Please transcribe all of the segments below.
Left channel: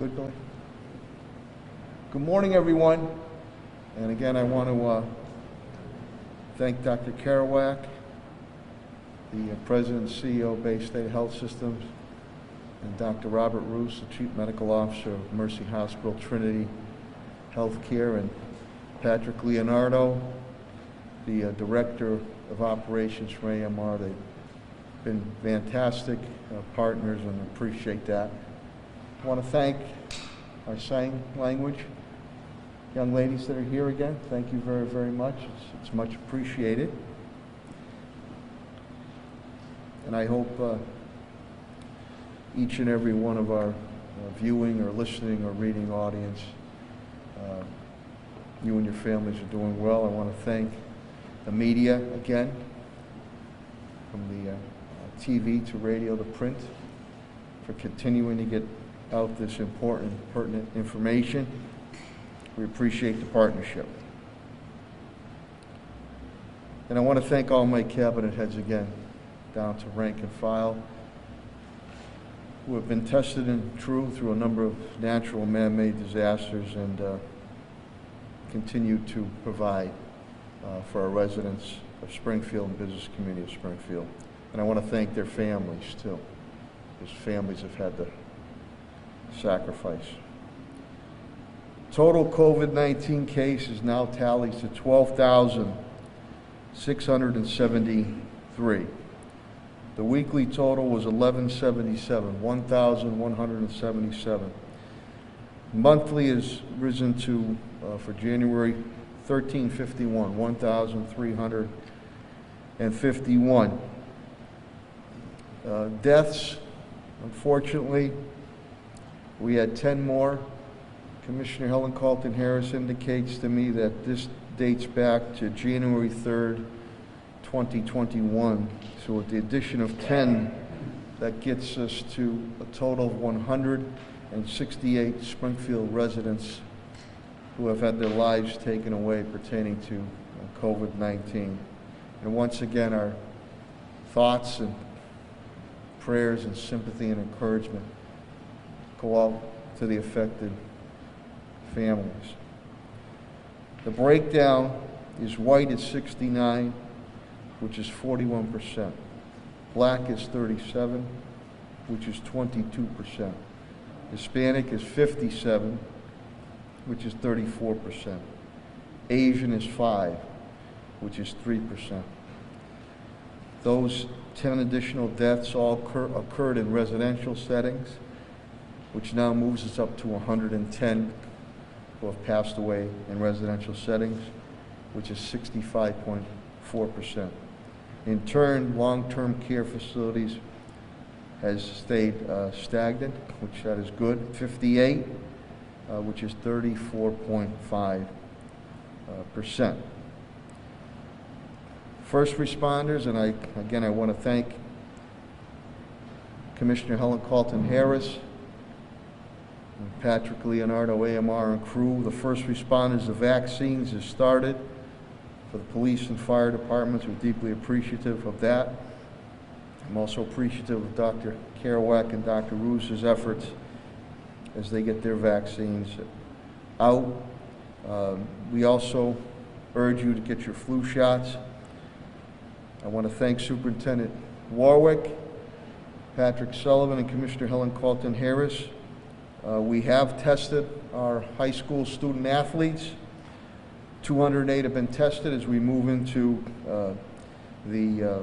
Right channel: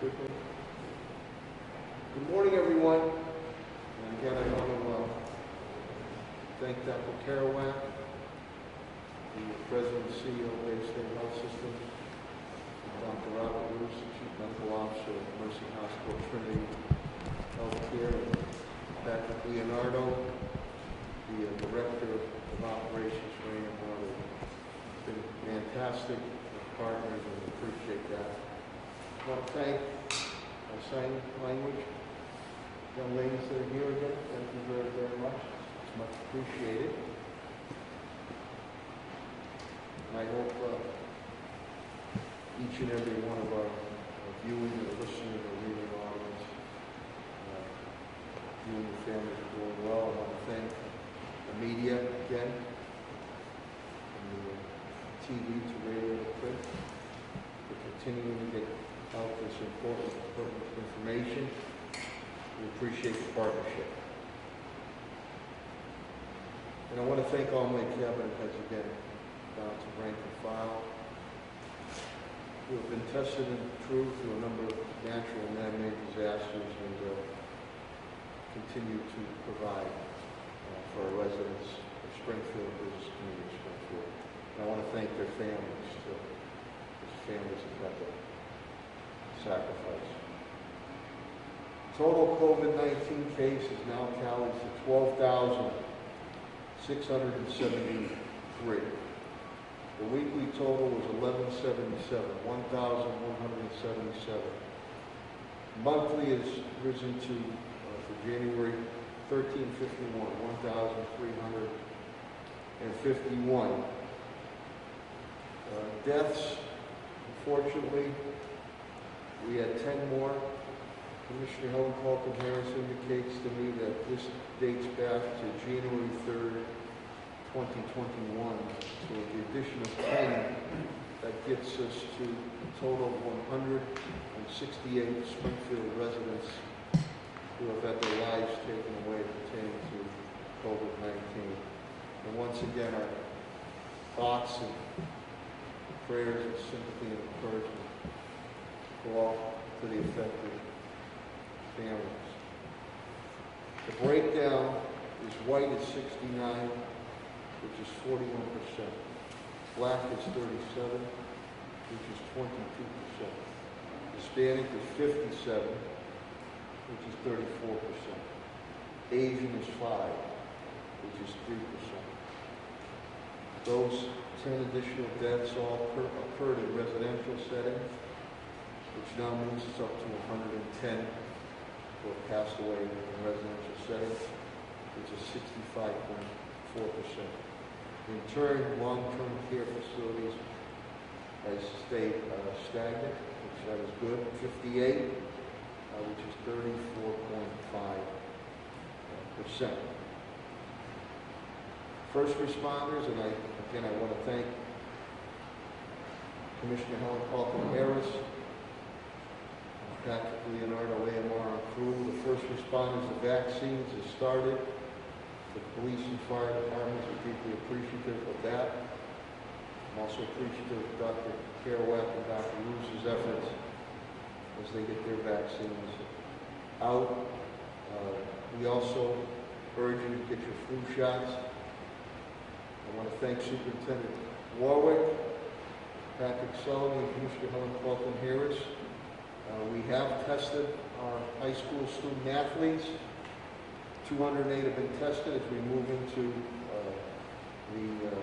Good morning, everyone. And again, I want to thank Dr. Carow, the President and CEO of Bay State Health Systems, and Dr. Robert Roos, the Chief Medical Officer of Mercy Hospital Trinity Healthcare, and Patrick Leonardo, the Director of Operations for AMR. They've been fantastic partners, and we appreciate that. I want to thank our sign language young ladies that are here again. Thank you very, very much. It's much appreciated. And I hope each and every one of our viewing or listening or reading audience, you and your families are doing well. I want to thank the media again, from the TV to radio to print, for continuing to get out this important, pertinent information. We appreciate the partnership. And I want to thank all my cabinet heads again, down to rank and file, who have been tested and true through a number of natural and man-made disasters, and continue to provide for our residents of Springfield and business community of Springfield. And I want to thank their families too, because families have had to sacrifice. Total COVID-19 cases now tallies to 12,673. The weekly total was 1,177. Monthly has risen to, for January, 1,351, 1,351. Deaths, unfortunately, we had 10 more. Commissioner Helen Carlton Harris indicates to me that this dates back to January 3rd, 2021. So with the addition of 10, that gets us to a total of 168 Springfield residents who have had their lives taken away pertaining to COVID-19. And once again, our thoughts and prayers and sympathy and encouragement go out to the affected families. The breakdown is white is 69, which is 41%. Black is 37, which is 22%. Hispanic is 57, which is 34%. Asian is 5, which is 3%. Those 10 additional deaths all occurred in residential settings, which now moves us up to 110 who have passed away in residential settings, which is 65.4%. In turn, long-term care facilities has stayed stagnant, which that is good, 58, which is 34.5%. First responders, and I want to thank Commissioner Helen Carlton Harris, and Patrick Leonardo, AMR, and crew. The first responders, the vaccines have started for the police and fire departments. We're deeply appreciative of that. I'm also appreciative of Dr. Carow and Dr. Roos's efforts as they get their vaccines out. We also urge you to get your flu shots. I want to thank Superintendent Warwick, Patrick Sullivan, and Commissioner Helen Carlton Harris. We have tested our high school student athletes. 208 have been tested as we move into the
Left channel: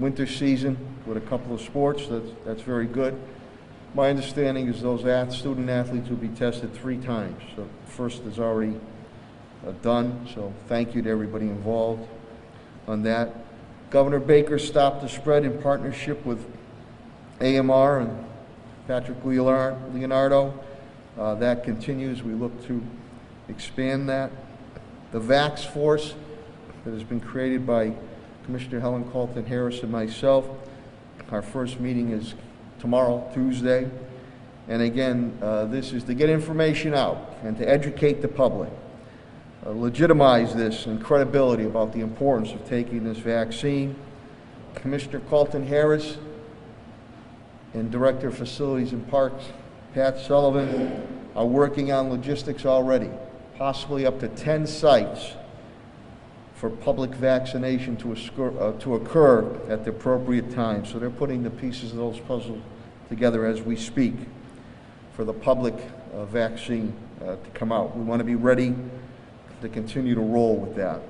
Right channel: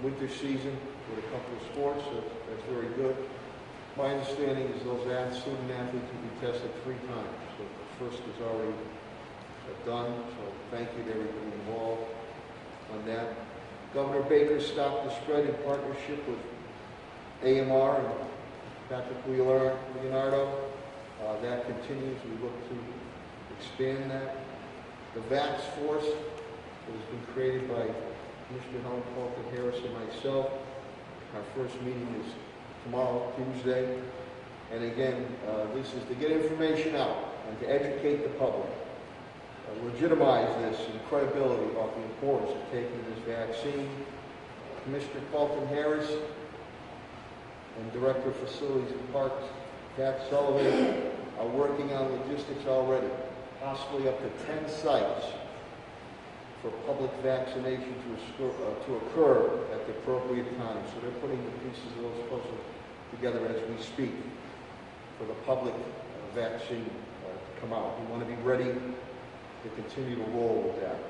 winter season with a couple of sports. That's very good. My understanding is those student athletes will be tested 3 times. So the first is already done. So thank you to everybody involved on that. Governor Baker stopped the spread in partnership with AMR and Patrick Leonardo. That continues. We look to expand that. The Vax Force that has been created by Commissioner Helen Carlton Harris and myself. Our first meeting is tomorrow, Tuesday. And again, this is to get information out and to educate the public. Legitimize this and credibility about the importance of taking this vaccine. Commissioner Carlton Harris and Director of Facilities and Parks, Pat Sullivan, are working on logistics already, possibly up to 10 sites for public vaccination to occur at the appropriate time. So they're putting the pieces of those puzzles together as we speak for the public vaccine to come out. We want to be ready to continue to roll with that.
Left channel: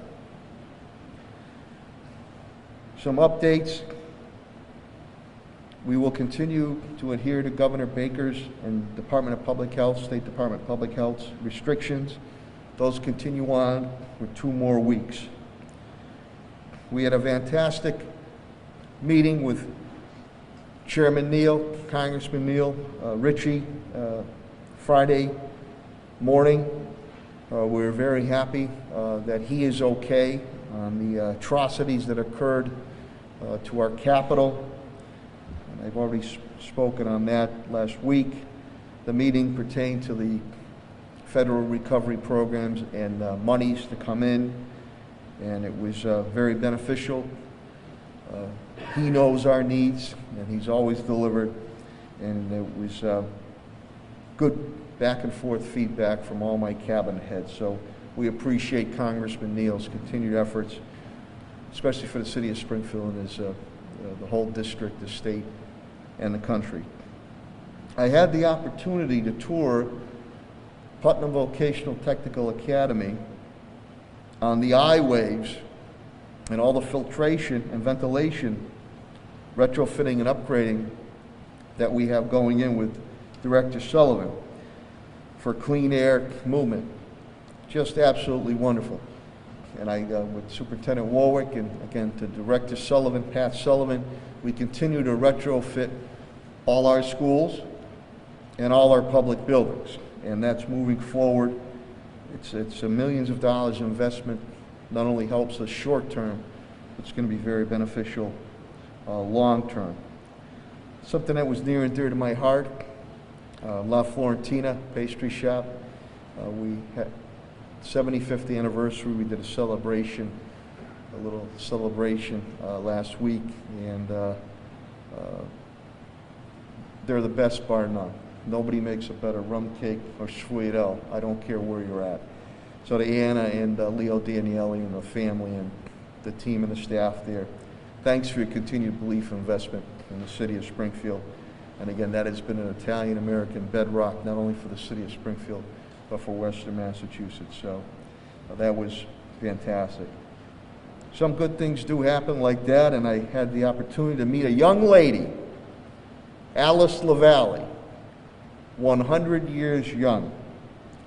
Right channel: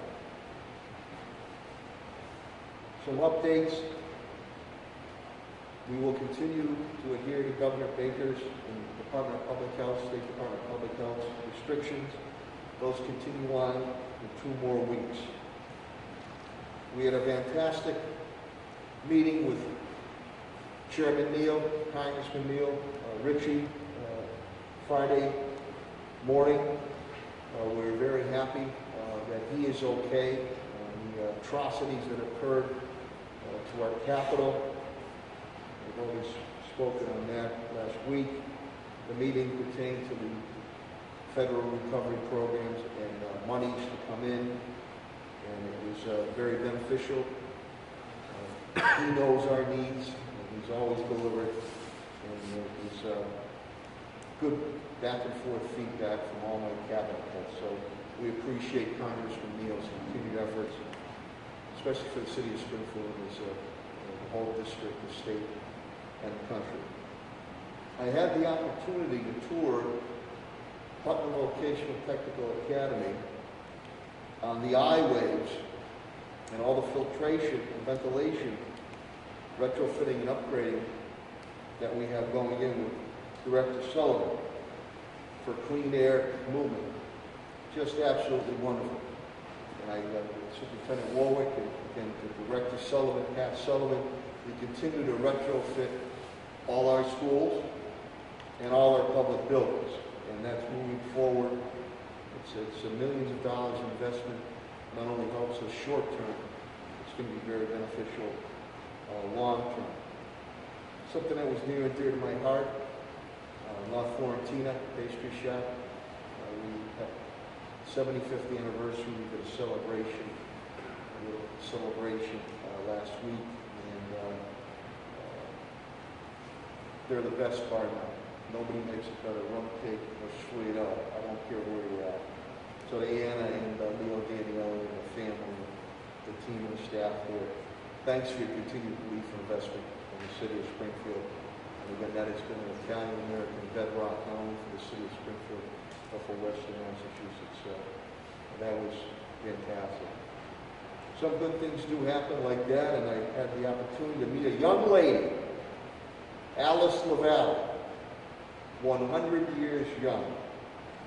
Some updates. We will continue to adhere to Governor Baker's and Department of Public Health, State Department of Public Health's restrictions. Those continue on for 2 more weeks. We had a fantastic meeting with Chairman Neal, Congressman Neal, Ritchie, Friday morning. We're very happy that he is okay on the atrocities that occurred to our Capitol. I've already spoken on that last week. The meeting pertained to the federal recovery programs and monies to come in, and it was very beneficial. He knows our needs, and he's always delivered, and it was good back and forth feedback from all my cabinet heads. So we appreciate Congressman Neal's continued efforts, especially for the city of Springfield and the whole district, the state, and the country. I had the opportunity to tour Putnam Vocational Technical Academy on the I-waves and all the filtration and ventilation retrofitting and upgrading that we have going in with Director Sullivan for clean air movement. Just absolutely wonderful. And with Superintendent Warwick and again to Director Sullivan, Pat Sullivan, we continue to retrofit all our schools and all our public buildings. And that's moving forward. It's millions of dollars in investment. Not only helps us short term, it's going to be very beneficial long term. Something that was near and dear to my heart, La Florentina pastry shop. We had 75th anniversary. We did a little celebration last week, and they're the best bar now. Nobody makes a better rum cake or sweeto. I don't care where you're at. So to Anna and Leo Daniele and the family and the team and the staff there, thanks for your continued belief and investment in the city of Springfield. And again, that has been an Italian-American bedrock, not only for the city of Springfield, but for Western Massachusetts. So that was fantastic. Some good things do happen like that, and I had the opportunity to meet a young lady, Alice LaValle, 100 years young.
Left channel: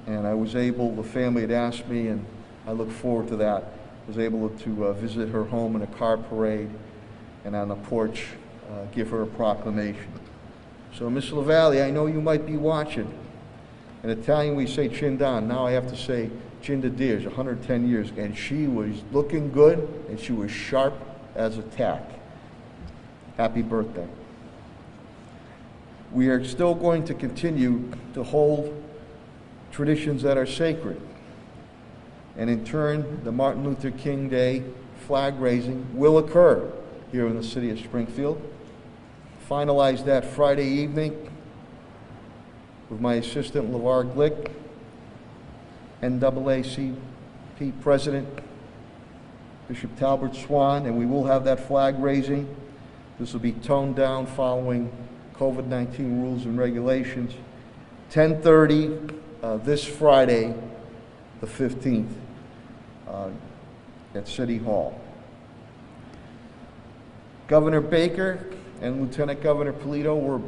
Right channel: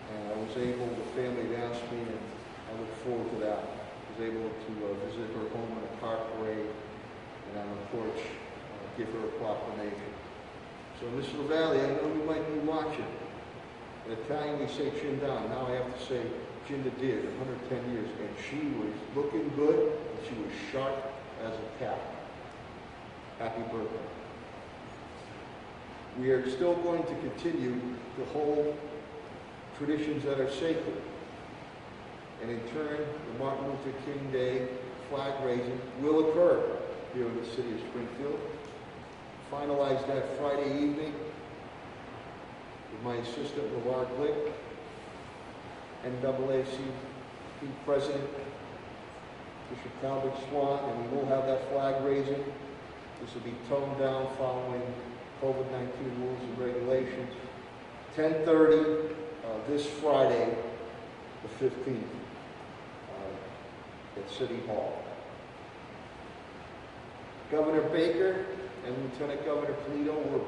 And I was able, the family had asked me, and I look forward to that. I was able to visit her home in a car parade, and on the porch, give her a proclamation. So, Miss LaValle, I know you might be watching. In Italian, we say chin down. Now I have to say chin to Deers, 110 years. And she was looking good, and she was sharp as a tack. Happy birthday. We are still going to continue to hold traditions that are sacred. And in turn, the Martin Luther King Day flag raising will occur here in the city of Springfield. Finalize that Friday evening with my assistant, LeVar Glick, NAACP President, Bishop Talbert Swan, and we will have that flag raising. This will be toned down following COVID-19 rules and regulations. 10:30 this Friday, the 15th, at City Hall. Governor Baker and Lieutenant Governor Polito were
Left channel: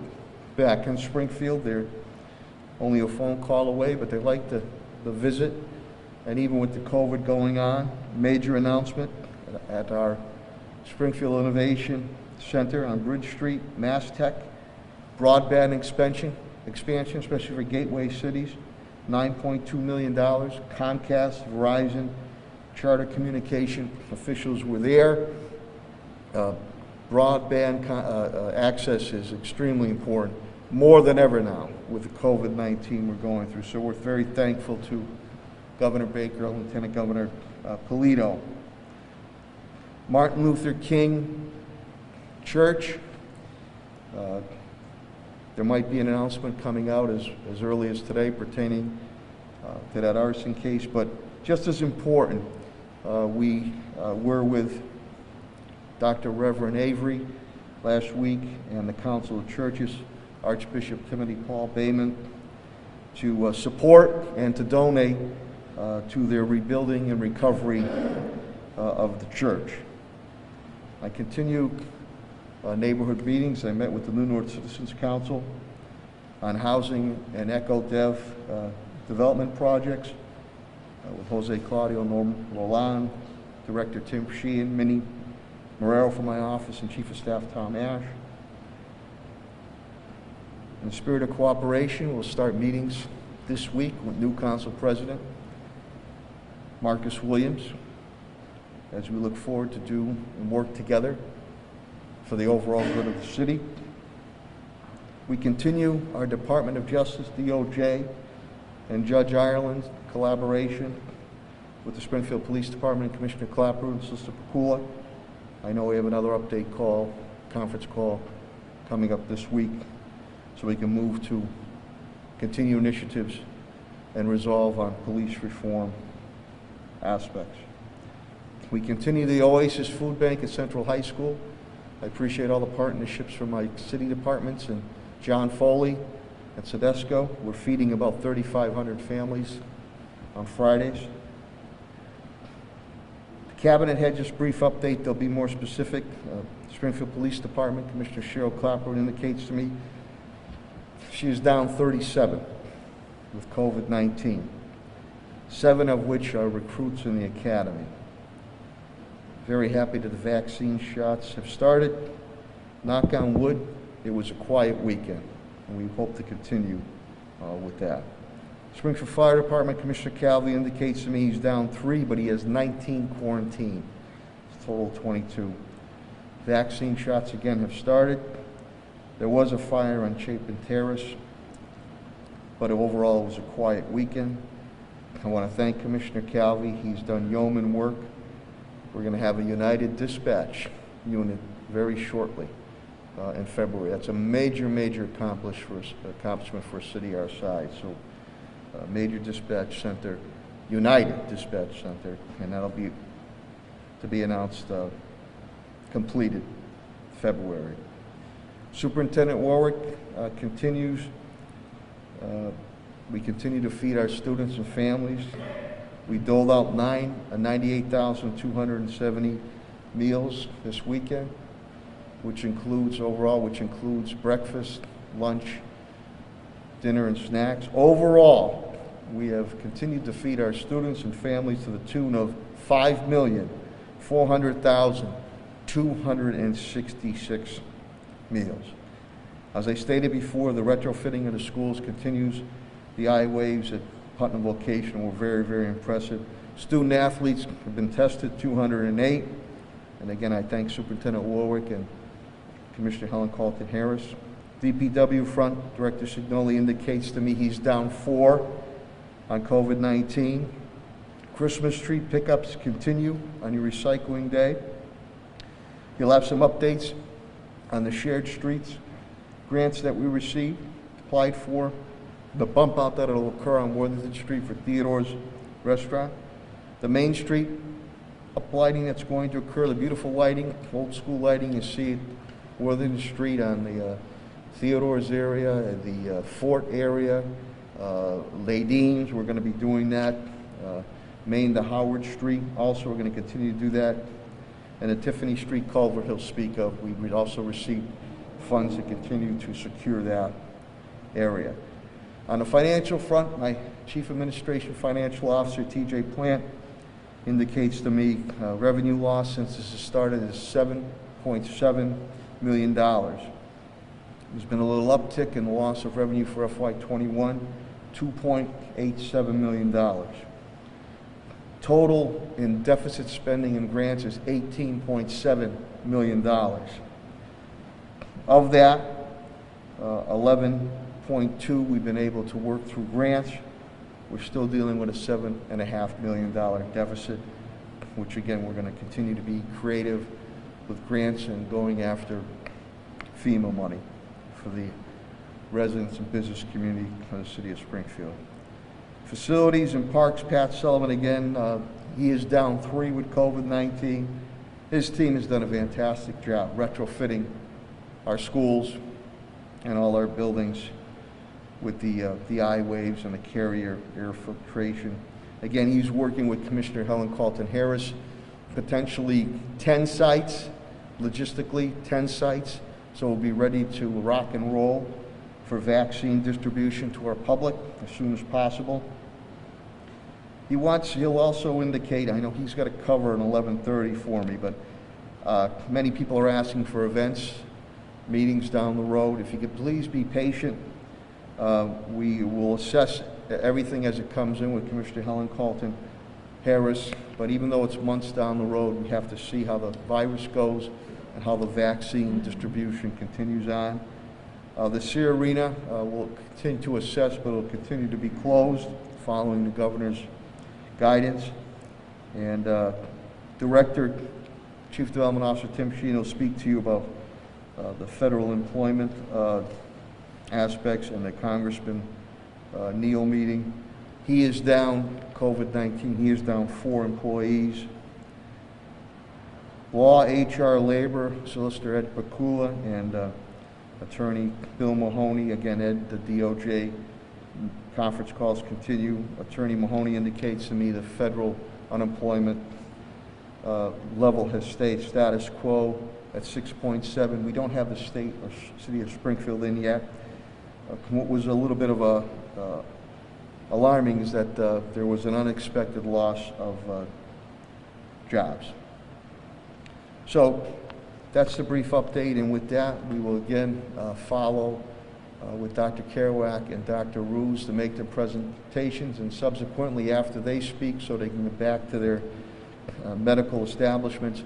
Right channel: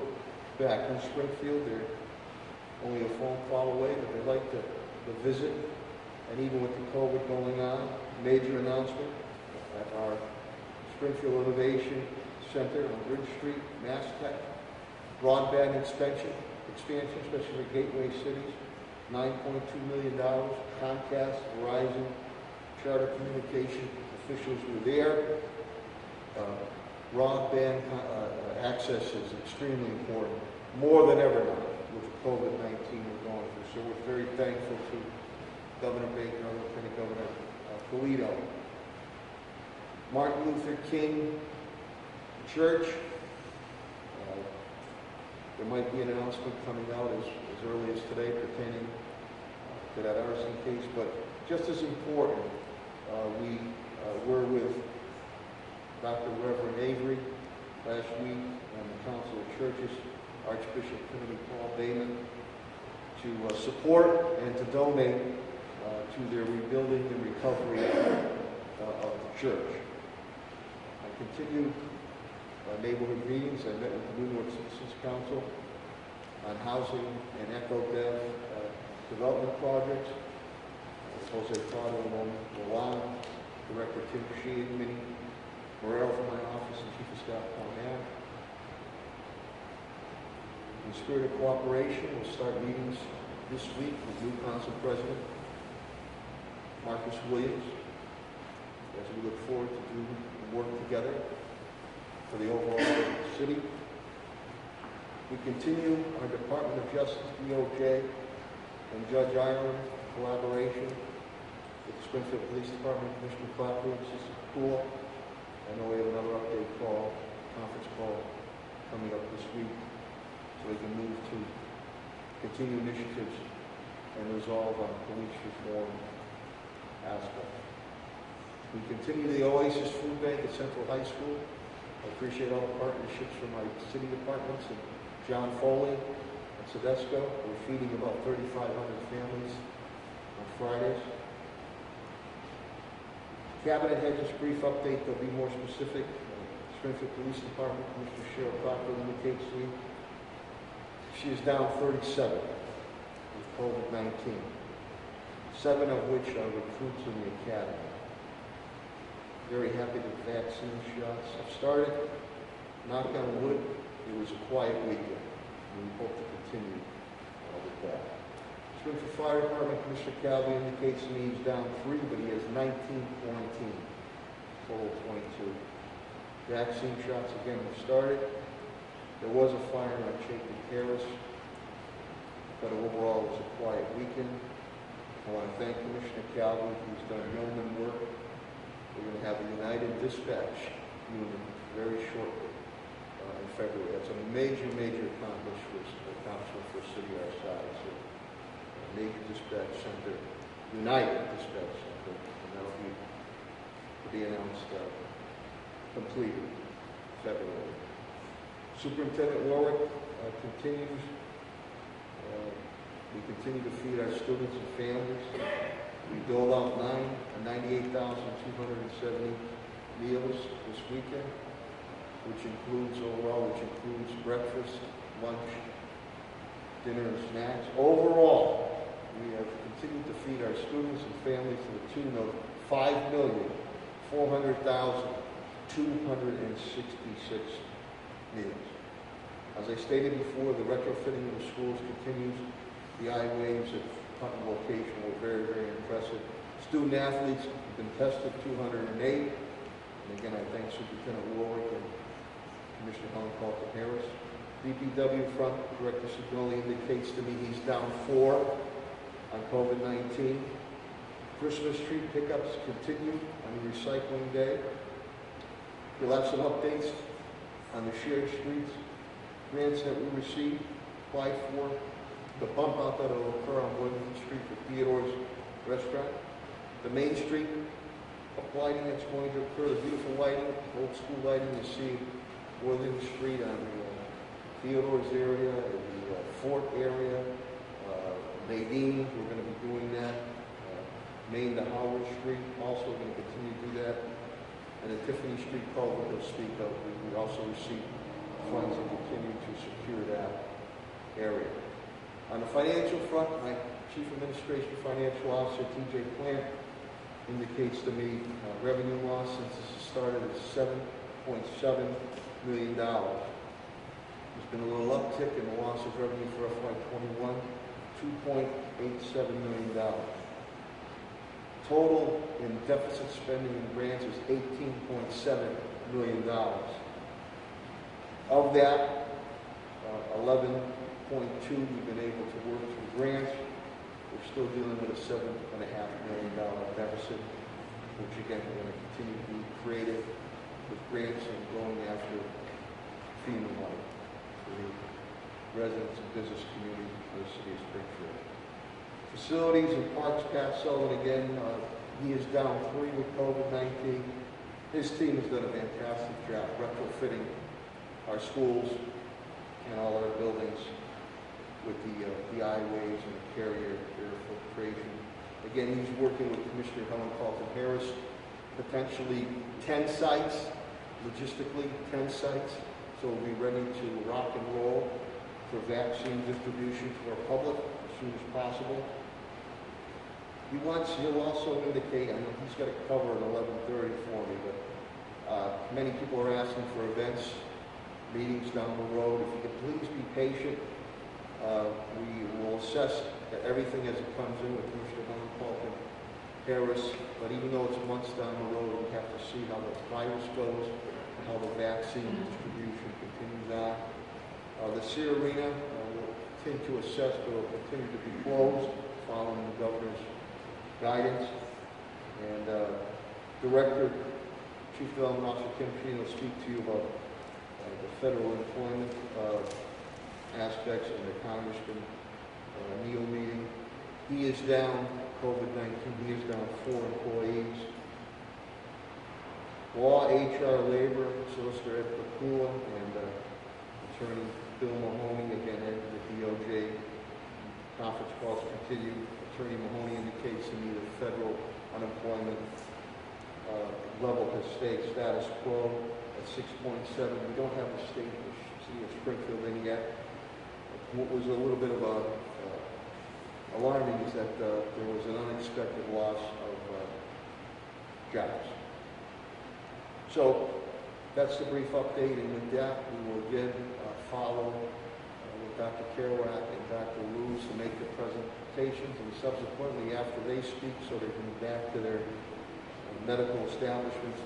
back in Springfield. They're only a phone call away, but they like the visit. And even with the COVID going on, major announcement at our Springfield Innovation Center on Bridge Street, Mass Tech, broadband expansion, especially for gateway cities, $9.2 million. Comcast, Verizon, Charter Communication officials were there. Broadband access is extremely important, more than ever now with the COVID-19 we're going through. So we're very thankful to Governor Baker and Lieutenant Governor Polito. Martin Luther King Church, There might be an announcement coming out as early as today pertaining to that arson case, but just as important, we were with Dr. Reverend Avery last week and the Council of Churches, Archbishop Timothy Paul Bayman, to support and to donate to their rebuilding and recovery of the church. I continue neighborhood meetings. I met with the New North Citizens Council on housing and eco-dev development projects with Jose Claudio Molan, Director Tim Sheehan, Minnie Morero from my office, and Chief of Staff Tom Ash. In the spirit of cooperation, we'll start meetings this week with new Council President Marcus Williams as we look forward to do and work together for the overall good of the city. We continue our Department of Justice, DOJ, and Judge Ireland's collaboration with the Springfield Police Department, Commissioner Clapper and Sister Pakula. I know we have another update call, conference call, coming up this week, so we can move to continue initiatives and resolve on police reform aspects. We continue the Oasis Food Bank at Central High School. I appreciate all the partnerships from my city departments and John Foley at Sedesco. We're feeding about 3,500 families on Fridays. The Cabinet had just a brief update. They'll be more specific. Springfield Police Department, Commissioner Cheryl Clapper indicates to me she is down 37 with COVID-19, 7 of which are recruits in the academy. Very happy that the vaccine shots have started. Knock on wood, it was a quiet weekend, and we hope to continue with that. Springfield Fire Department, Commissioner Calvi indicates to me he's down 3, but he has 19 quarantined. Total 22. Vaccine shots again have started. There was a fire on Chapin Terrace, but overall it was a quiet weekend. I want to thank Commissioner Calvi. He's done yeoman work. We're going to have a United Dispatch unit very shortly in February. That's a major accomplishment for a city our size. So, major dispatch center, United Dispatch Center, and that'll be to be announced completed February. Superintendent Warwick continues. We continue to feed our students and families. We doled out 98,270 meals this weekend, which includes breakfast, lunch, dinner, and snacks. Overall, we have continued to feed our students and families to the tune of 5,400,266 meals. As I stated before, the retrofitting of the schools continues. The I-Waves at Putnam Vocational were very impressive. Student athletes have been tested, 208. And again, I thank Superintendent Warwick and Commissioner Helen Calkin-Harris. DPW front, Director Signoli indicates to me he's down 4 on COVID-19. Christmas tree pickups continue on your recycling day. You'll have some updates on the shared streets grants that we received, applied for, the bump out that will occur on Worthington Street for Theodore's Restaurant, the Main Street uplighting that's going to occur, the beautiful lighting, old school lighting you see at Worthington Street on the Theodore's area, the Fort area, Ladine's, we're going to be doing that. Main to Howard Street, also we're going to continue to do that. And the Tiffany Street culvert he'll speak of, we'd also receive funds to continue to secure that area. On the financial front, my Chief Administration Financial Officer, TJ Plant, indicates to me revenue loss since this has started is $7.7 million. There's been a little uptick in the loss of revenue for FY21, $2.87 million. Total in deficit spending and grants is $18.7 million. Of that, 11.2 we've been able to work through grants. We're still dealing with a $7.5 million deficit, which again, we're going to continue to be creative with grants and going after FEMA money for the residents and business community in the city of Springfield. Facilities and parks, Pat Sullivan again, he is down 3 with COVID-19. His team has done a fantastic job retrofitting our schools and all our buildings with the eye waves and the carrier air filtration. Again, he's working with Commissioner Helen Carlton Harris, potentially 10 sites, logistically 10 sites, so we'll be ready to rock and roll for vaccine distribution to our public as soon as possible. He'll also indicate, I know he's got a cover at 11:30 for me, but many people are asking for events, meetings down the road. If you could please be patient, we will assess everything as it comes in with Commissioner Helen Carlton Harris, but even though it's months down the road, we have to see how the virus goes and how the vaccine distribution continues on. The Sear Arena will continue to assess, but it will continue to be closed following the governor's guidance. And Director, Chief Development Officer Tim Sheen will speak to you about the federal employment aspects and the Congressman Neal meeting. He is down COVID-19. He is down 4 employees. Law, HR, Labor, Solicitor Ed Pakula and Attorney Bill Mahoney. Again, Ed, the DOJ conference calls continue. Attorney Mahoney indicates to me the federal unemployment level has stayed status quo at 6.7. We don't have the state or city of Springfield in yet. What was a little bit of alarming is that there was an unexpected loss of jobs. So that's the brief update, and with that, we will again follow with Dr. Kerouac and Dr. Ruse to make the presentations, and subsequently after they speak so they can go back to their medical establishments,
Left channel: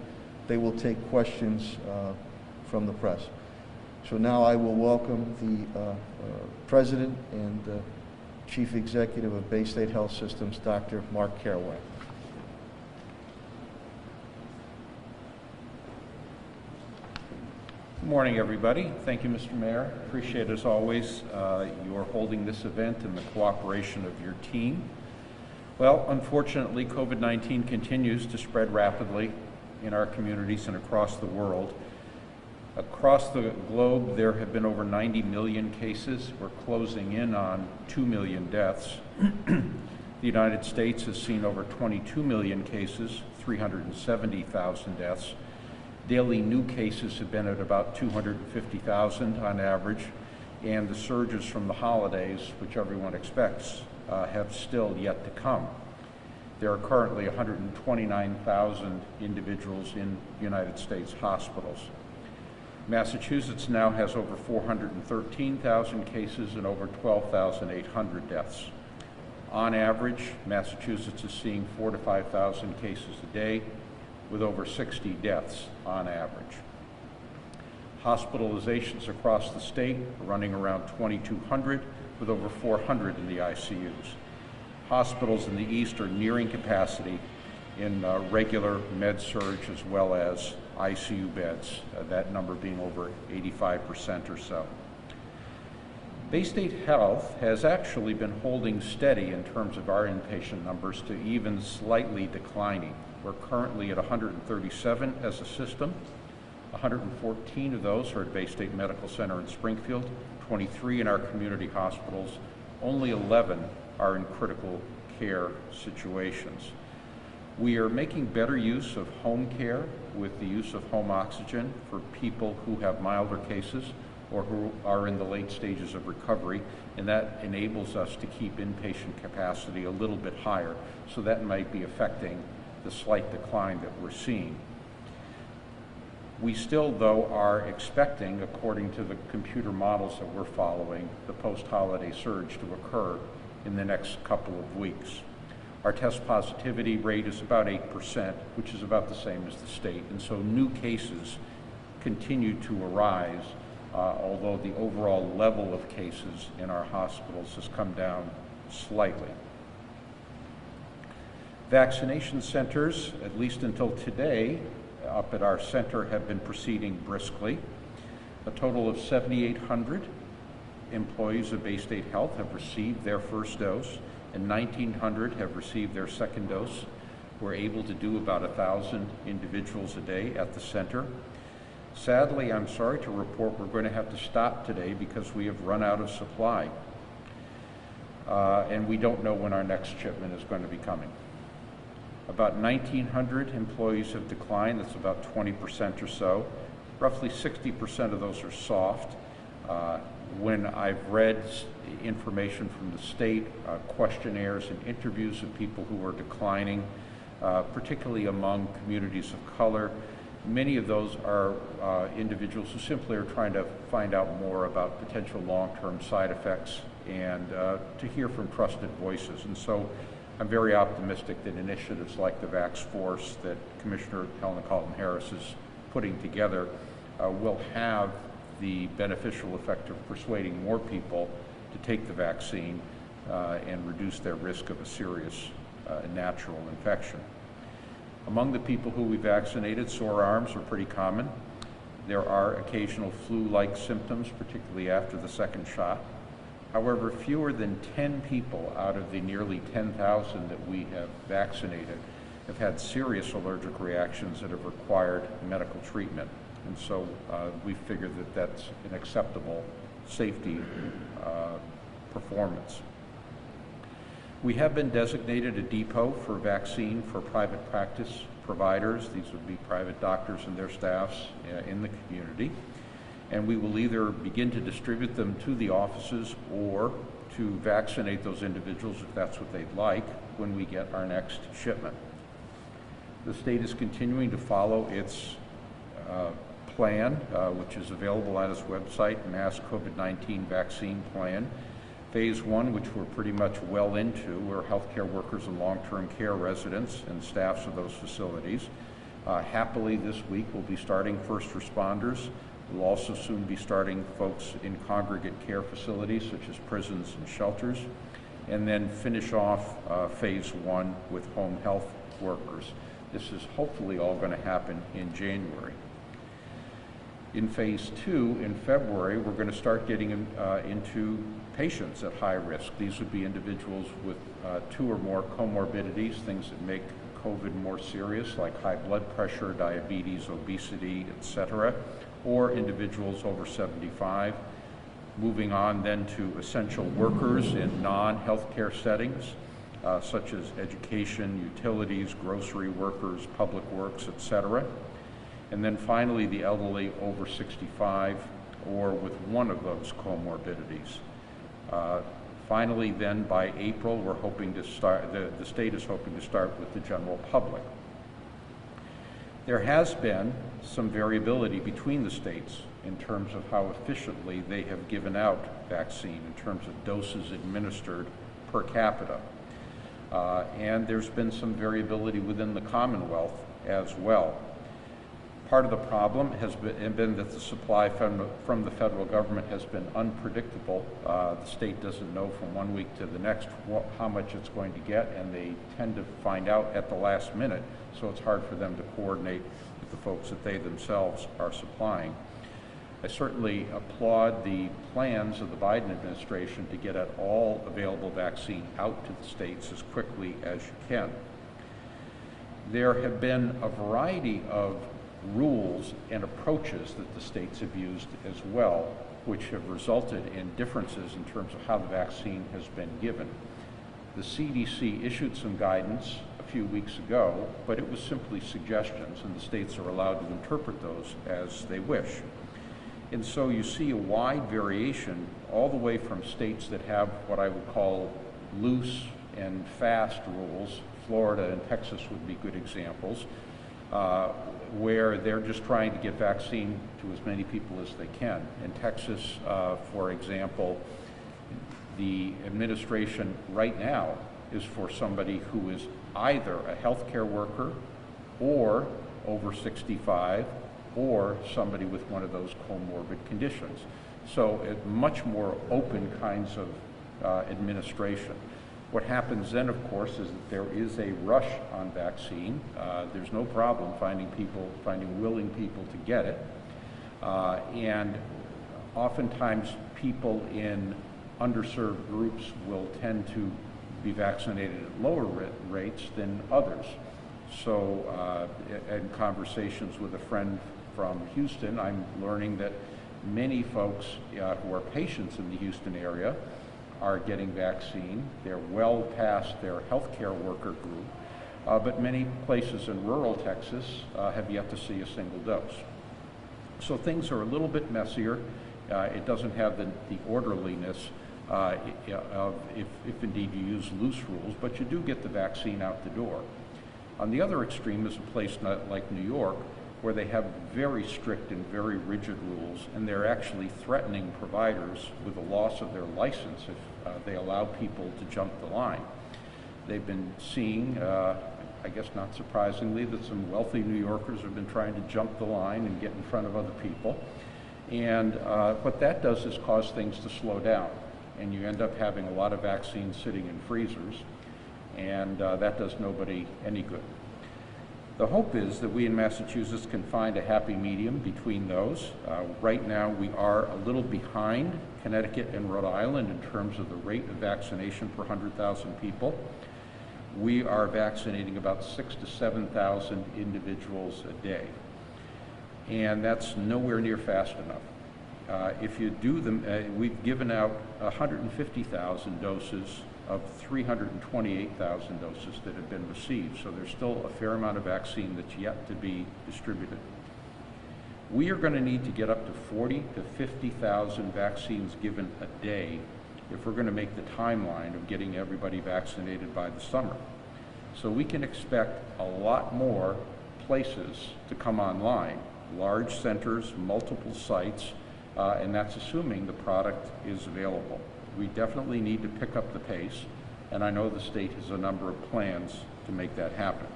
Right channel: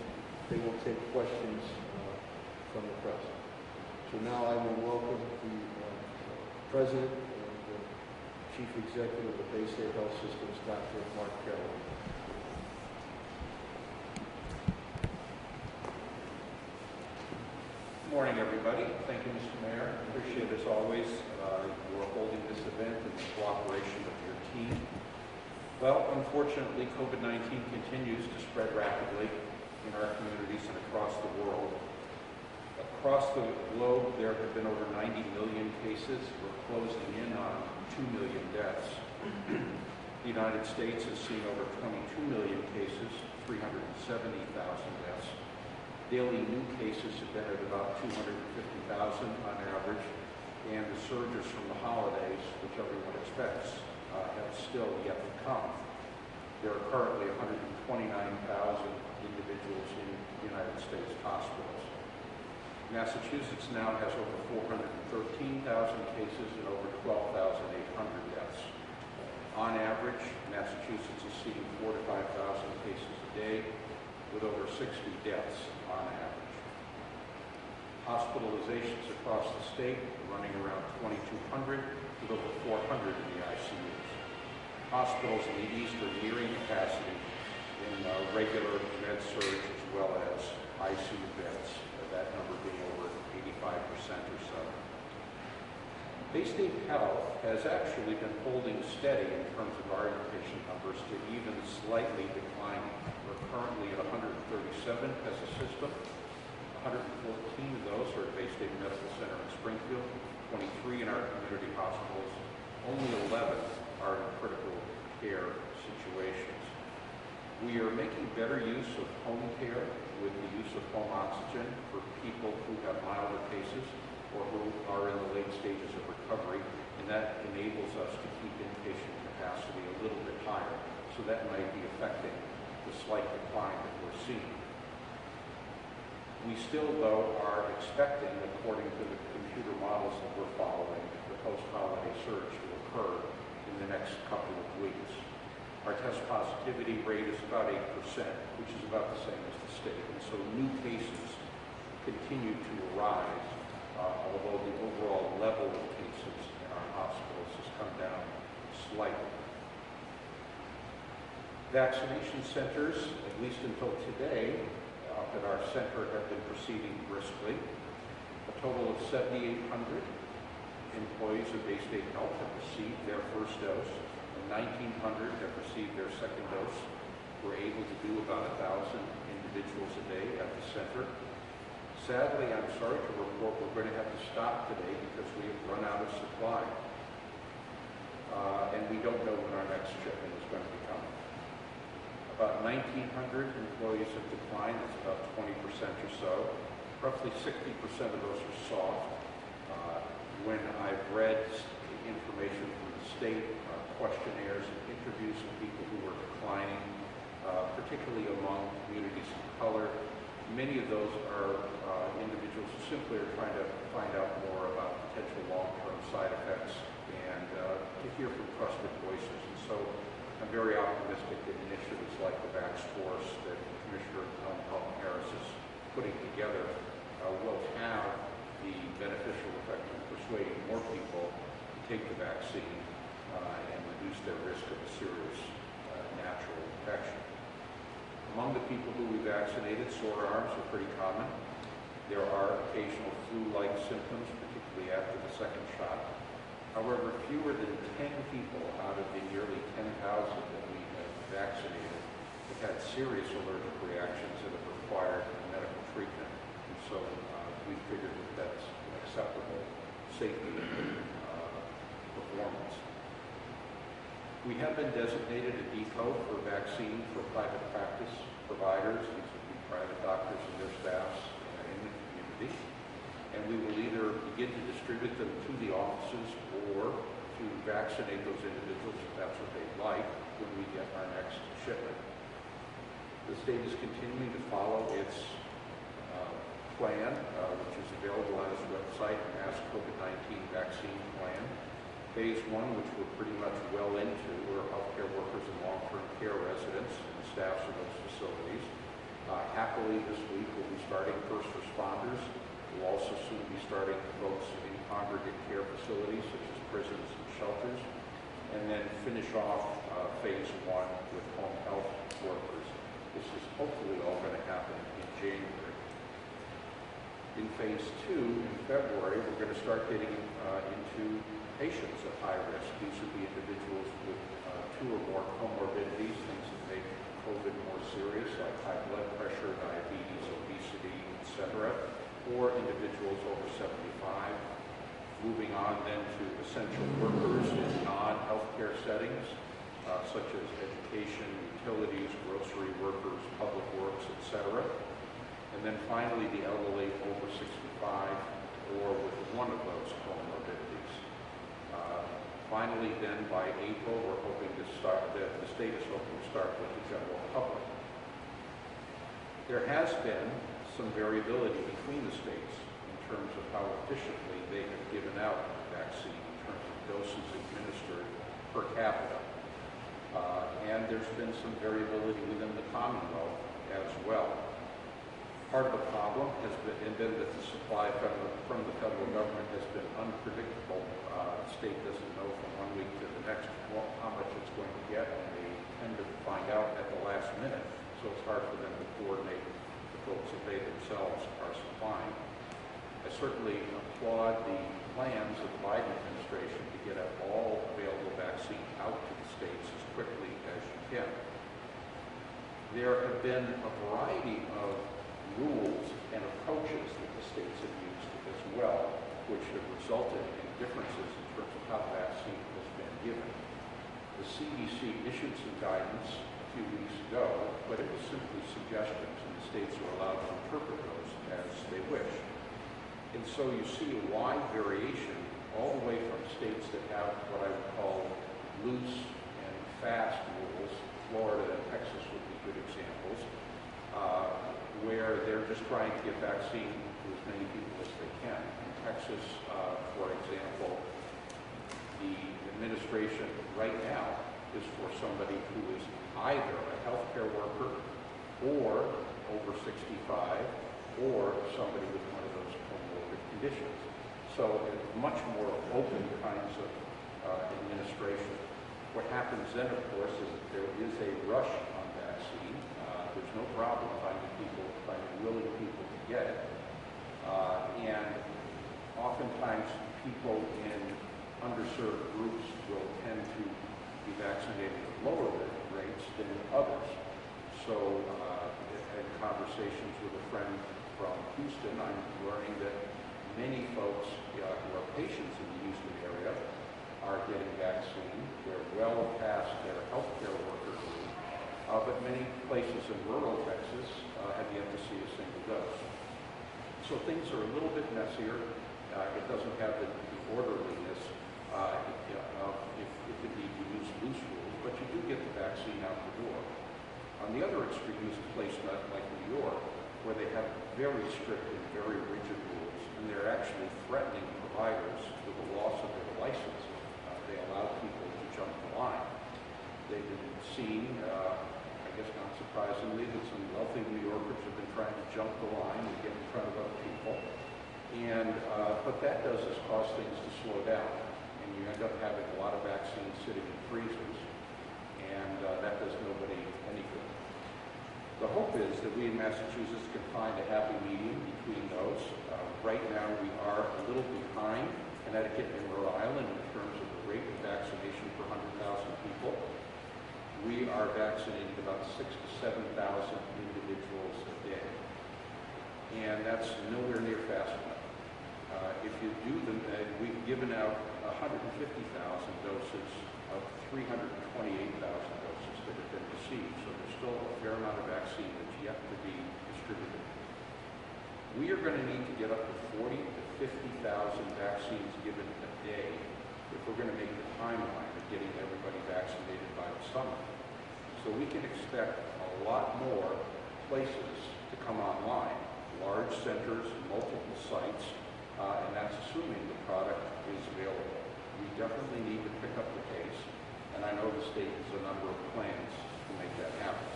they will take questions from the press. So now I will welcome the President and Chief Executive of Bay State Health Systems, Dr. Mark Kerouac. Good morning, everybody. Thank you, Mr. Mayor. Appreciate, as always, your holding this event and the cooperation of your team. Well, unfortunately, COVID-19 continues to spread rapidly in our communities and across the world. Across the globe, there have been over 90 million cases. We're closing in on 2 million deaths. The United States has seen over 22 million cases, 370,000 deaths. Daily new cases have been at about 250,000 on average, and the surges from the holidays, which everyone expects, have still yet to come. There are currently 129,000 individuals in United States hospitals. Massachusetts now has over 413,000 cases and over 12,800 deaths. On average, Massachusetts is seeing 4,000 to 5,000 cases a day, with over 60 deaths on average. Hospitalizations across the state are running around 2,200, with over 400 in the ICUs. Hospitals in the East are nearing capacity in regular med-surg as well as ICU beds, that number being over 85% or so. Bay State Health has actually been holding steady in terms of our inpatient numbers to even slightly declining. We're currently at 137 as a system. 114 of those are at Bay State Medical Center in Springfield, 23 in our community hospitals. Only 11 are in critical care situations. We are making better use of home care with the use of home oxygen for people who have milder cases or who are in the late stages of recovery, and that enables us to keep inpatient capacity a little bit higher, so that might be affecting the slight decline that we're seeing. We still, though, are expecting, according to the computer models that we're following, the post-holiday surge to occur in the next couple of weeks. Our test positivity rate is about 8%, which is about the same as the state, and so new cases continue to arise, although the overall level of cases in our hospitals has come down slightly. Vaccination centers, at least until today, up at our center have been proceeding briskly. A total of 7,800 employees of Bay State Health have received their first dose, and 1,900 have received their second dose. We're able to do about 1,000 individuals a day at the center. Sadly, I'm sorry to report we're going to have to stop today because we have run out of supply. And we don't know when our next shipment is going to be coming. About 1,900 employees have declined. That's about 20% or so. Roughly 60% of those are soft. When I've read information from the state, questionnaires and interviews of people who are declining, particularly among communities of color, many of those are individuals who simply are trying to find out more about potential long-term side effects and to hear from trusted voices. And so I'm very optimistic that initiatives like the Vax Force that Commissioner Helen Carlton-Harris is putting together will have the beneficial effect of persuading more people to take the vaccine and reduce their risk of a serious natural infection. Among the people who we vaccinated, sore arms are pretty common. There are occasional flu-like symptoms, particularly after the second shot. However, fewer than 10 people out of the nearly 10,000 that we have vaccinated have had serious allergic reactions that have required medical treatment. And so we figured that that's an acceptable safety performance. We have been designated a depot for vaccine for private practice providers. These would be private doctors and their staffs in the community. And we will either begin to distribute them to the offices or to vaccinate those individuals if that's what they'd like when we get our next shipment. The state is continuing to follow its plan, which is available on its website, Mass COVID-19 Vaccine Plan. Phase 1, which we're pretty much well into, we're healthcare workers and long-term care residents and staffs of those facilities. Happily this week we'll be starting first responders. We'll also soon be starting folks in congregate care facilities such as prisons and shelters, and then finish off phase 1 with home health workers. This is hopefully all going to happen in January. In phase 2, in February, we're going to start getting into patients at high risk. These would be individuals with 2 or more comorbidities, things that make COVID more serious, like high blood pressure, diabetes, obesity, etc., or individuals over 75. Moving on then to essential workers in non-healthcare settings, such as education, utilities, grocery workers, public works, etc. And then finally, the elderly over 65 or with one of those comorbidities. Finally, then, by April, we're hoping to start, the state is hoping to start with the general public. There has been some variability between the states in terms of how efficiently they have given out vaccine in terms of doses administered per capita. And there's been some variability within the Commonwealth as well. Part of the problem has been that the supply from the federal government has been unpredictable. The state doesn't know from one week to the next how much it's going to get, and they tend to find out at the last minute, so it's hard for them to coordinate with the folks that they themselves are supplying. I certainly applaud the plans of the Biden administration to get all available vaccine out to the states as quickly as you can. There have been a variety of rules and approaches that the states have used as well, which have resulted in differences in terms of how the vaccine has been given. The CDC issued some guidance a few weeks ago, but it was simply suggestions, and the states are allowed to interpret those as they wish. And so you see a wide variation all the way from states that have what I would call loose and fast rules. Florida and Texas would be good examples, where they're just trying to get vaccine to as many people as they can. In Texas, for example, the administration right now is for somebody who is either a healthcare worker or over 65 or somebody with one of those comorbid conditions. So much more open kinds of administration. What happens then, of course, is that there is a rush on vaccine. There's no problem finding willing people to get it. And oftentimes people in underserved groups will tend to be vaccinated at lower rates than others. So in conversations with a friend from Houston, I'm learning that many folks who are patients in the Houston area are getting vaccine. They're well past their healthcare worker group, but many places in rural Texas have yet to see a single dose. So things are a little bit messier. It doesn't have the orderliness of if indeed you use loose rules, but you do get the vaccine out the door. On the other extreme is a place like New York, where they have very strict and very rigid rules, and they're actually threatening providers with the loss of their license if they allow people to jump the line. They've been seeing, I guess not surprisingly, that some wealthy New Yorkers have been trying to jump the line and get in front of other people. And what that does is cause things to slow down, and you end up having a lot of vaccines sitting in freezers, and that does nobody any good. The hope is that we in Massachusetts can find a happy medium between those. Right now we are a little behind Connecticut and Rhode Island in terms of the rate of vaccination per 100,000 people. We are vaccinating about 6,000 to 7,000 individuals a day, and that's nowhere near fast enough. If you do them, we've given out 150,000 doses of 328,000 doses that have been received, so there's still a fair amount of vaccine that's yet to be distributed. We are going to need to get up to 40,000 to 50,000 vaccines given a day if we're going to make the timeline of getting everybody vaccinated by the summer. So we can expect a lot more places to come online, large centers, multiple sites, and that's assuming the product is available. We definitely need to pick up the pace, and I know the state has a number of plans to make that happen.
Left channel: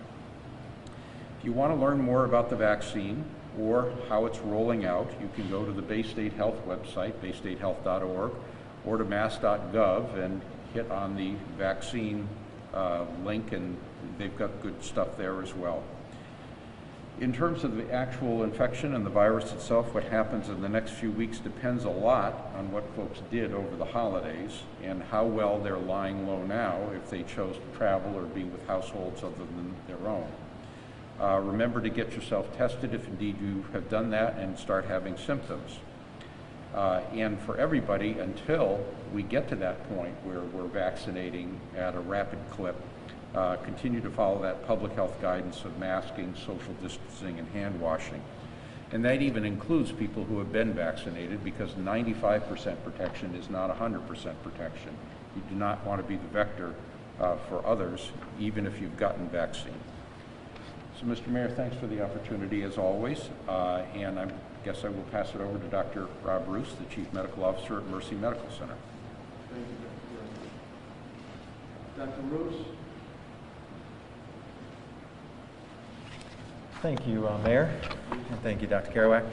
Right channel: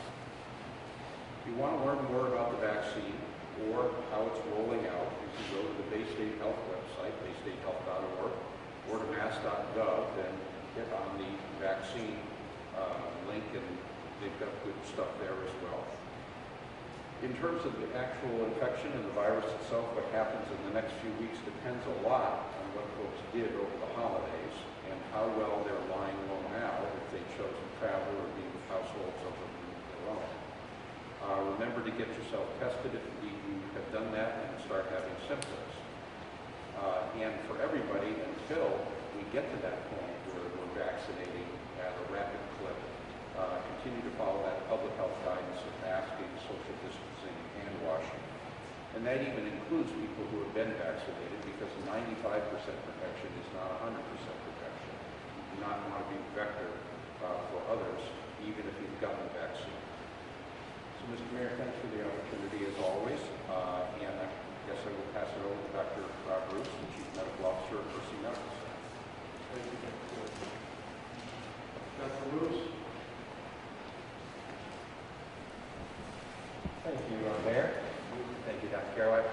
If you want to learn more about the vaccine or how it's rolling out, you can go to the Bay State Health website, baystatehealth.org, or to mass.gov and hit on the vaccine link, and they've got good stuff there as well. In terms of the actual infection and the virus itself, what happens in the next few weeks depends a lot on what folks did over the holidays and how well they're lying low now if they chose to travel or be with households other than their own. Remember to get yourself tested if indeed you have done that and start having symptoms. And for everybody, until we get to that point where we're vaccinating at a rapid clip, continue to follow that public health guidance of masking, social distancing, and hand washing. And that even includes people who have been vaccinated, because 95% protection is not 100% protection. You do not want to be the vector for others, even if you've gotten vaccine. So, Mr. Mayor, thanks for the opportunity as always, and I guess I will pass it over to Dr. Rob Bruce, the Chief Medical Officer at Mercy Medical Center. Thank you, Dr. Bruce. Thank you, Mayor. And thank you, Dr. Carow.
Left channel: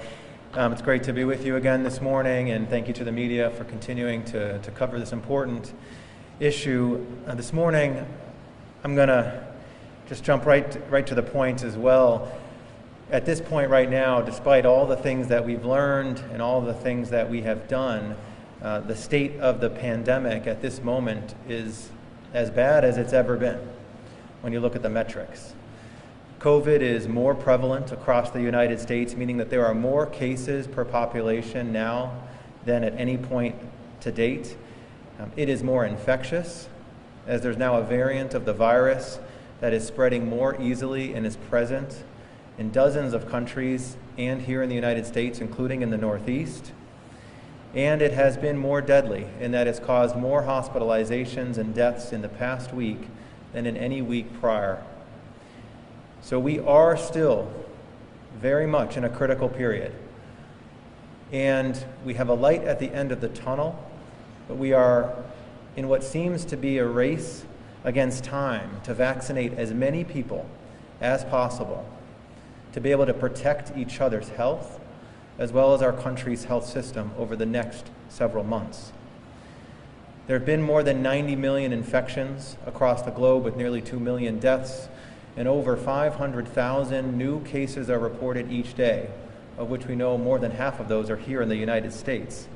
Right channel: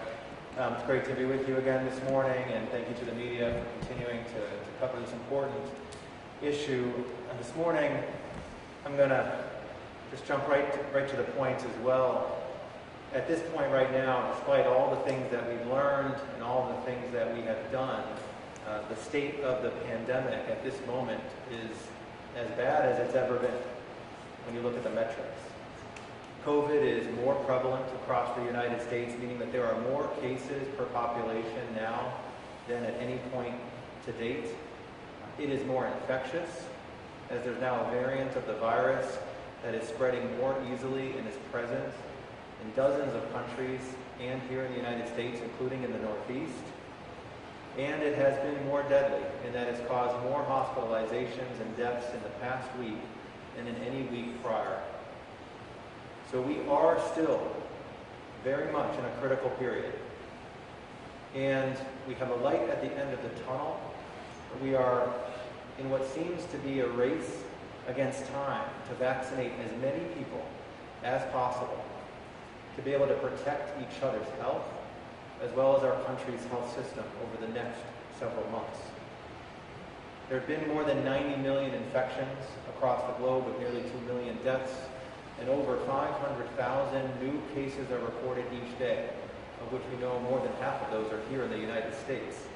It's great to be with you again this morning, and thank you to the media for continuing to cover this important issue. This morning, I'm going to just jump right to the point as well. At this point right now, despite all the things that we've learned and all the things that we have done, the state of the pandemic at this moment is as bad as it's ever been when you look at the metrics. COVID is more prevalent across the United States, meaning that there are more cases per population now than at any point to date. It is more infectious, as there's now a variant of the virus that is spreading more easily and is present in dozens of countries and here in the United States, including in the Northeast. And it has been more deadly in that it's caused more hospitalizations and deaths in the past week than in any week prior. So we are still very much in a critical period. And we have a light at the end of the tunnel, but we are in what seems to be a race against time to vaccinate as many people as possible to be able to protect each other's health as well as our country's health system over the next several months. There have been more than 90 million infections across the globe, with nearly 2 million deaths, and over 500,000 new cases are reported each day, of which we know more than half of those are here in the United States.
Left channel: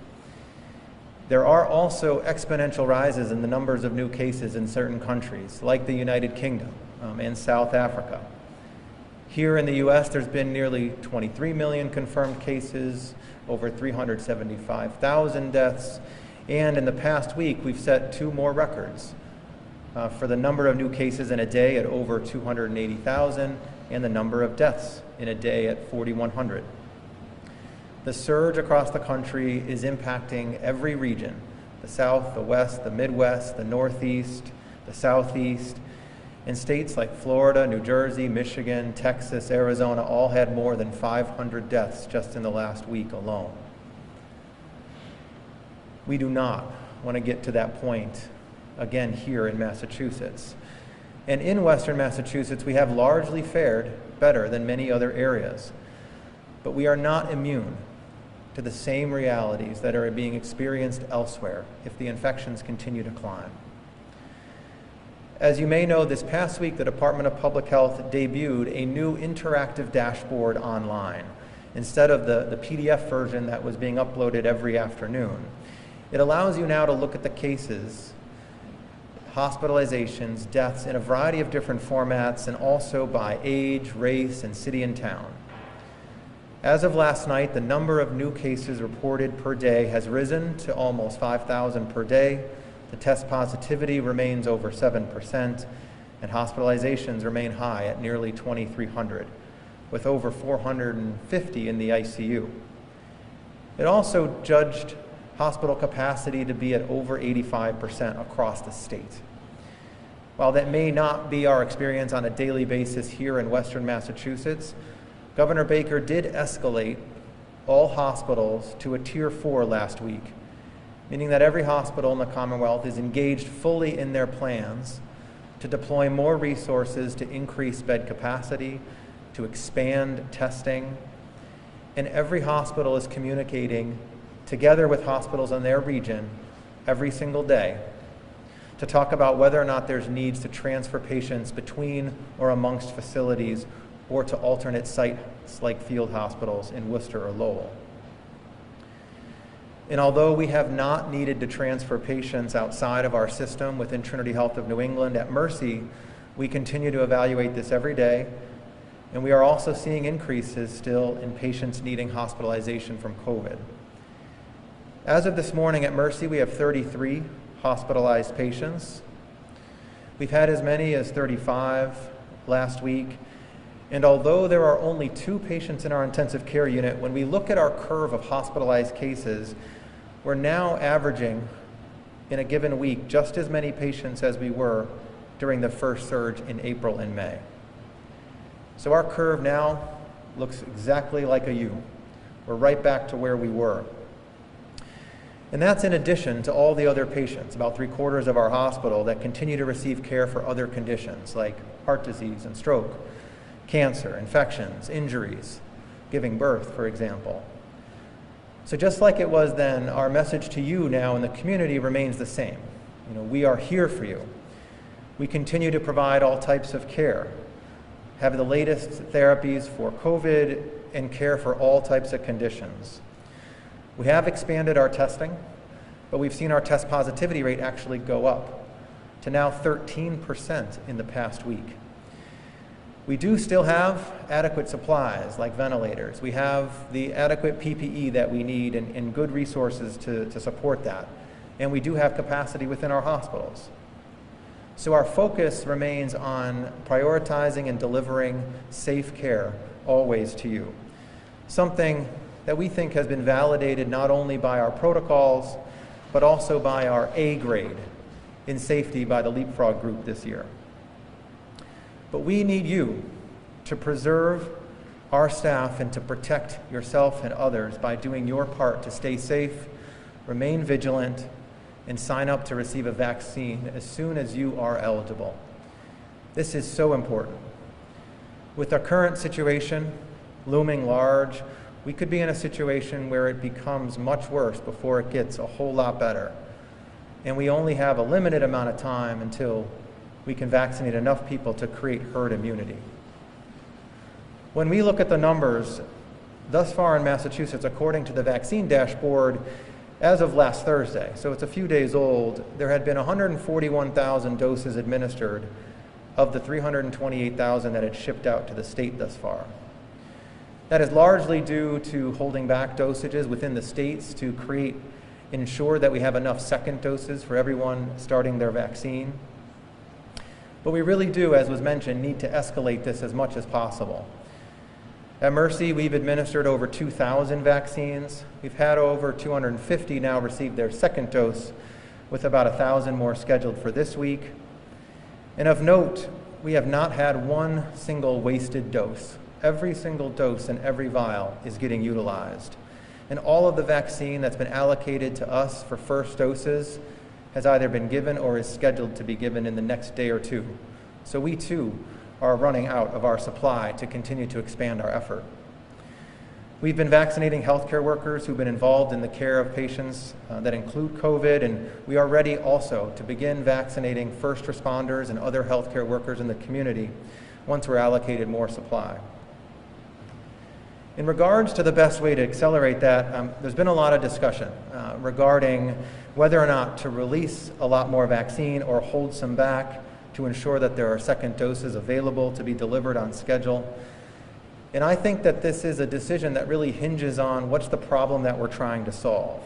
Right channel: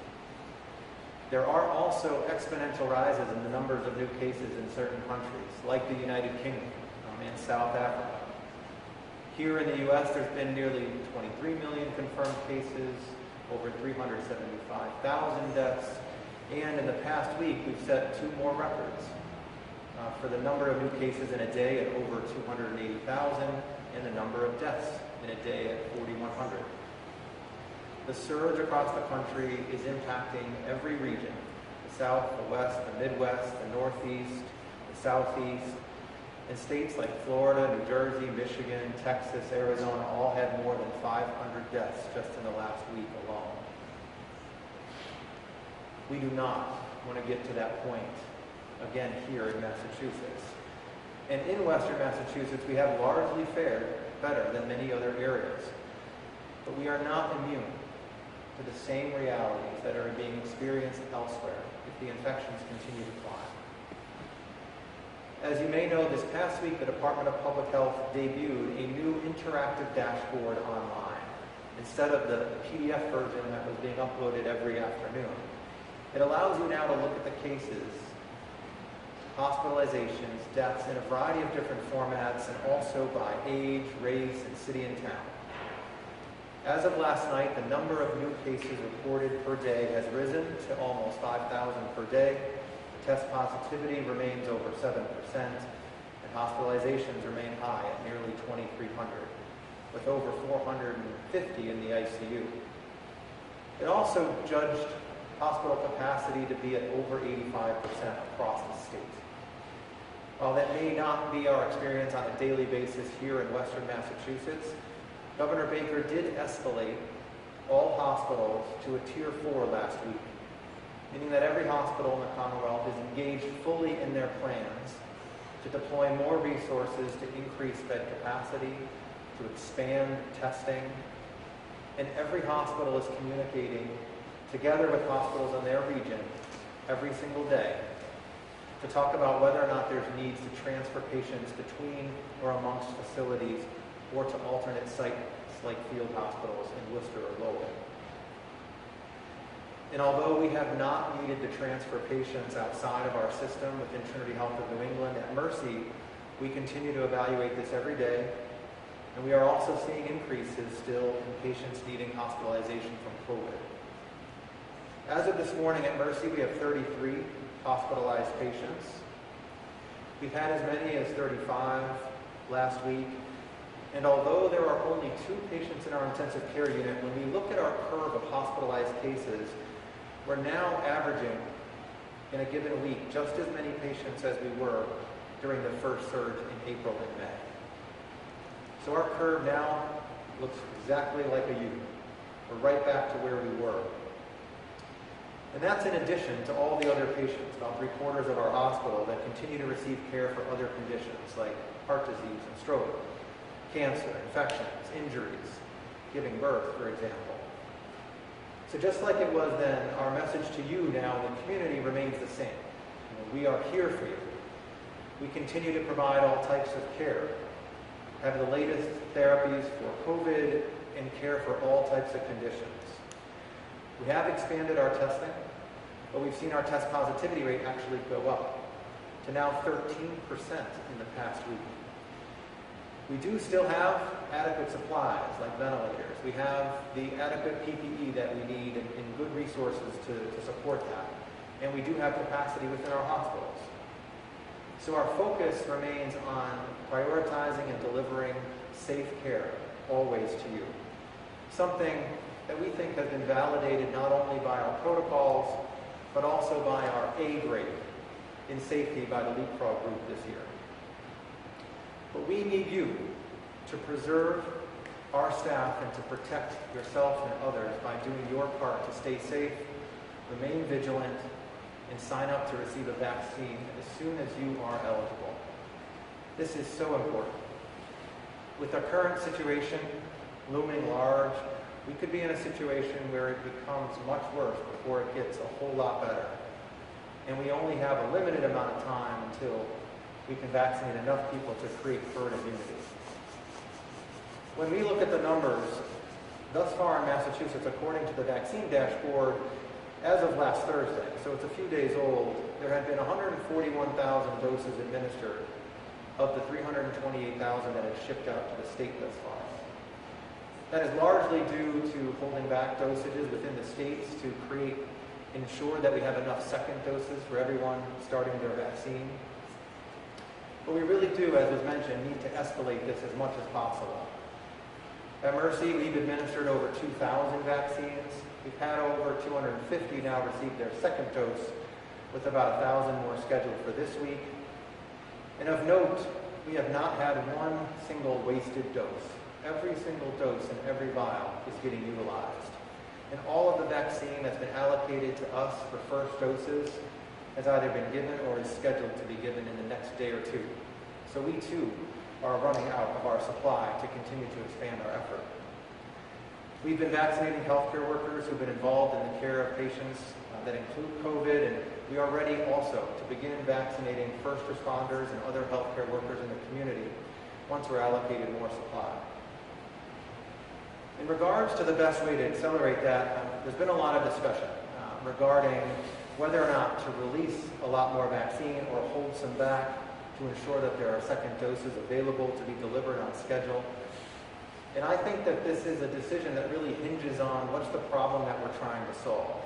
There are also exponential rises in the numbers of new cases in certain countries, like the United Kingdom and South Africa. Here in the U.S., there's been nearly 23 million confirmed cases, over 375,000 deaths, and in the past week, we've set 2 more records for the number of new cases in a day at over 280,000 and the number of deaths in a day at 4,100. The surge across the country is impacting every region: the South, the West, the Midwest, the Northeast, the Southeast, and states like Florida, New Jersey, Michigan, Texas, Arizona all had more than 500 deaths just in the last week alone. We do not want to get to that point again here in Massachusetts. And in Western Massachusetts, we have largely fared better than many other areas. But we are not immune to the same realities that are being experienced elsewhere if the infections continue to climb. As you may know, this past week, the Department of Public Health debuted a new interactive dashboard online instead of the PDF version that was being uploaded every afternoon. It allows you now to look at the cases, hospitalizations, deaths in a variety of different formats and also by age, race, and city and town. As of last night, the number of new cases reported per day has risen to almost 5,000 per day. The test positivity remains over 7%, and hospitalizations remain high at nearly 2,300, with over 450 in the ICU. It also judged hospital capacity to be at over 85% across the state. While that may not be our experience on a daily basis here in Western Massachusetts, Governor Baker did escalate all hospitals to a Tier 4 last week, meaning that every hospital in the Commonwealth is engaged fully in their plans to deploy more resources to increase bed capacity, to expand testing, and every hospital is communicating together with hospitals in their region every single day to talk about whether or not there's needs to transfer patients between or amongst facilities or to alternate sites like field hospitals in Worcester or Lowell. And although we have not needed to transfer patients outside of our system within Trinity Health of New England, at Mercy, we continue to evaluate this every day, and we are also seeing increases still in patients needing hospitalization from COVID. As of this morning at Mercy, we have 33 hospitalized patients. We've had as many as 35 last week. And although there are only 2 patients in our intensive care unit, when we look at our curve of hospitalized cases, we're now averaging in a given week just as many patients as we were during the first surge in April and May. So our curve now looks exactly like a U. We're right back to where we were. And that's in addition to all the other patients, about 3/4 of our hospital, that continue to receive care for other conditions like heart disease and stroke, cancer, infections, injuries, giving birth, for example. So just like it was then, our message to you now in the community remains the same. We are here for you. We continue to provide all types of care, have the latest therapies for COVID, and care for all types of conditions. We have expanded our testing, but we've seen our test positivity rate actually go up to now 13% in the past week. We do still have adequate supplies like ventilators. We have the adequate PPE that we need and good resources to support that. And we do have capacity within our hospitals. So our focus remains on prioritizing and delivering safe care always to you. Something that we think has been validated not only by our protocols, but also by our A grade in safety by the Leapfrog group this year. But we need you to preserve our staff and to protect yourself and others by doing your part to stay safe, remain vigilant, and sign up to receive a vaccine as soon as you are eligible. This is so important. With our current situation looming large, we could be in a situation where it becomes much worse before it gets a whole lot better. And we only have a limited amount of time until we can vaccinate enough people to create herd immunity. When we look at the numbers, thus far in Massachusetts, according to the vaccine dashboard, as of last Thursday, so it's a few days old, there had been 141,000 doses administered of the 328,000 that had shipped out to the state thus far. That is largely due to holding back dosages within the states to ensure that we have enough second doses for everyone starting their vaccine. But we really do, as was mentioned, need to escalate this as much as possible. At Mercy, we've administered over 2,000 vaccines. We've had over 250 now receive their second dose, with about 1,000 more scheduled for this week. And of note, we have not had one single wasted dose. Every single dose and every vial is getting utilized. And all of the vaccine that's been allocated to us for first doses has either been given or is scheduled to be given in the next day or two. So we too are running out of our supply to continue to expand our effort. We've been vaccinating healthcare workers who've been involved in the care of patients that include COVID, and we are ready also to begin vaccinating first responders and other healthcare workers in the community once we're allocated more supply. In regards to the best way to accelerate that, there's been a lot of discussion regarding whether or not to release a lot more vaccine or hold some back to ensure that there are second doses available to be delivered on schedule. And I think that this is a decision that really hinges on what's the problem that we're trying to solve.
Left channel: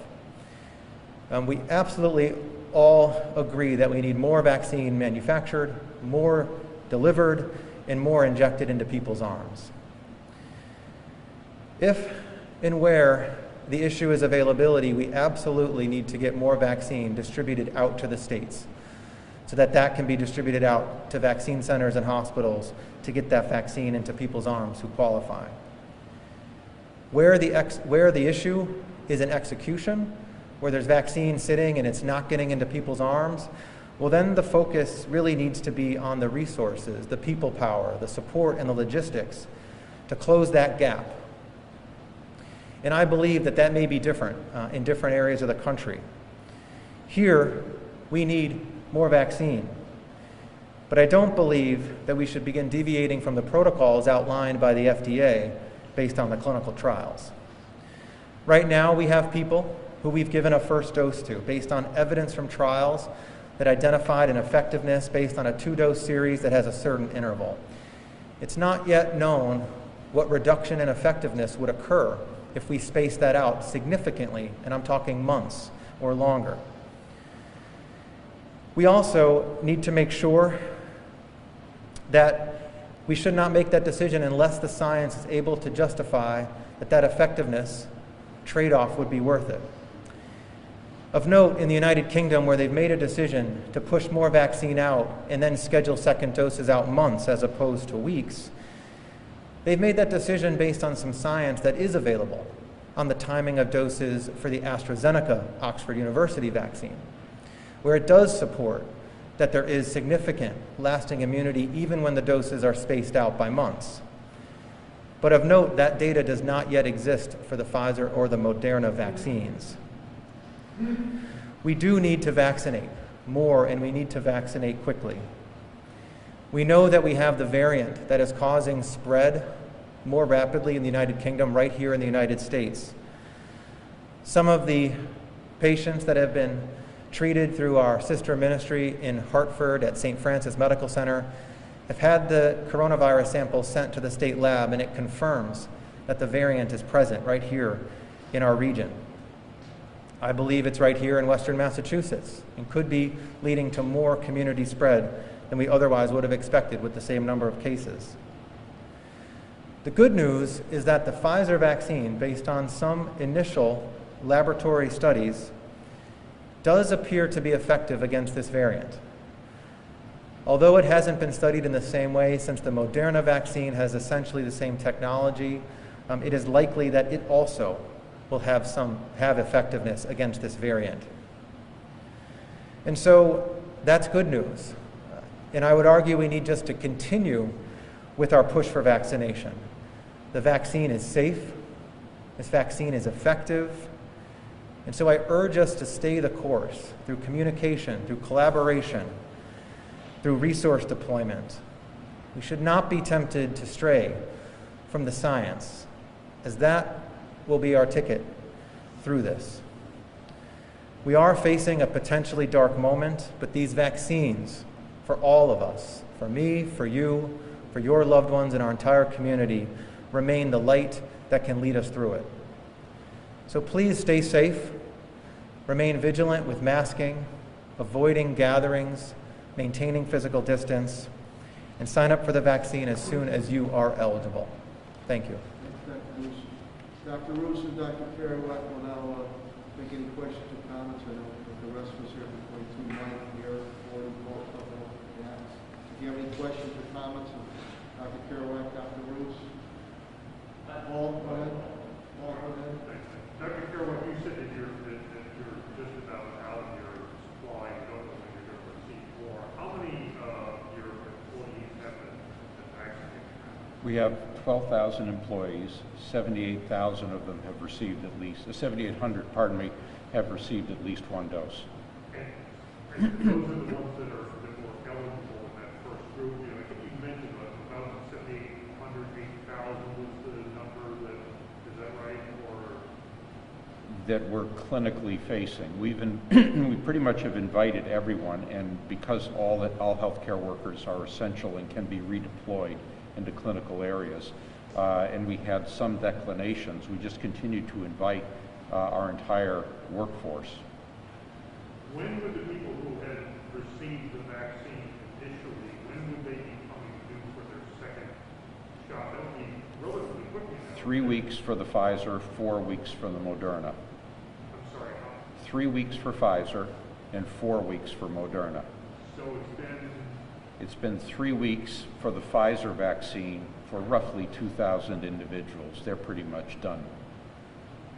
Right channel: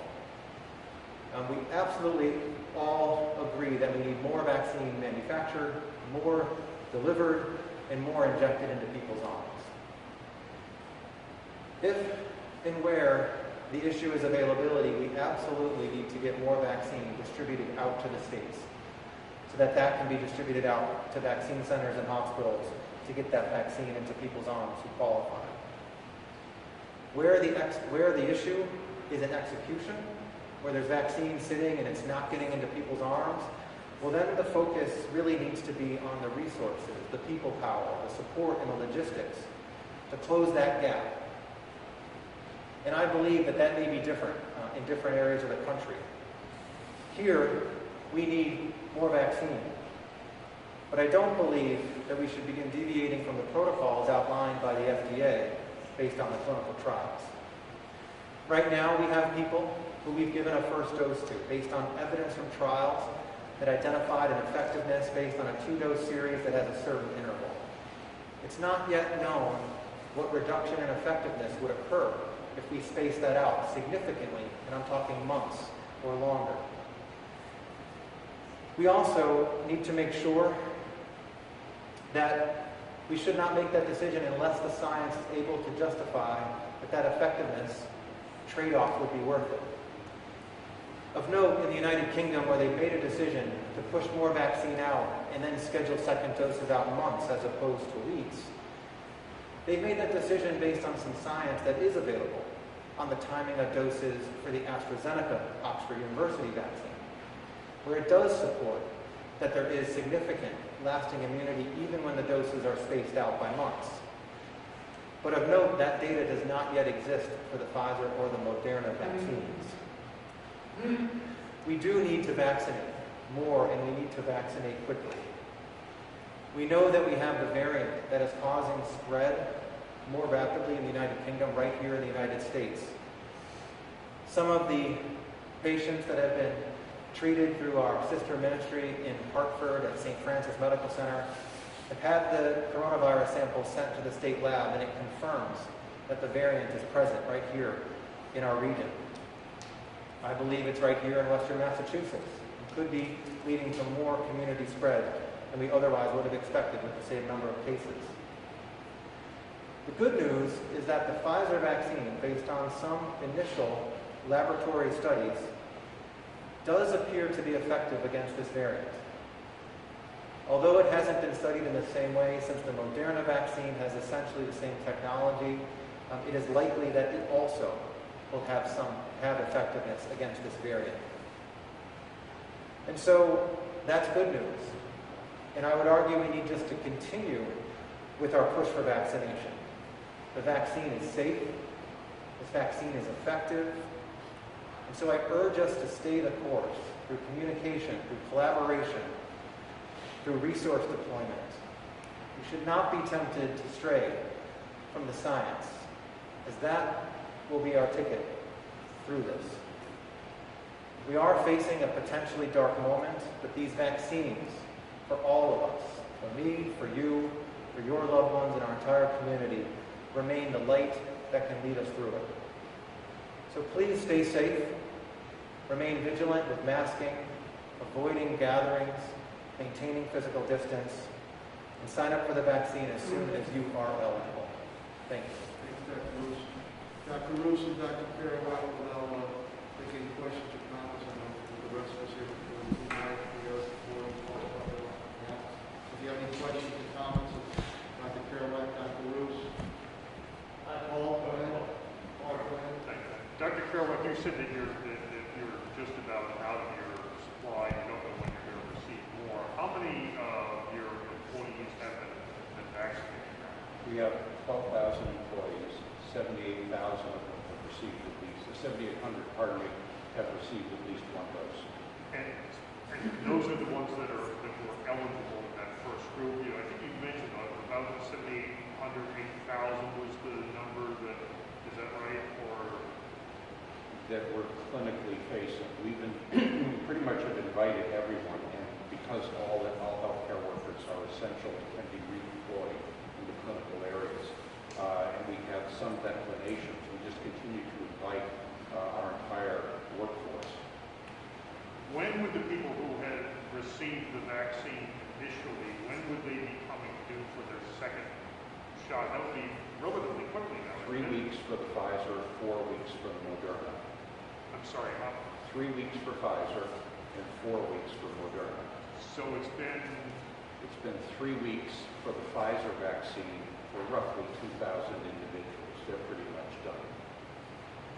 We absolutely all agree that we need more vaccine manufactured, more delivered, and more injected into people's arms. If and where the issue is availability, we absolutely need to get more vaccine distributed out to the states so that that can be distributed out to vaccine centers and hospitals to get that vaccine into people's arms who qualify. Where the issue is in execution, where there's vaccine sitting and it's not getting into people's arms, well then the focus really needs to be on the resources, the people power, the support, and the logistics to close that gap. And I believe that that may be different in different areas of the country. Here, we need more vaccine. But I don't believe that we should begin deviating from the protocols outlined by the FDA based on the clinical trials. Right now, we have people who we've given a first dose to based on evidence from trials that identified an effectiveness based on a 2-dose series that has a certain interval. It's not yet known what reduction in effectiveness would occur if we space that out significantly, and I'm talking months or longer. We also need to make sure that we should not make that decision unless the science is able to justify that that effectiveness trade-off would be worth it. Of note, in the United Kingdom, where they've made a decision to push more vaccine out and then schedule second doses out months as opposed to weeks, they've made that decision based on some science that is available on the timing of doses for the AstraZeneca Oxford University vaccine, where it does support that there is significant lasting immunity even when the doses are spaced out by months. But of note, that data does not yet exist for the Pfizer or the Moderna vaccines. We do need to vaccinate more, and we need to vaccinate quickly. We know that we have the variant that is causing spread more rapidly in the United Kingdom, right here in the United States. Some of the patients that have been treated through our sister ministry in Hartford at St. Francis Medical Center have had the coronavirus sample sent to the state lab, and it confirms that the variant is present right here in our region. I believe it's right here in Western Massachusetts and could be leading to more community spread than we otherwise would have expected with the same number of cases. The good news is that the Pfizer vaccine, based on some initial laboratory studies, does appear to be effective against this variant. Although it hasn't been studied in the same way, since the Moderna vaccine has essentially the same technology, it is likely that it also will have effectiveness against this variant. And so that's good news. And I would argue we need just to continue with our push for vaccination. The vaccine is safe, this vaccine is effective, and so I urge us to stay the course through communication, through collaboration, through resource deployment. We should not be tempted to stray from the science, as that will be our ticket through this. We are facing a potentially dark moment, but these vaccines, for all of us, for me, for you, for your loved ones, and our entire community, remain the light that can lead us through it. So please stay safe, remain vigilant with masking, avoiding gatherings, maintaining physical distance, and sign up for the vaccine as soon as you are eligible. Thank you. Thanks, Dr. Roos. Dr. Roos and Dr. Carow will now take any questions or comments, and the rest of us here before the 2 minutes here before we talk about that. If you have any questions or comments, Dr. Carow, Dr. Roos. Paul, go ahead. Paul, go ahead. Thanks. Dr. Carow, you said that you're just about out of your supply. You don't know when you're going to receive more. How many of your employees have been vaccinated? We have 12,000 employees. 78,000 of them have received at least, 7,800, pardon me, have received at least 1 dose. And those are the ones that were eligible in that first group. I think you mentioned about 7,800, 8,000 was the number. Is that right? Or That we're clinically facing. We pretty much have invited everyone, and because all healthcare workers are essential and can be redeployed into clinical areas, and we had some declinations, we just continue to invite our entire workforce. when would the people who had received the vaccine initially, when would they be coming due for their second shot? That would be relatively quickly now. 3 weeks for the Pfizer, 4 weeks for the Moderna. I'm sorry, how? 3 weeks for Pfizer and 4 weeks for Moderna. So It's been 3 weeks for the Pfizer vaccine for roughly 2,000 individuals. They're pretty much done.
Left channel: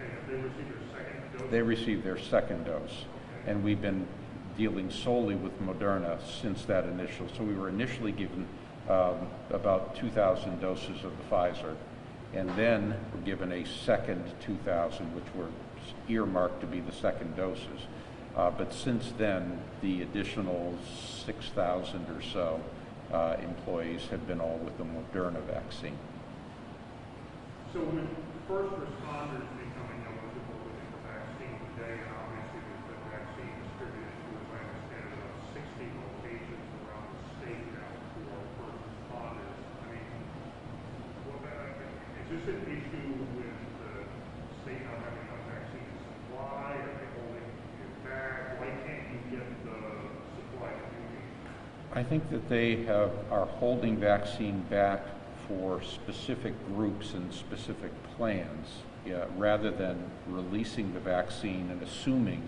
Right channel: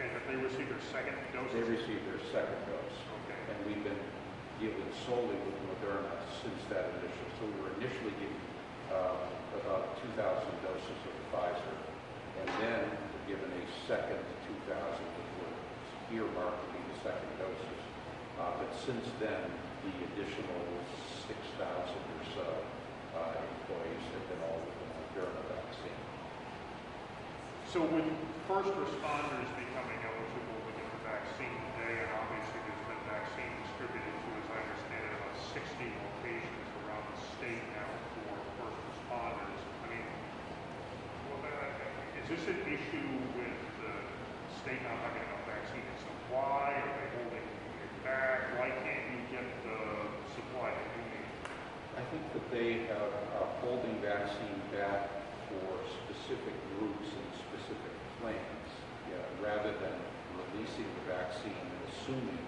and have they received their second dose? They received their second dose. Okay. And we've been dealing solely with Moderna since that initial. So we were initially given about 2,000 doses of the Pfizer, and then were given a second 2,000, which were earmarked to be the second doses. But since then, the additional 6,000 or so employees have been all with the Moderna vaccine. So with first responders becoming eligible to get the vaccine today, and obviously there's been vaccine distributed to, as I understand it, about 60 locations around the state now for first responders. I mean, is this an issue with the state not having enough vaccine supply? Are they holding it back? Why can't you get the supply that you need? I think that they are holding vaccine back for specific groups and specific plans, rather than releasing the vaccine and assuming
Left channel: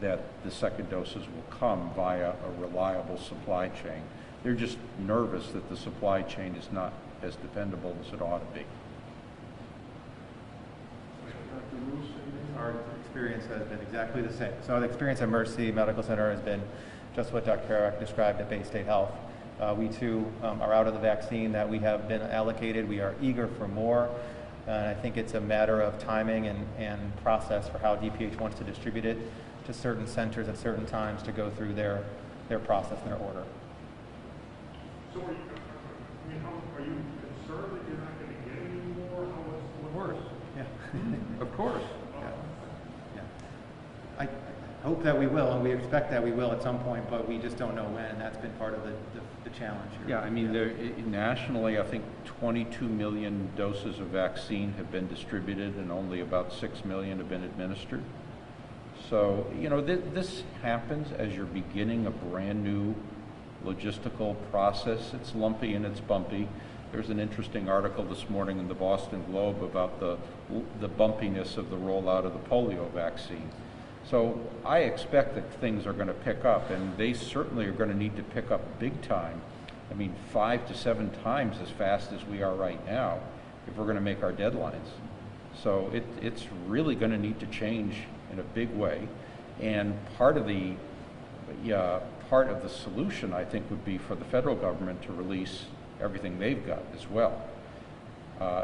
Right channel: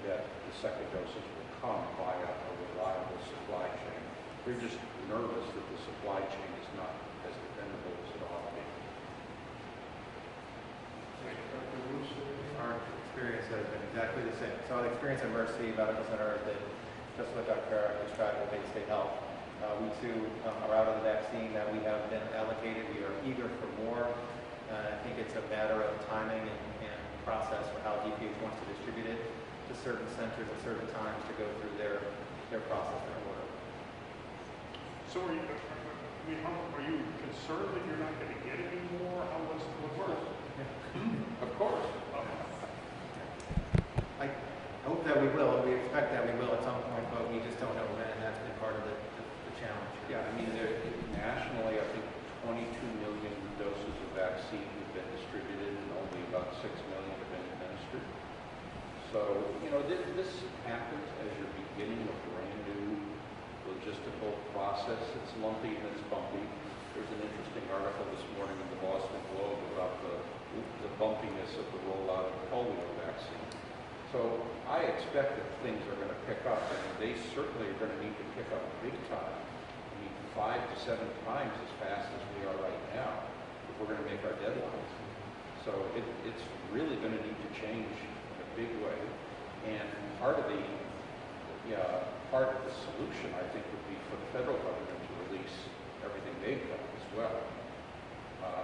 that the second doses will come via a reliable supply chain. They're just nervous that the supply chain is not as dependable as it ought to be. Dr. Roos, Our experience has been exactly the same. So the experience at Mercy Medical Center has been just what Dr. Carow described at Bay State Health. We too are out of the vaccine that we have been allocated. We are eager for more. I think it's a matter of timing and process for how DPH wants to distribute it to certain centers at certain times to go through their process and their order. So are you concerned that you're not going to get any more? What's the worst? Yeah. Of course. I hope that we will, and we expect that we will at some point, but we just don't know when, and that's been part of the challenge. Yeah, I mean, nationally, I think 22 million doses of vaccine have been distributed and only about 6 million have been administered. So, you know, this happens as you're beginning a brand new logistical process. It's lumpy and it's bumpy. There's an interesting article this morning in the Boston Globe about the bumpiness of the rollout of the polio vaccine. So I expect that things are going to pick up, and they certainly are going to need to pick up big time. I mean, 5 to 7 times as fast as we are right now if we're going to make our deadlines. So it's really going to need to change in a big way. And part of the solution, I think, would be for the federal government to release everything they've got as well.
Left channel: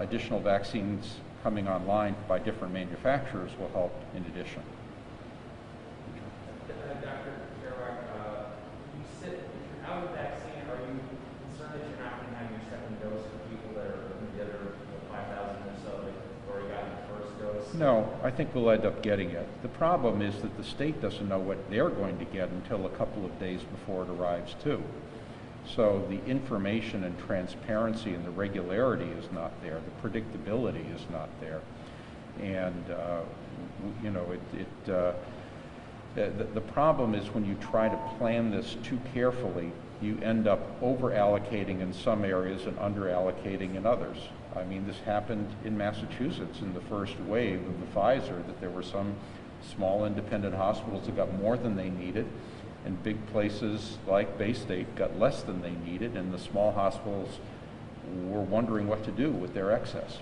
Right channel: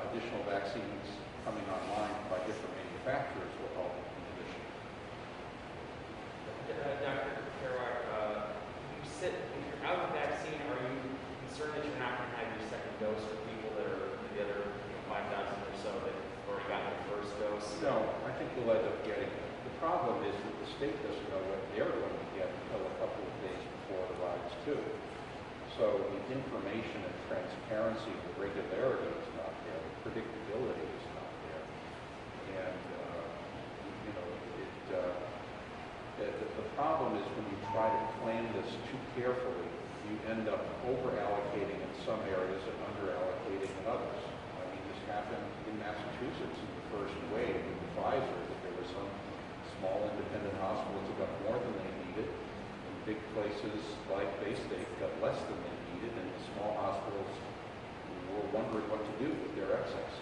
Additional vaccines coming online by different manufacturers will help in addition. Dr. Carow, if you're out of vaccine, are you concerned that you're not going to have your second dose for people that are the other 5,000 or so that have already gotten the first dose? No, I think we'll end up getting it. The problem is that the state doesn't know what they're going to get until a couple of days before it arrives too. So the information and transparency and the regularity is not there. The predictability is not there. And, you know, the problem is when you try to plan this too carefully, you end up over-allocating in some areas and under-allocating in others. I mean, this happened in Massachusetts in the first wave of the Pfizer, that there were some small independent hospitals that got more than they needed, and big places like Bay State got less than they needed, and the small hospitals were wondering what to do with their excess.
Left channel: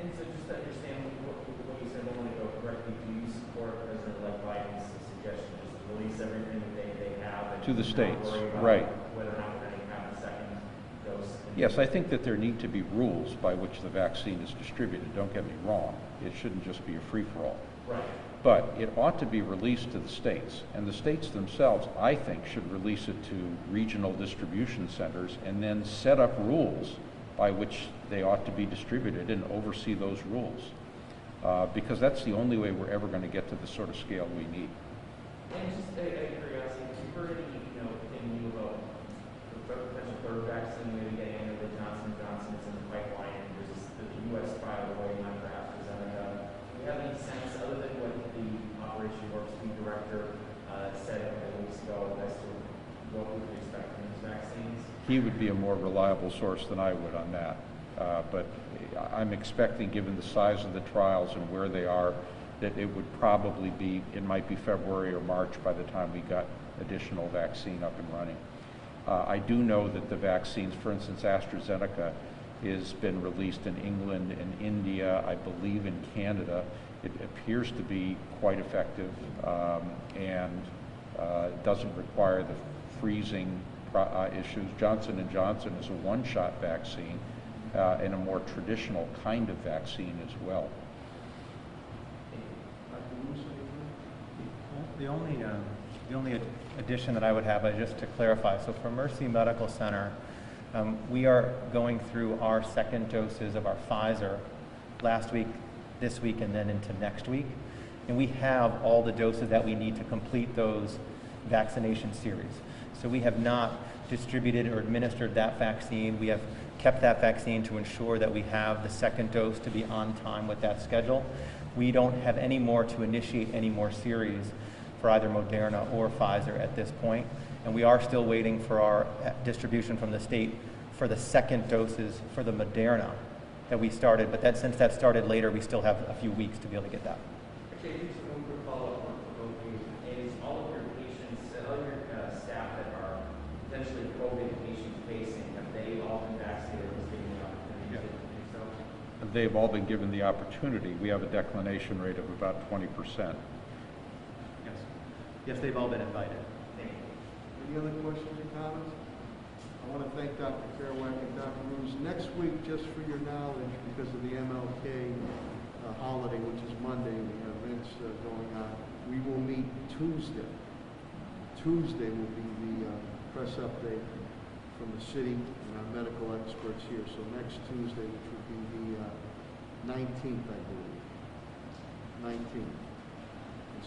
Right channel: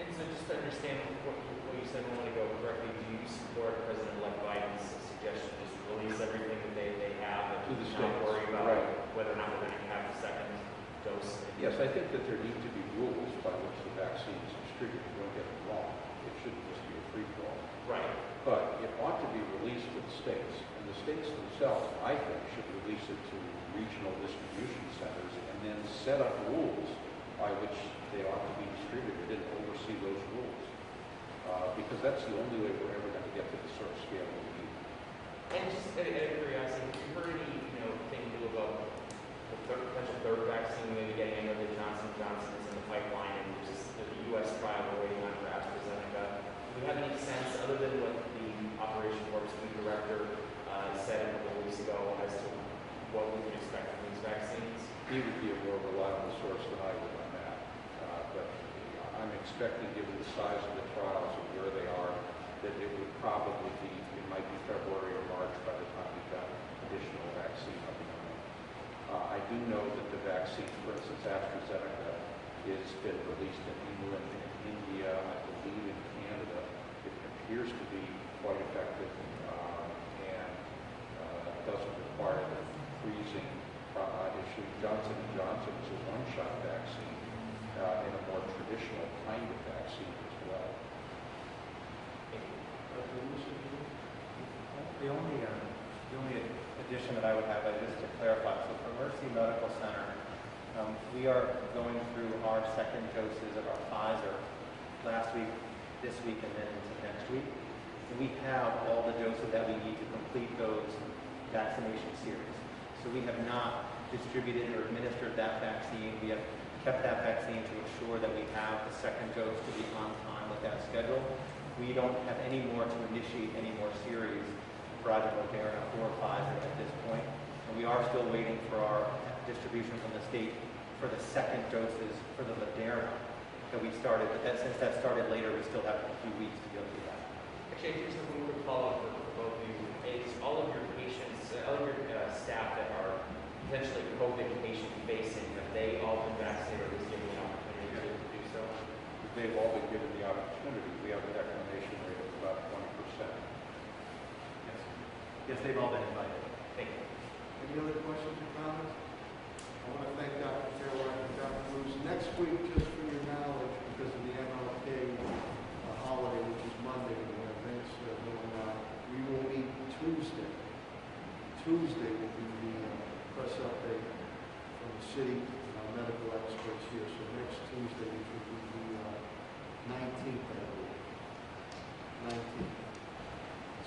And so just to understand what you said a moment ago correctly, do you support President-elect Biden's suggestion just to release everything that they have and to the states, not worry about right, whether or not we're going to have the second dose? Yes, I think that there need to be rules by which the vaccine is distributed. Don't get me wrong. It shouldn't just be a free-for-all. Right. But it ought to be released to the states, and the states themselves, I think, should release it to regional distribution centers and then set up rules by which they ought to be distributed and oversee those rules. Because that's the only way we're ever going to get to the sort of scale we need. And just out of curiosity, have you heard any, thing new about the potential third vaccine maybe getting? I know that Johnson & Johnson is in the pipeline, and there's the U.S. trial we're waiting on for AstraZeneca. Do we have any sense, other than what the Operation Warp Speed director said a couple of weeks ago, as to what we can expect from these vaccines? He would be a more reliable source than I would on that. But I'm expecting, given the size of the trials and where they are, that it would probably be, it might be February or March by the time we got additional vaccine up and running. I do know that the vaccines, for instance, AstraZeneca, has been released in England and India, I believe in Canada. It appears to be quite effective and doesn't require the freezing issues. Johnson & Johnson is a one-shot vaccine and a more traditional kind of vaccine as well. The only addition that I would have, just to clarify, so for Mercy Medical Center, we are going through our second doses of our Pfizer last week, this week, and then into next week. And we have all the doses that we need to complete those vaccination series. So we have not distributed or administered that vaccine. We have kept that vaccine to ensure that we have the second dose to be on time with that schedule. We don't have any more to initiate any more series for either Moderna or Pfizer at this point. And we are still waiting for our distribution from the state for the second doses for the Moderna that we started. But since that started later, we still have a few weeks to be able to get that. Actually, just a quick follow-up for both of you. Is all of your patients, all of your staff that are potentially COVID patient-facing, have they all been vaccinated or was given the opportunity to do so? They've all been given the opportunity. We have a declination rate of about 20%. Yes, they've all been invited. Thank you. Any other questions or comments? I want to thank Dr. Carow and Dr. Lewis. Next week, just for your knowledge, because of the MLK holiday, which is Monday, we have events going on. We will meet Tuesday. Tuesday will be the press update from the city and our medical experts here. So next Tuesday, which will be the 19th, I believe. 19th.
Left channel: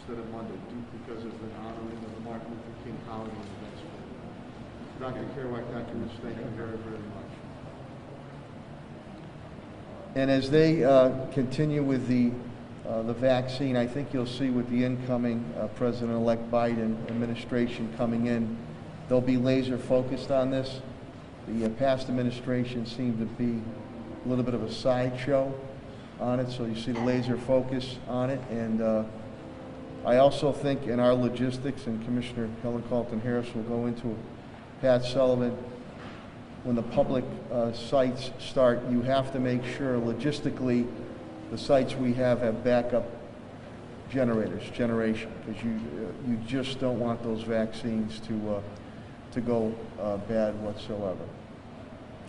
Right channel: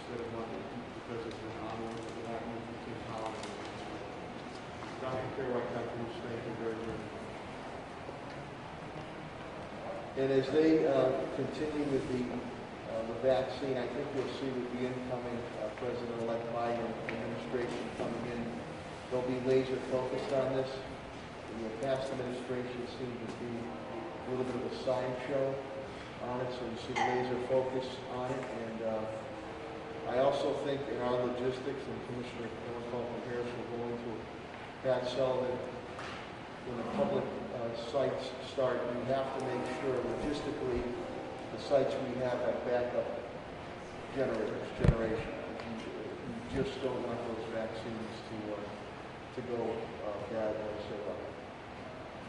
Instead of Monday, because of the honoring of Martin Luther King holiday. Dr. Carow, Dr. Lewis, thank you very, very much. And as they continue with the vaccine, I think you'll see with the incoming President-elect Biden administration coming in, they'll be laser focused on this. The past administration seemed to be a little bit of a sideshow on it, so you see the laser focus on it. And I also think in our logistics, and Commissioner Helen Carlton-Harris will go into it, Pat Sullivan, when the public sites start, you have to make sure logistically the sites we have backup generation, because you just don't want those vaccines to go bad whatsoever.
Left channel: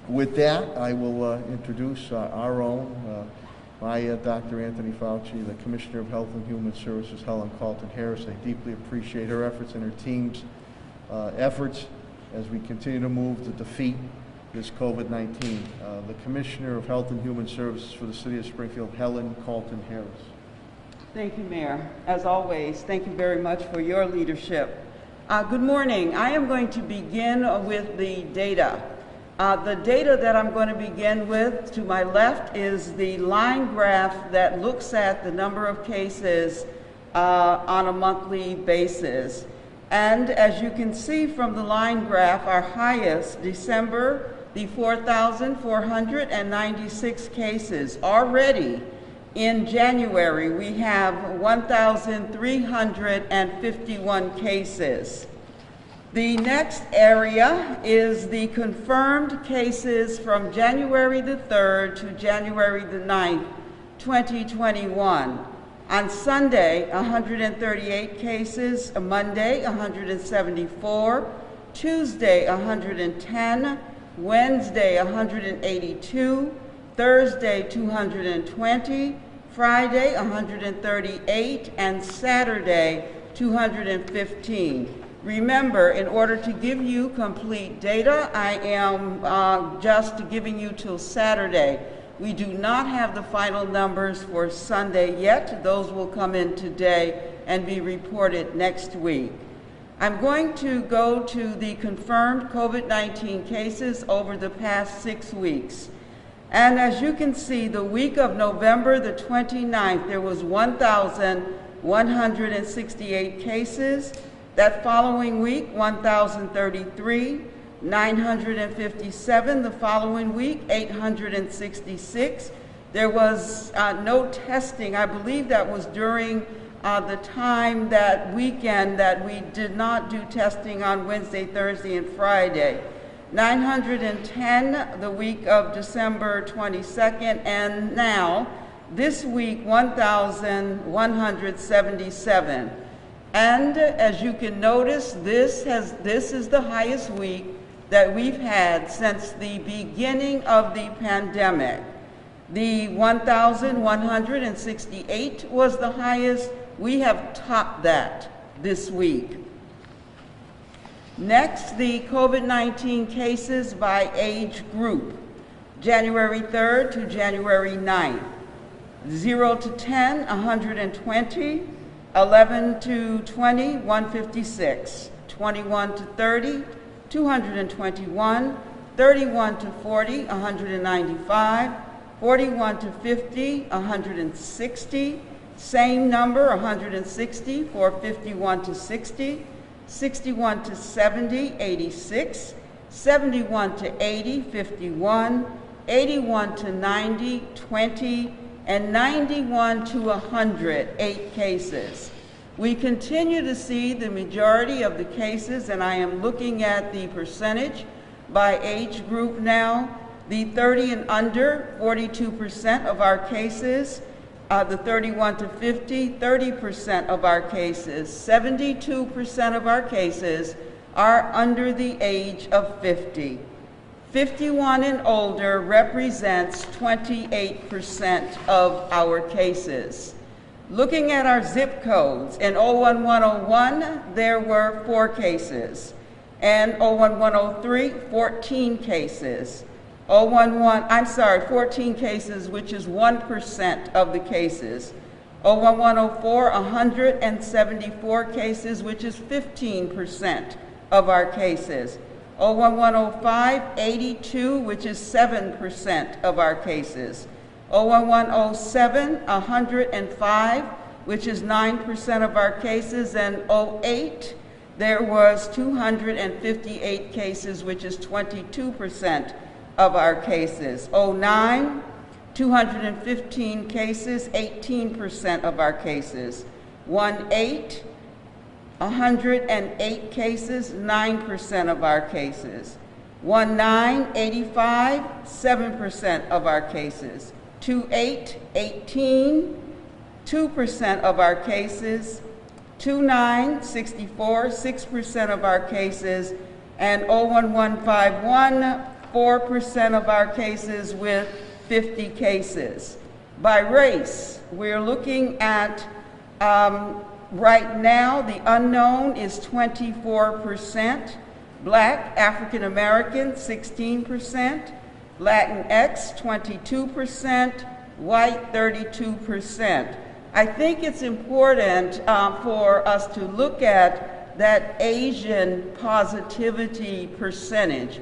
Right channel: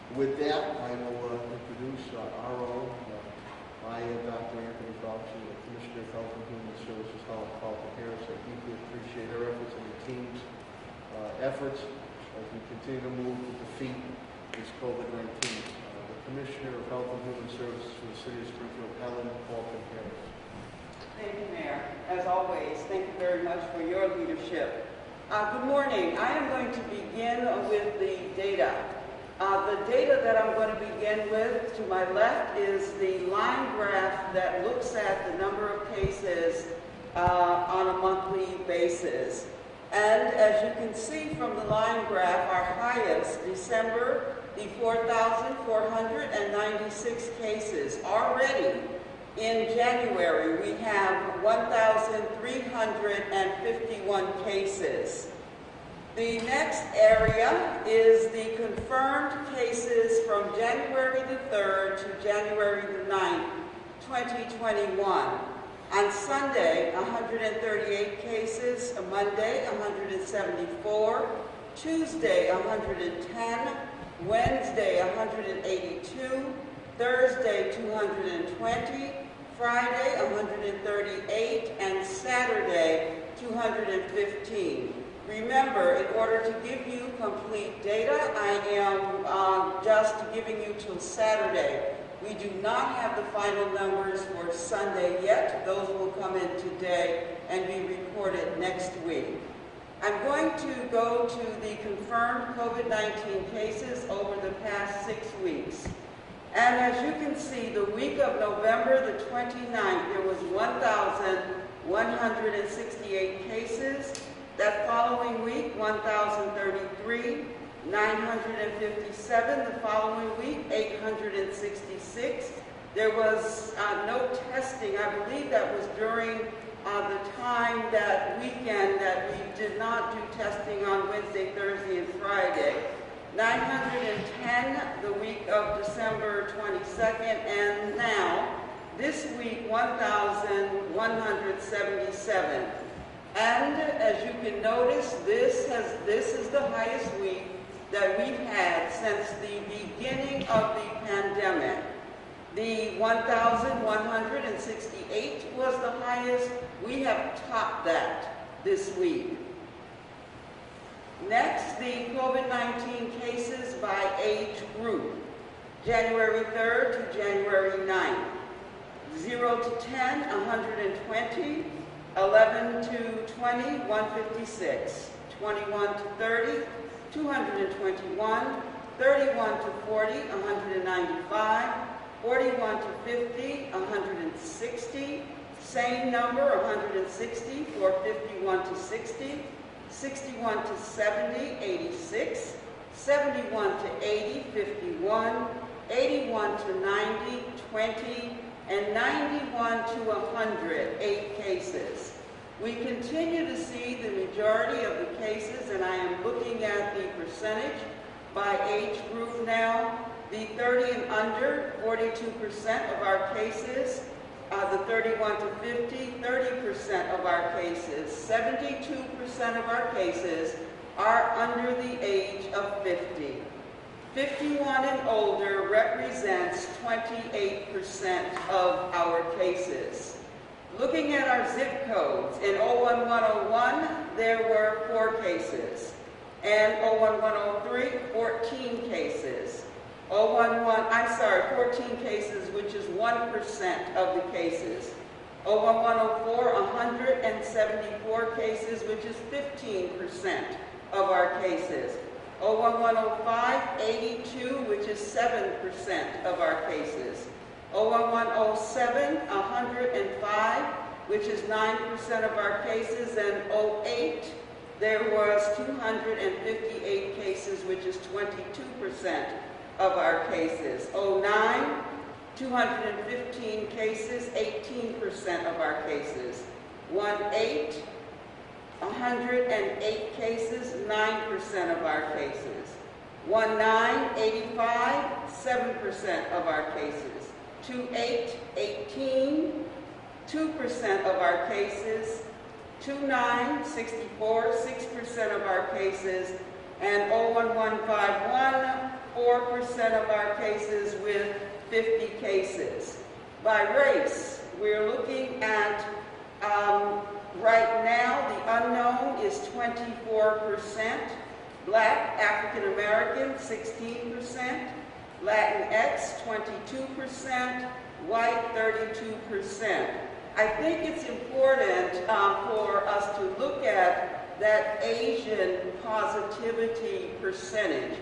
With that, I will introduce our own, Dr. Anthony Fauci, the Commissioner of Health and Human Services, Helen Carlton-Harris. I deeply appreciate her efforts and her team's efforts as we continue to move to defeat this COVID-19. The Commissioner of Health and Human Services for the City of Springfield, Helen Carlton-Harris. Thank you, Mayor. As always, thank you very much for your leadership. Good morning. I am going to begin with the data. The data that I'm going to begin with to my left is the line graph that looks at the number of cases on a monthly basis. And as you can see from the line graph, our highest, December, the 4,496 cases. Already in January, we have 1,351 cases. The next area is the confirmed cases from January the 3rd to January the 9th, 2021. On Sunday, 138 cases, Monday, 174, Tuesday, 110, Wednesday, 182, Thursday, 220, Friday, 138, and Saturday, 215. Remember, in order to give you complete data, I am just giving you till Saturday. We do not have the final numbers for Sunday yet. Those will come in today and be reported next week. I'm going to go to the confirmed COVID-19 cases over the past 6 weeks. And as you can see, the week of November the 29th, there was 1,168 cases. That following week, 1,033, 957. The following week, 866. There was no testing. I believe that was during the time that weekend that we did not do testing on Wednesday, Thursday, and Friday. 910 the week of December 22nd, and now, this week, 1,177. And as you can notice, this is the highest week that we've had since the beginning of the pandemic. The 1,168 was the highest. We have topped that this week. Next, the COVID-19 cases by age group. January 3rd to January 9th. 0 to 10, 120. 11 to 20, 156. 21 to 30, 221. 31 to 40, 195. 41 to 50, 160. Same number, 160 for 51 to 60. 61 to 70, 86. 71 to 80, 51. 81 to 90, 20. And 91 to 100, 8 cases. We continue to see the majority of the cases, and I am looking at the percentage by age group now. The 30 and under, 42% of our cases. The 31 to 50, 30% of our cases. 72% of our cases are under the age of 50. 51 and older represents 28% of our cases. Looking at our zip codes, in 01101, there were 4 cases. And 01103, 14 cases. 14 cases, which is 1% of the cases. 01104, 174 cases, which is 15% of our cases. 01105, 82, which is 7% of our cases. 01107, 105, which is 9% of our cases. And 08, there was 258 cases, which is 22% of our cases. 09, 215 cases, 18% of our cases. 18, 108 cases, 9% of our cases. 19, 85, 7% of our cases. 28, 18, 2% of our cases. 29, 64, 6% of our cases. And 01151, 4% of our cases with 50 cases. By race, we're looking at right now, the unknown is 24%, Black, African American, 16%, Latinx, 22%, white, 32%. I think it's important for us to look at that Asian positivity percentage.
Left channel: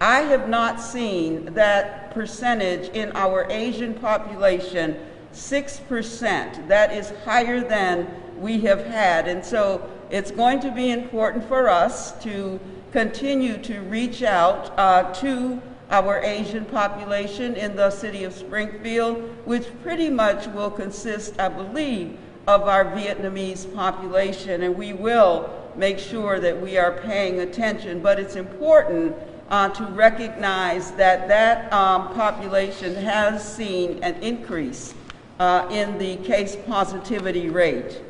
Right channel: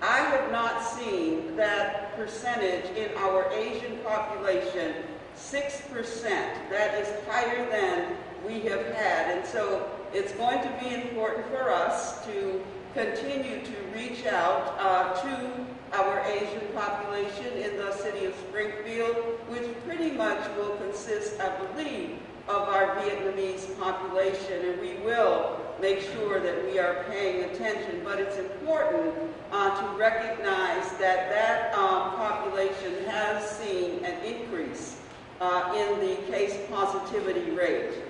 I have not seen that percentage in our Asian population, 6%. That is higher than we have had. And so it's going to be important for us to continue to reach out to our Asian population in the city of Springfield, which pretty much will consist, I believe, of our Vietnamese population, and we will make sure that we are paying attention. But it's important to recognize that that population has seen an increase in the case positivity rate.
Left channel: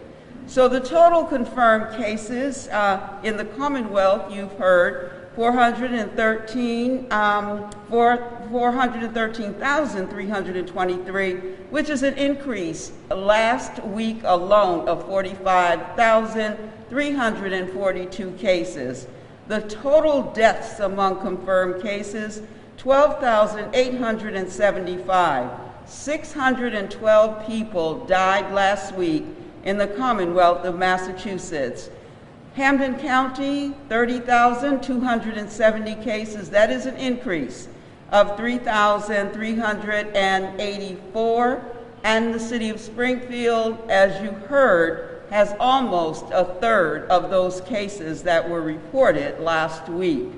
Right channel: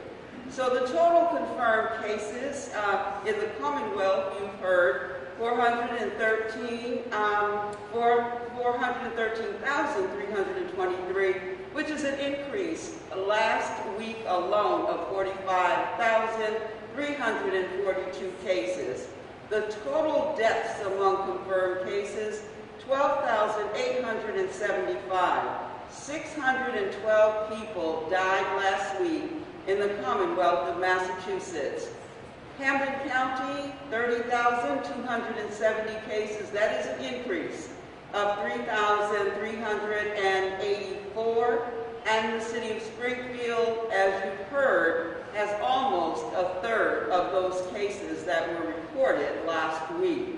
So the total confirmed cases in the Commonwealth, you've heard, 413,323, which is an increase last week alone of 45,342 cases. The total deaths among confirmed cases, 12,875. 612 people died last week in the Commonwealth of Massachusetts. Hampden County, 30,270 cases. That is an increase of 3,384. And the city of Springfield, as you heard, has almost a third of those cases that were reported last week.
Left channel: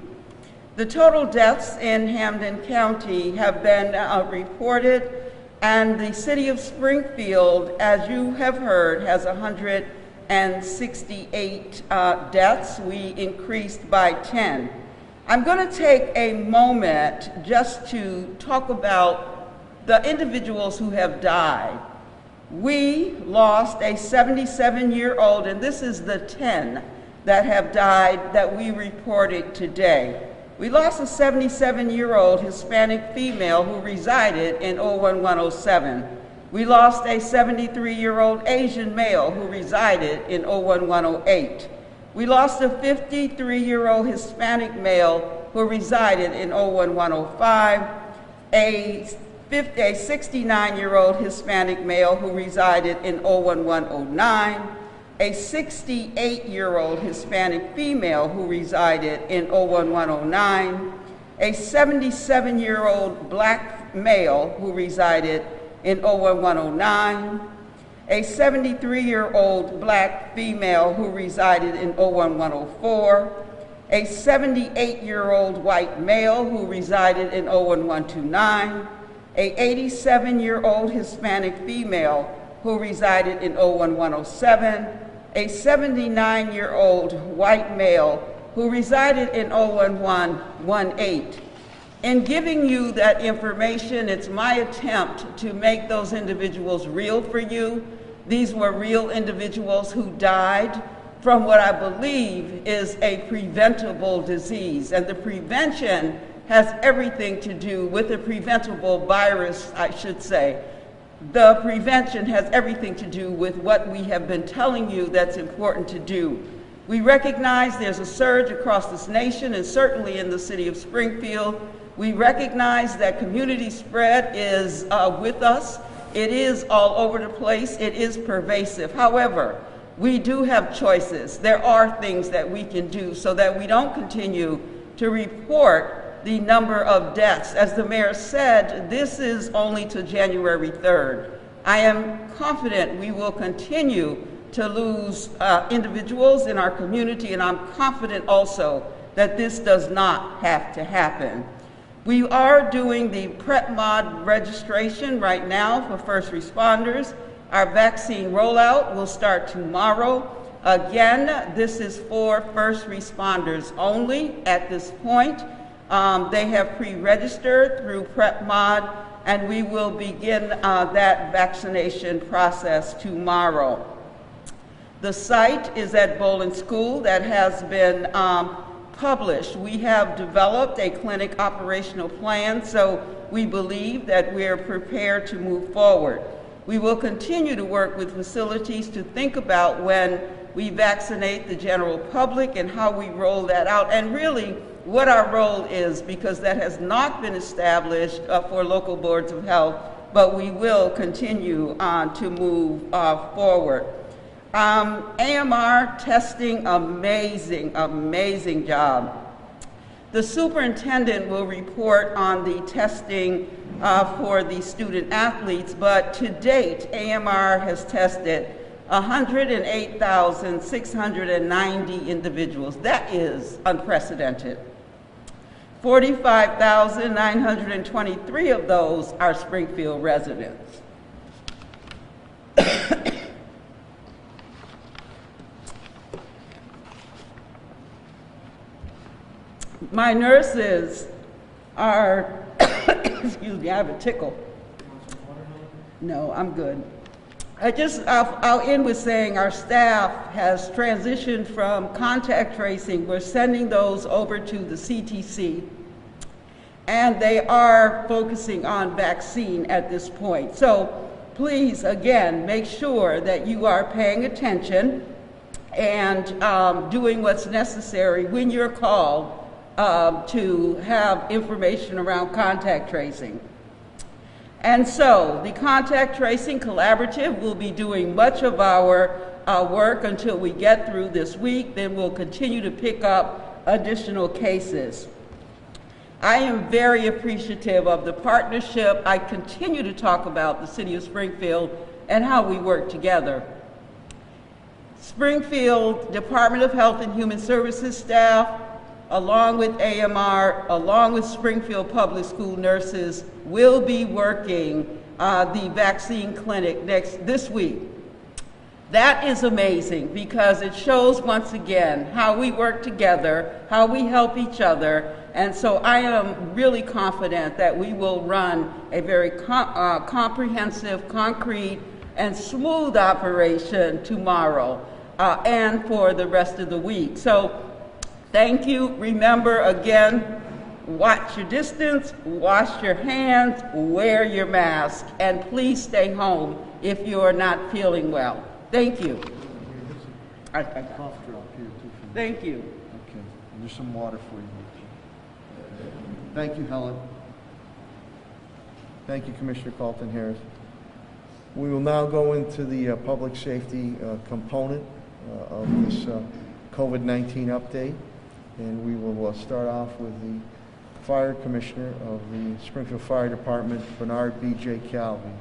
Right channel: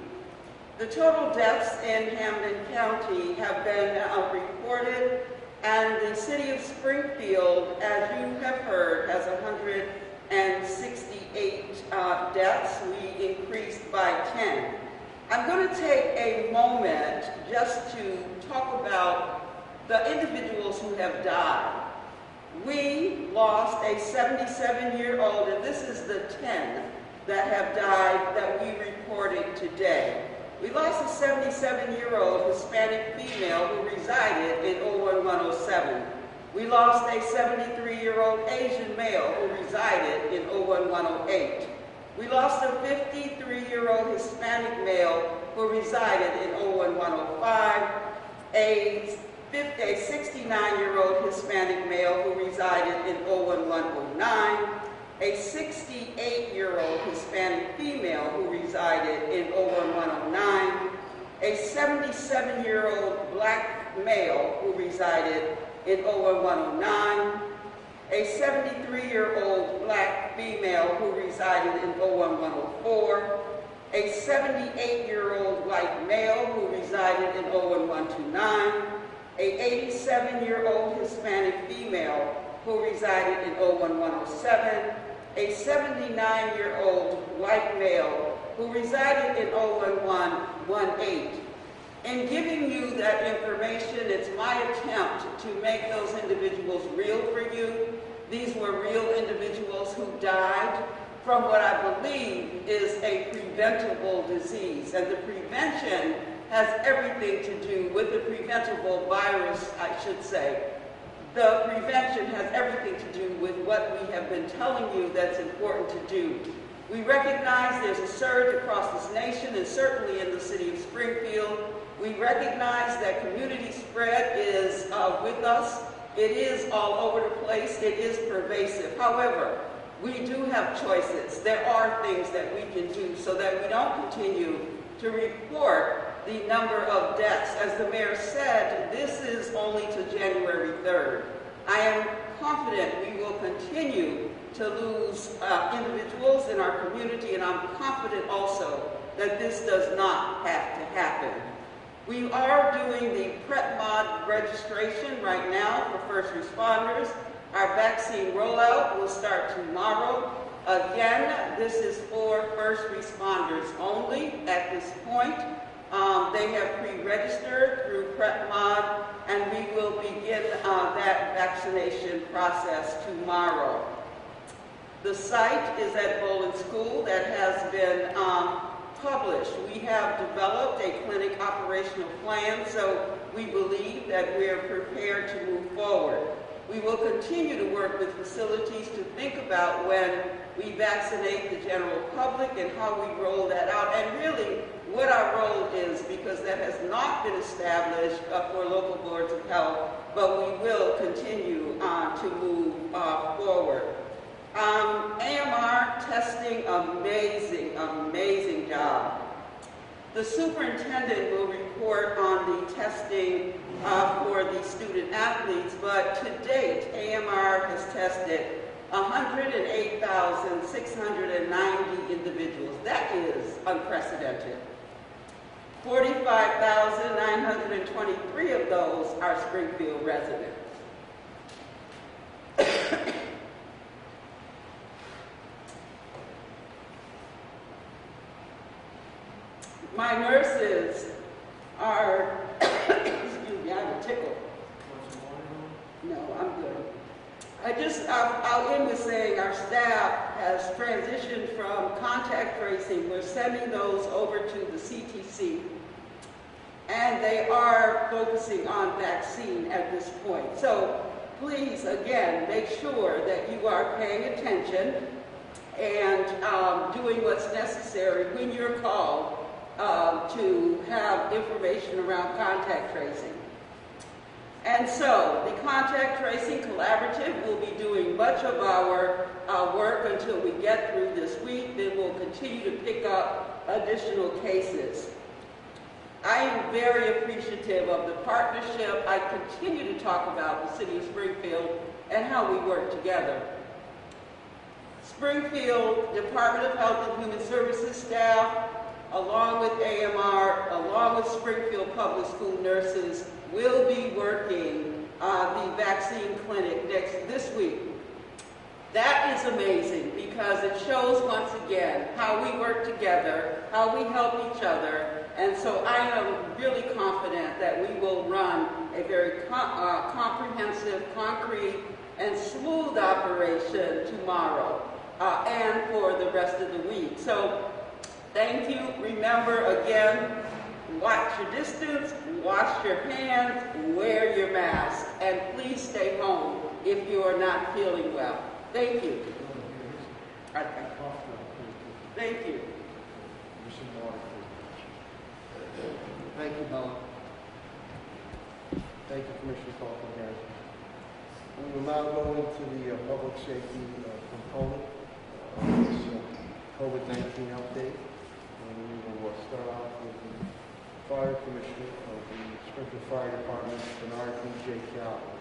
The total deaths in Hampden County have been reported, and the city of Springfield, as you have heard, has 168 deaths. We increased by 10. I'm going to take a moment just to talk about the individuals who have died. We lost a 77-year-old, and this is the 10 that have died that we reported today. We lost a 77-year-old Hispanic female who resided in 01107. We lost a 73-year-old Asian male who resided in 01108. We lost a 53-year-old Hispanic male who resided in 01105, a 69-year-old Hispanic male who resided in 01109, a 68-year-old Hispanic female who resided in 01109, a 77-year-old black male who resided in 01109, a 73-year-old black female who resided in 01104, a 78-year-old white male who resided in 01129, a 87-year-old Hispanic female who resided in 01107, a 79-year-old white male who resided in 01118. In giving you that information, it's my attempt to make those individuals real for you. These were real individuals who died from what I believe is a preventable disease. And the prevention has everything to do with the preventable virus, I should say. The prevention has everything to do with what we have been telling you that's important to do. We recognize there's a surge across this nation and certainly in the city of Springfield. We recognize that community spread is with us. It is all over the place. It is pervasive. However, we do have choices. There are things that we can do so that we don't continue to report the number of deaths. As the mayor said, this is only to January 3rd. I am confident we will continue to lose individuals in our community, and I'm confident also that this does not have to happen. We are doing the PrEP mod registration right now for first responders. Our vaccine rollout will start tomorrow. Again, this is for first responders only at this point. They have pre-registered through PrEP mod, and we will begin that vaccination process tomorrow. The site is at Bowling School that has been published. We have developed a clinic operational plan, so we believe that we're prepared to move forward. We will continue to work with facilities to think about when we vaccinate the general public and how we roll that out, and really what our role is, because that has not been established for local boards of health but we will continue to move forward. AMR testing, amazing job. The superintendent will report on the testing for the student athletes, but to date, AMR has tested 108,690 individuals. That is unprecedented. 45,923 of those are Springfield residents. My nurses are, excuse me, I have a tickle. No, I'm good. I'll end with saying our staff has transitioned from contact tracing. We're sending those over to the CTC, and they are focusing on vaccine at this point. So please, again, make sure that you are paying attention and doing what's necessary when you're called to have information around contact tracing. And so the Contact Tracing Collaborative will be doing much of our work until we get through this week. Then we'll continue to pick up additional cases. I am very appreciative of the partnership. I continue to talk about the City of Springfield and how we work together. Springfield Department of Health and Human Services staff, along with AMR, along with Springfield Public School nurses, will be working the vaccine clinic this week. That is amazing because it shows once again how we work together, how we help each other, and so I am really confident that we will run a very comprehensive, concrete, and smooth operation tomorrow and for the rest of the week. So thank you. Remember, again, watch your distance, wash your hands, wear your mask, and please stay home if you're not feeling well. Thank you. Okay. Thank you. Okay, here's some water for you. Thank you, Helen. Thank you, Commissioner Carlton-Harris. We will now go into the public safety component of this COVID-19 update. And we will start off with the Fire Commissioner of the Springfield Fire Department, Bernard B.J. Calvin.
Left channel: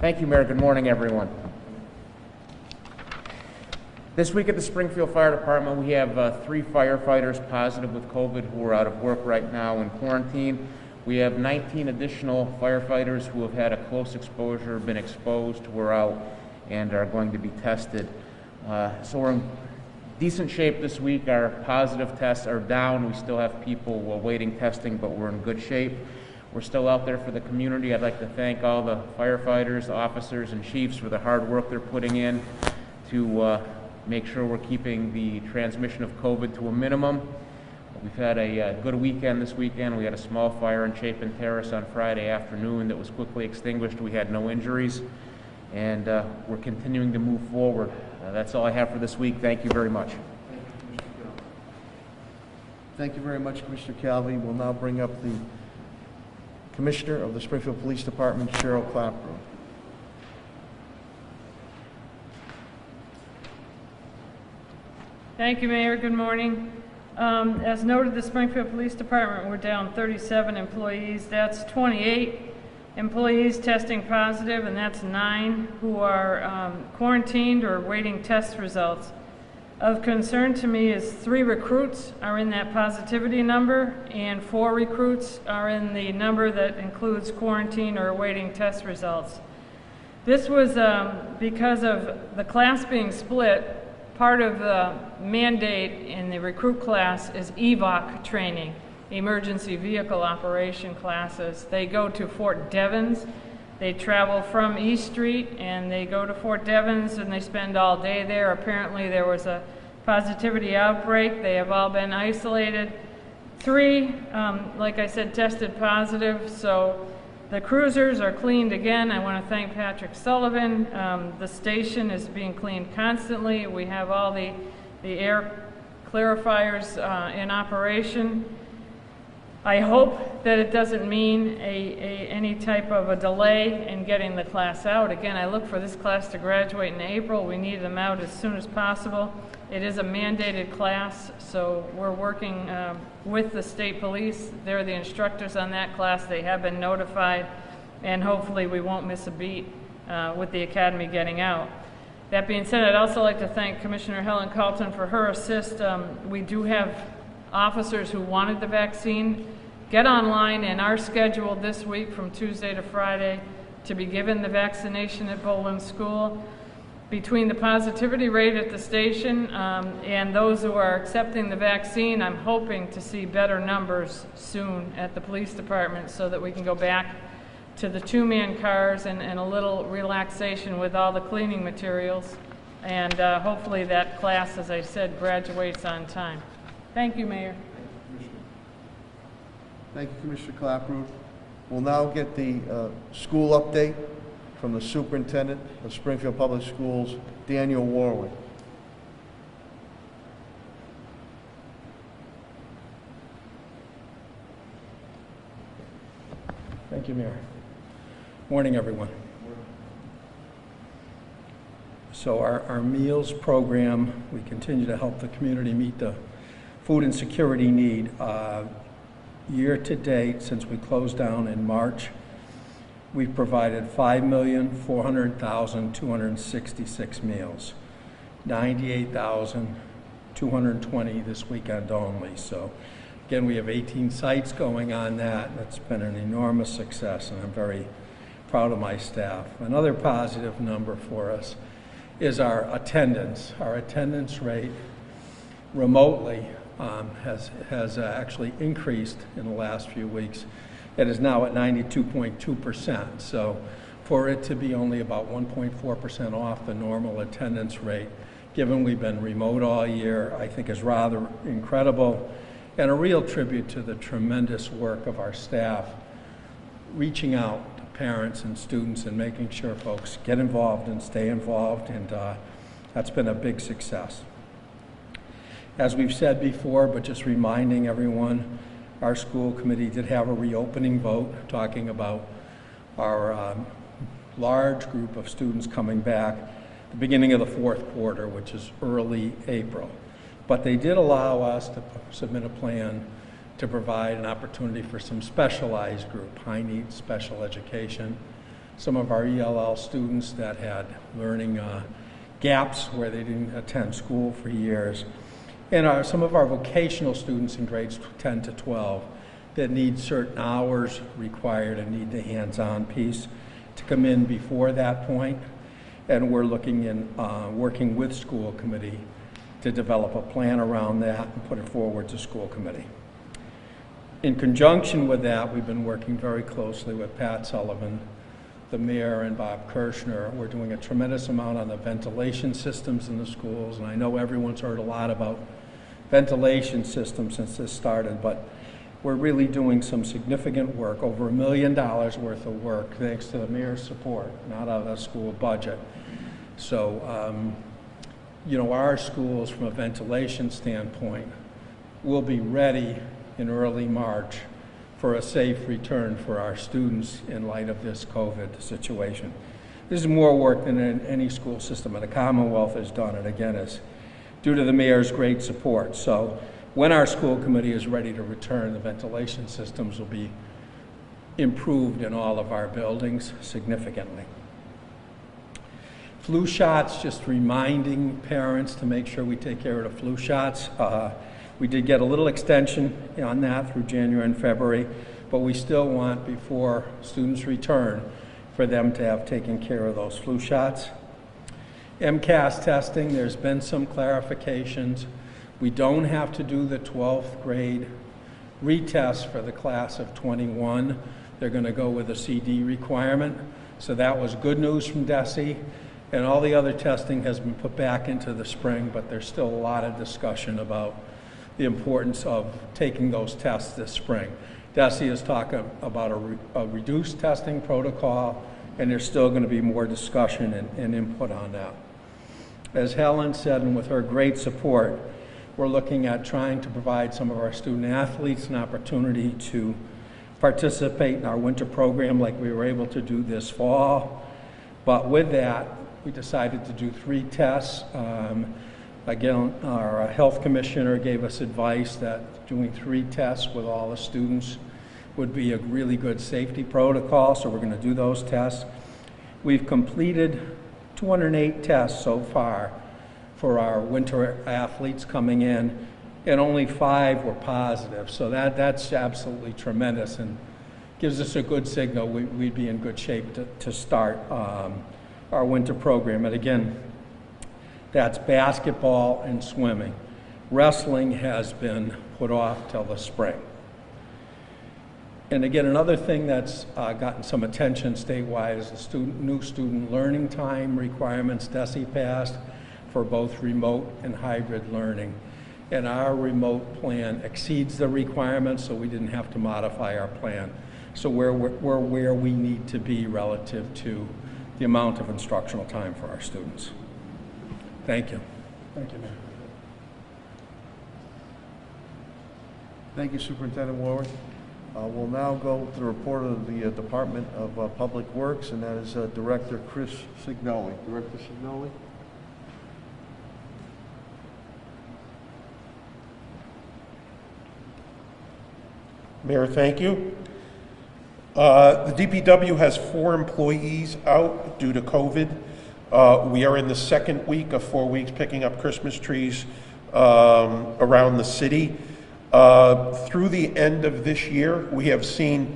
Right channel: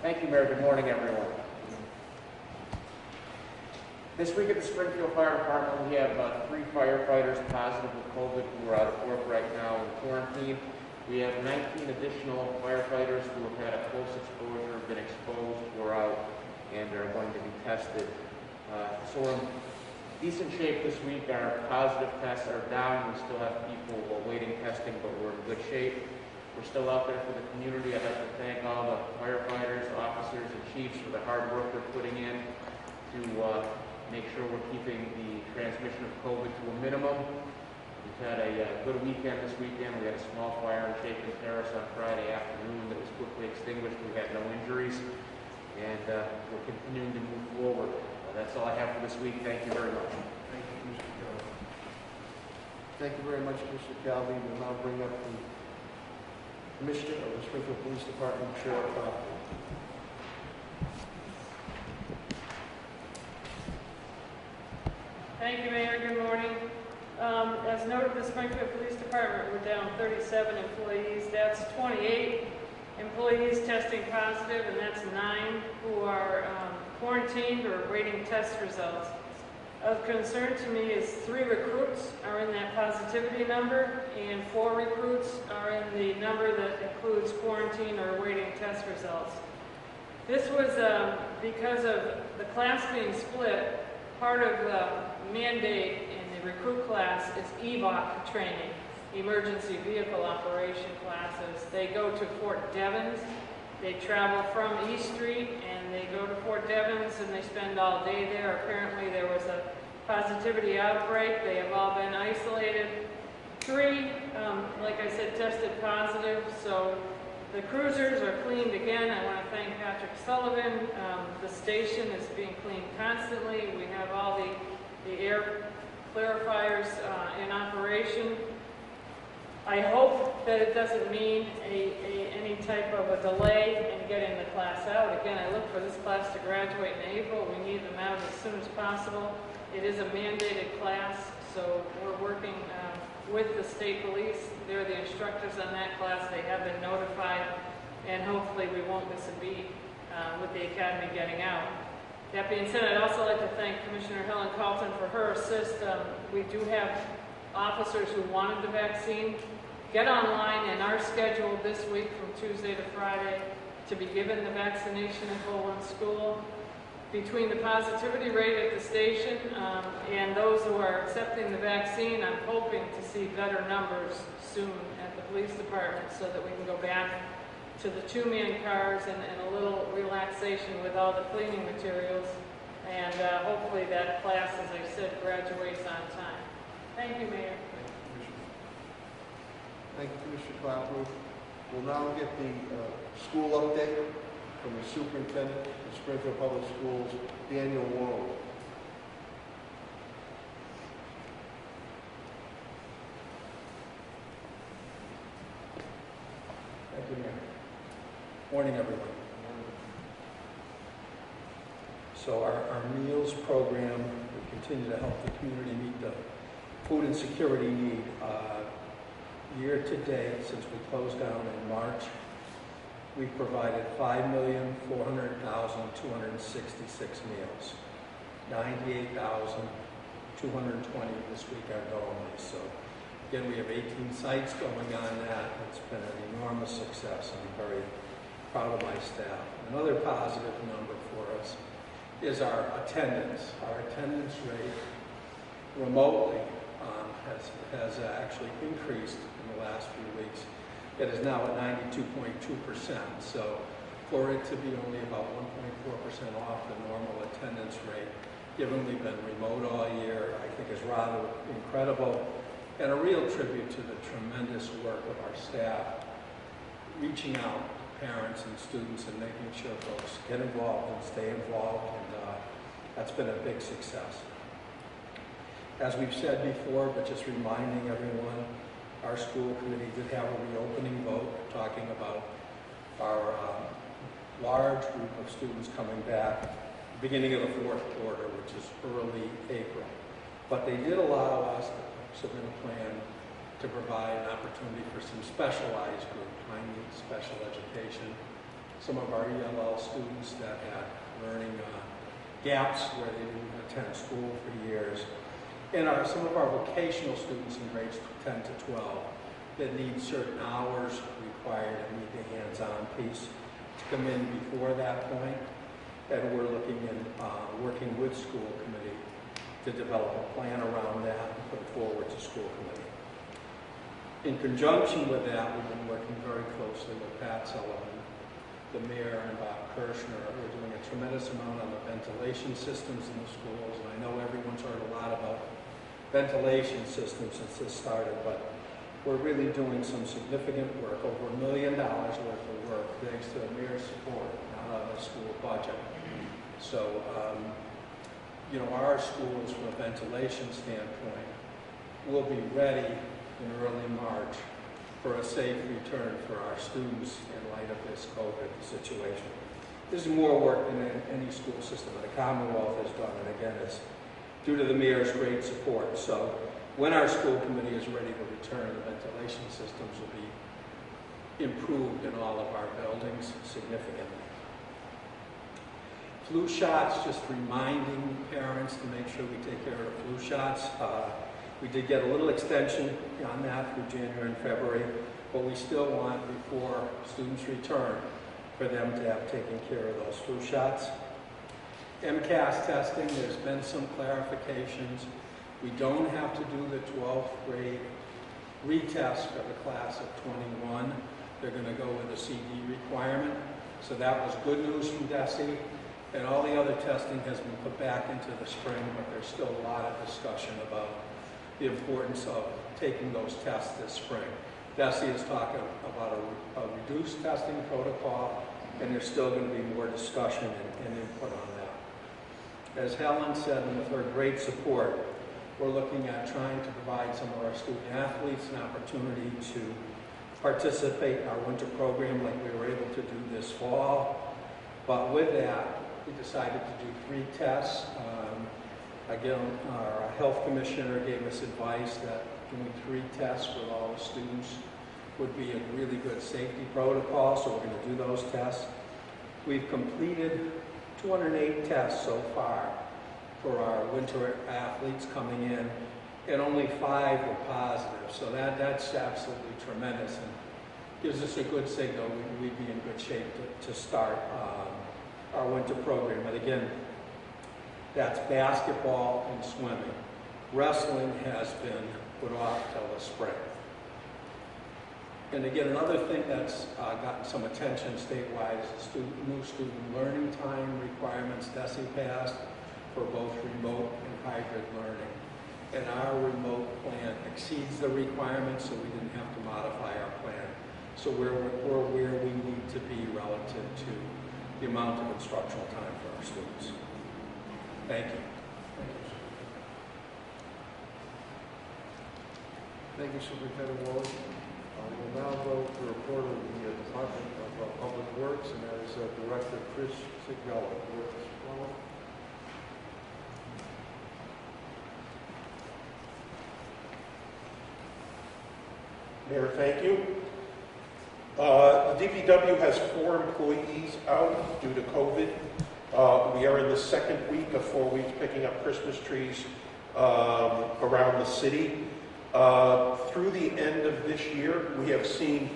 Thank you, Mayor. Good morning, everyone. This week at the Springfield Fire Department, we have 3 firefighters positive with COVID who are out of work right now in quarantine. We have 19 additional firefighters who have had a close exposure, been exposed, who are out and are going to be tested. So we're in decent shape this week. Our positive tests are down. We still have people awaiting testing, but we're in good shape. We're still out there for the community. I'd like to thank all the firefighters, officers, and chiefs for the hard work they're putting in to make sure we're keeping the transmission of COVID to a minimum. We've had a good weekend this weekend. We had a small fire in Chapin Terrace on Friday afternoon that was quickly extinguished. We had no injuries, and we're continuing to move forward. That's all I have for this week. Thank you very much. Thank you very much, Commissioner Calvi. We'll now bring up the Commissioner of the Springfield Police Department, Cheryl Clapper. Thank you, Mayor. Good morning. As noted, the Springfield Police Department, we're down 37 employees. That's 28 employees testing positive, and that's 9 who are quarantined or awaiting test results. Of concern to me is 3 recruits are in that positivity number, and 4 recruits are in the number that includes quarantine or awaiting test results. This was because of the class being split. Part of the mandate in the recruit class is EVOC training, emergency vehicle operation classes. They go to Fort Devens. They travel from East Street and they go to Fort Devens and they spend all day there. Apparently there was a positivity outbreak. They have all been isolated. 3, like I said, tested positive. So the cruisers are cleaned again. I want to thank Patrick Sullivan. The station is being cleaned constantly. We have all the air clarifiers in operation. I hope that it doesn't mean any type of a delay in getting the class out. Again, I look for this class to graduate in April. We need them out as soon as possible. It is a mandated class, so we're working with the state police. They're the instructors on that class. They have been notified, and hopefully we won't miss a beat with the academy getting out. That being said, I'd also like to thank Commissioner Helen Carlton for her assist. We do have officers who wanted the vaccine. Get online and are scheduled this week from Tuesday to Friday to be given the vaccination at Bowling School. Between the positivity rate at the station and those who are accepting the vaccine, I'm hoping to see better numbers soon at the police department so that we can go back to the two-man cars and a little relaxation with all the cleaning materials. And hopefully that class, as I said, graduates on time. Thank you, Mayor. Thank you, Commissioner Clapper. We'll now get the school update from the Superintendent of Springfield Public Schools, Daniel Warwick. Thank you, Mayor. Morning, everyone. So our meals program, we continue to help the community meet the food insecurity need. Year to date, since we closed down in March, we've provided 5,400,266 meals, 98,220 this weekend only. So again, we have 18 sites going on that. That's been an enormous success, and I'm very proud of my staff. Another positive number for us is our attendance. Our attendance rate remotely has actually increased in the last few weeks. It is now at 92.2%. So for it to be only about 1.4% off the normal attendance rate, given we've been remote all year, I think is rather incredible, and a real tribute to the tremendous work of our staff, reaching out to parents and students and making sure folks get involved and stay involved, and that's been a big success. As we've said before, but just reminding everyone, our school committee did have a reopening vote talking about our large group of students coming back at the beginning of the fourth quarter, which is early April. But they did allow us to submit a plan to provide an opportunity for some specialized group, high needs special education. Some of our ELL students that had learning gaps where they didn't attend school for years. And some of our vocational students in grades 10 to 12 that need certain hours required and need the hands-on piece to come in before that point. And we're looking in, working with school committee to develop a plan around that and put it forward to school committee. In conjunction with that, we've been working very closely with Pat Sullivan, the mayor, and Bob Kirshner. We're doing a tremendous amount on the ventilation systems in the schools, and I know everyone's heard a lot about ventilation systems since this started, but we're really doing some significant work, over $1 million worth of work, thanks to the mayor's support, not out of the school budget. So, you know, our schools, from a ventilation standpoint, will be ready in early March for a safe return for our students in light of this COVID situation. This is more work than any school system in the Commonwealth has done, and again, it's due to the mayor's great support. So when our school committee is ready to return, the ventilation systems will be improved in all of our buildings significantly. Flu shots, just reminding parents to make sure we take care of the flu shots. We did get a little extension on that through January and February, but we still want, before students return, for them to have taken care of those flu shots. Mcas testing, there's been some clarifications. We don't have to do the 12th grade retest for the class of 21. They're going to go with a CD requirement. So that was good news from DESE. And all the other testing has been put back into the spring, but there's still a lot of discussion about the importance of taking those tests this spring. DESE is talking about a reduced testing protocol, and there's still going to be more discussion and input on that. As Helen said, and with her great support, we're looking at trying to provide some of our student athletes an opportunity to participate in our winter program like we were able to do this fall. But with that, we decided to do 3 tests. Again, our health commissioner gave us advice that doing 3 tests with all the students would be a really good safety protocol, so we're going to do those tests. We've completed 208 tests so far for our winter athletes coming in, and only 5 were positive. So that's absolutely tremendous and gives us a good signal we'd be in good shape to start our winter program. And again, that's basketball and swimming. Wrestling has been put off till the spring. And again, another thing that's gotten some attention statewide is the new student learning time requirements, DESI passed, for both remote and hybrid learning. And our remote plan exceeds the requirements, so we didn't have to modify our plan. So we're where we need to be relative to the amount of instructional time for our students. Thank you. Thank you. Thank you, Superintendent Warwick. We'll now go to the report of the Department of Public Works, and that is Director Chris Signelli. Director Signelli. Mayor, thank you. The DPW has 4 employees out due to COVID. We are in the 2nd week of 4 weeks picking up Christmas trees around the city. Through the end of this year, we have seen,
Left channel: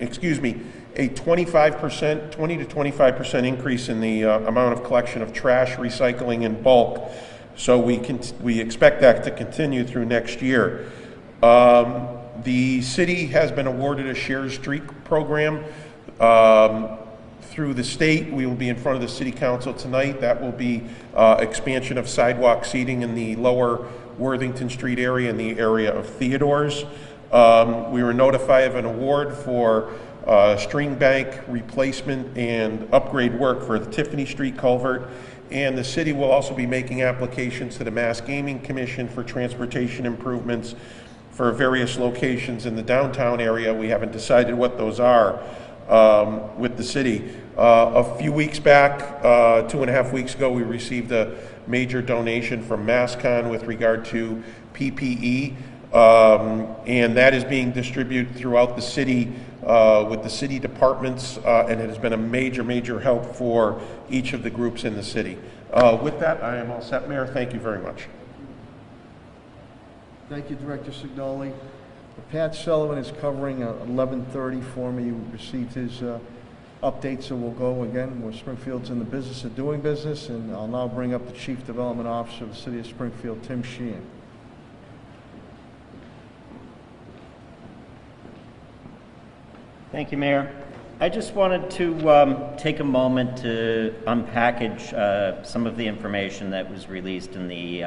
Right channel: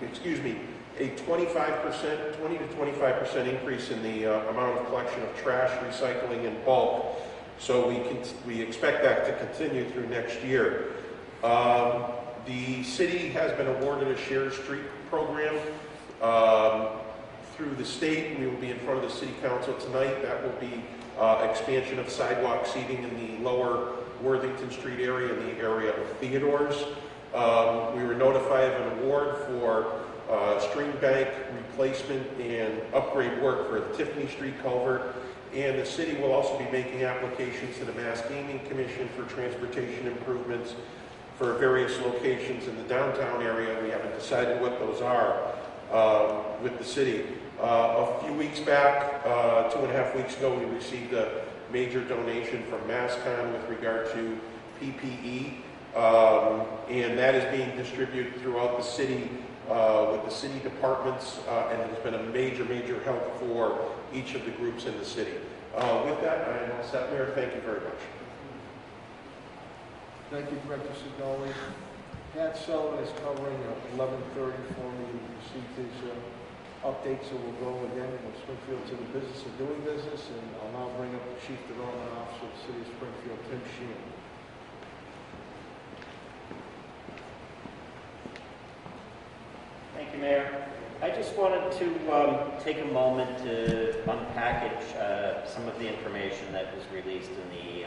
excuse me, a 20 to 25% increase in the amount of collection of trash, recycling in bulk. So we expect that to continue through next year. The city has been awarded a Share Street program through the state. We will be in front of the City Council tonight. That will be expansion of sidewalk seating in the lower Worthington Street area and the area of Theodore's. We were notified of an award for string bank replacement and upgrade work for the Tiffany Street culvert. And the city will also be making applications to the Mass Gaming Commission for transportation improvements for various locations in the downtown area. We haven't decided what those are with the city. A few weeks back, 2.5 weeks ago, we received a major donation from MassCon with regard to PPE, and that is being distributed throughout the city with the city departments, and it has been a major help for each of the groups in the city. With that, I am all set, Mayor. Thank you very much. Thank you, Director Signoli. Pat Sullivan is covering 11:30 for me. We received his update, so we'll go again. Springfield's in the business of doing business, and I'll now bring up the Chief Development Officer of the City of Springfield, Tim Sheehan. Thank you, Mayor. I just wanted to take a moment to unpackage some of the information that was released in the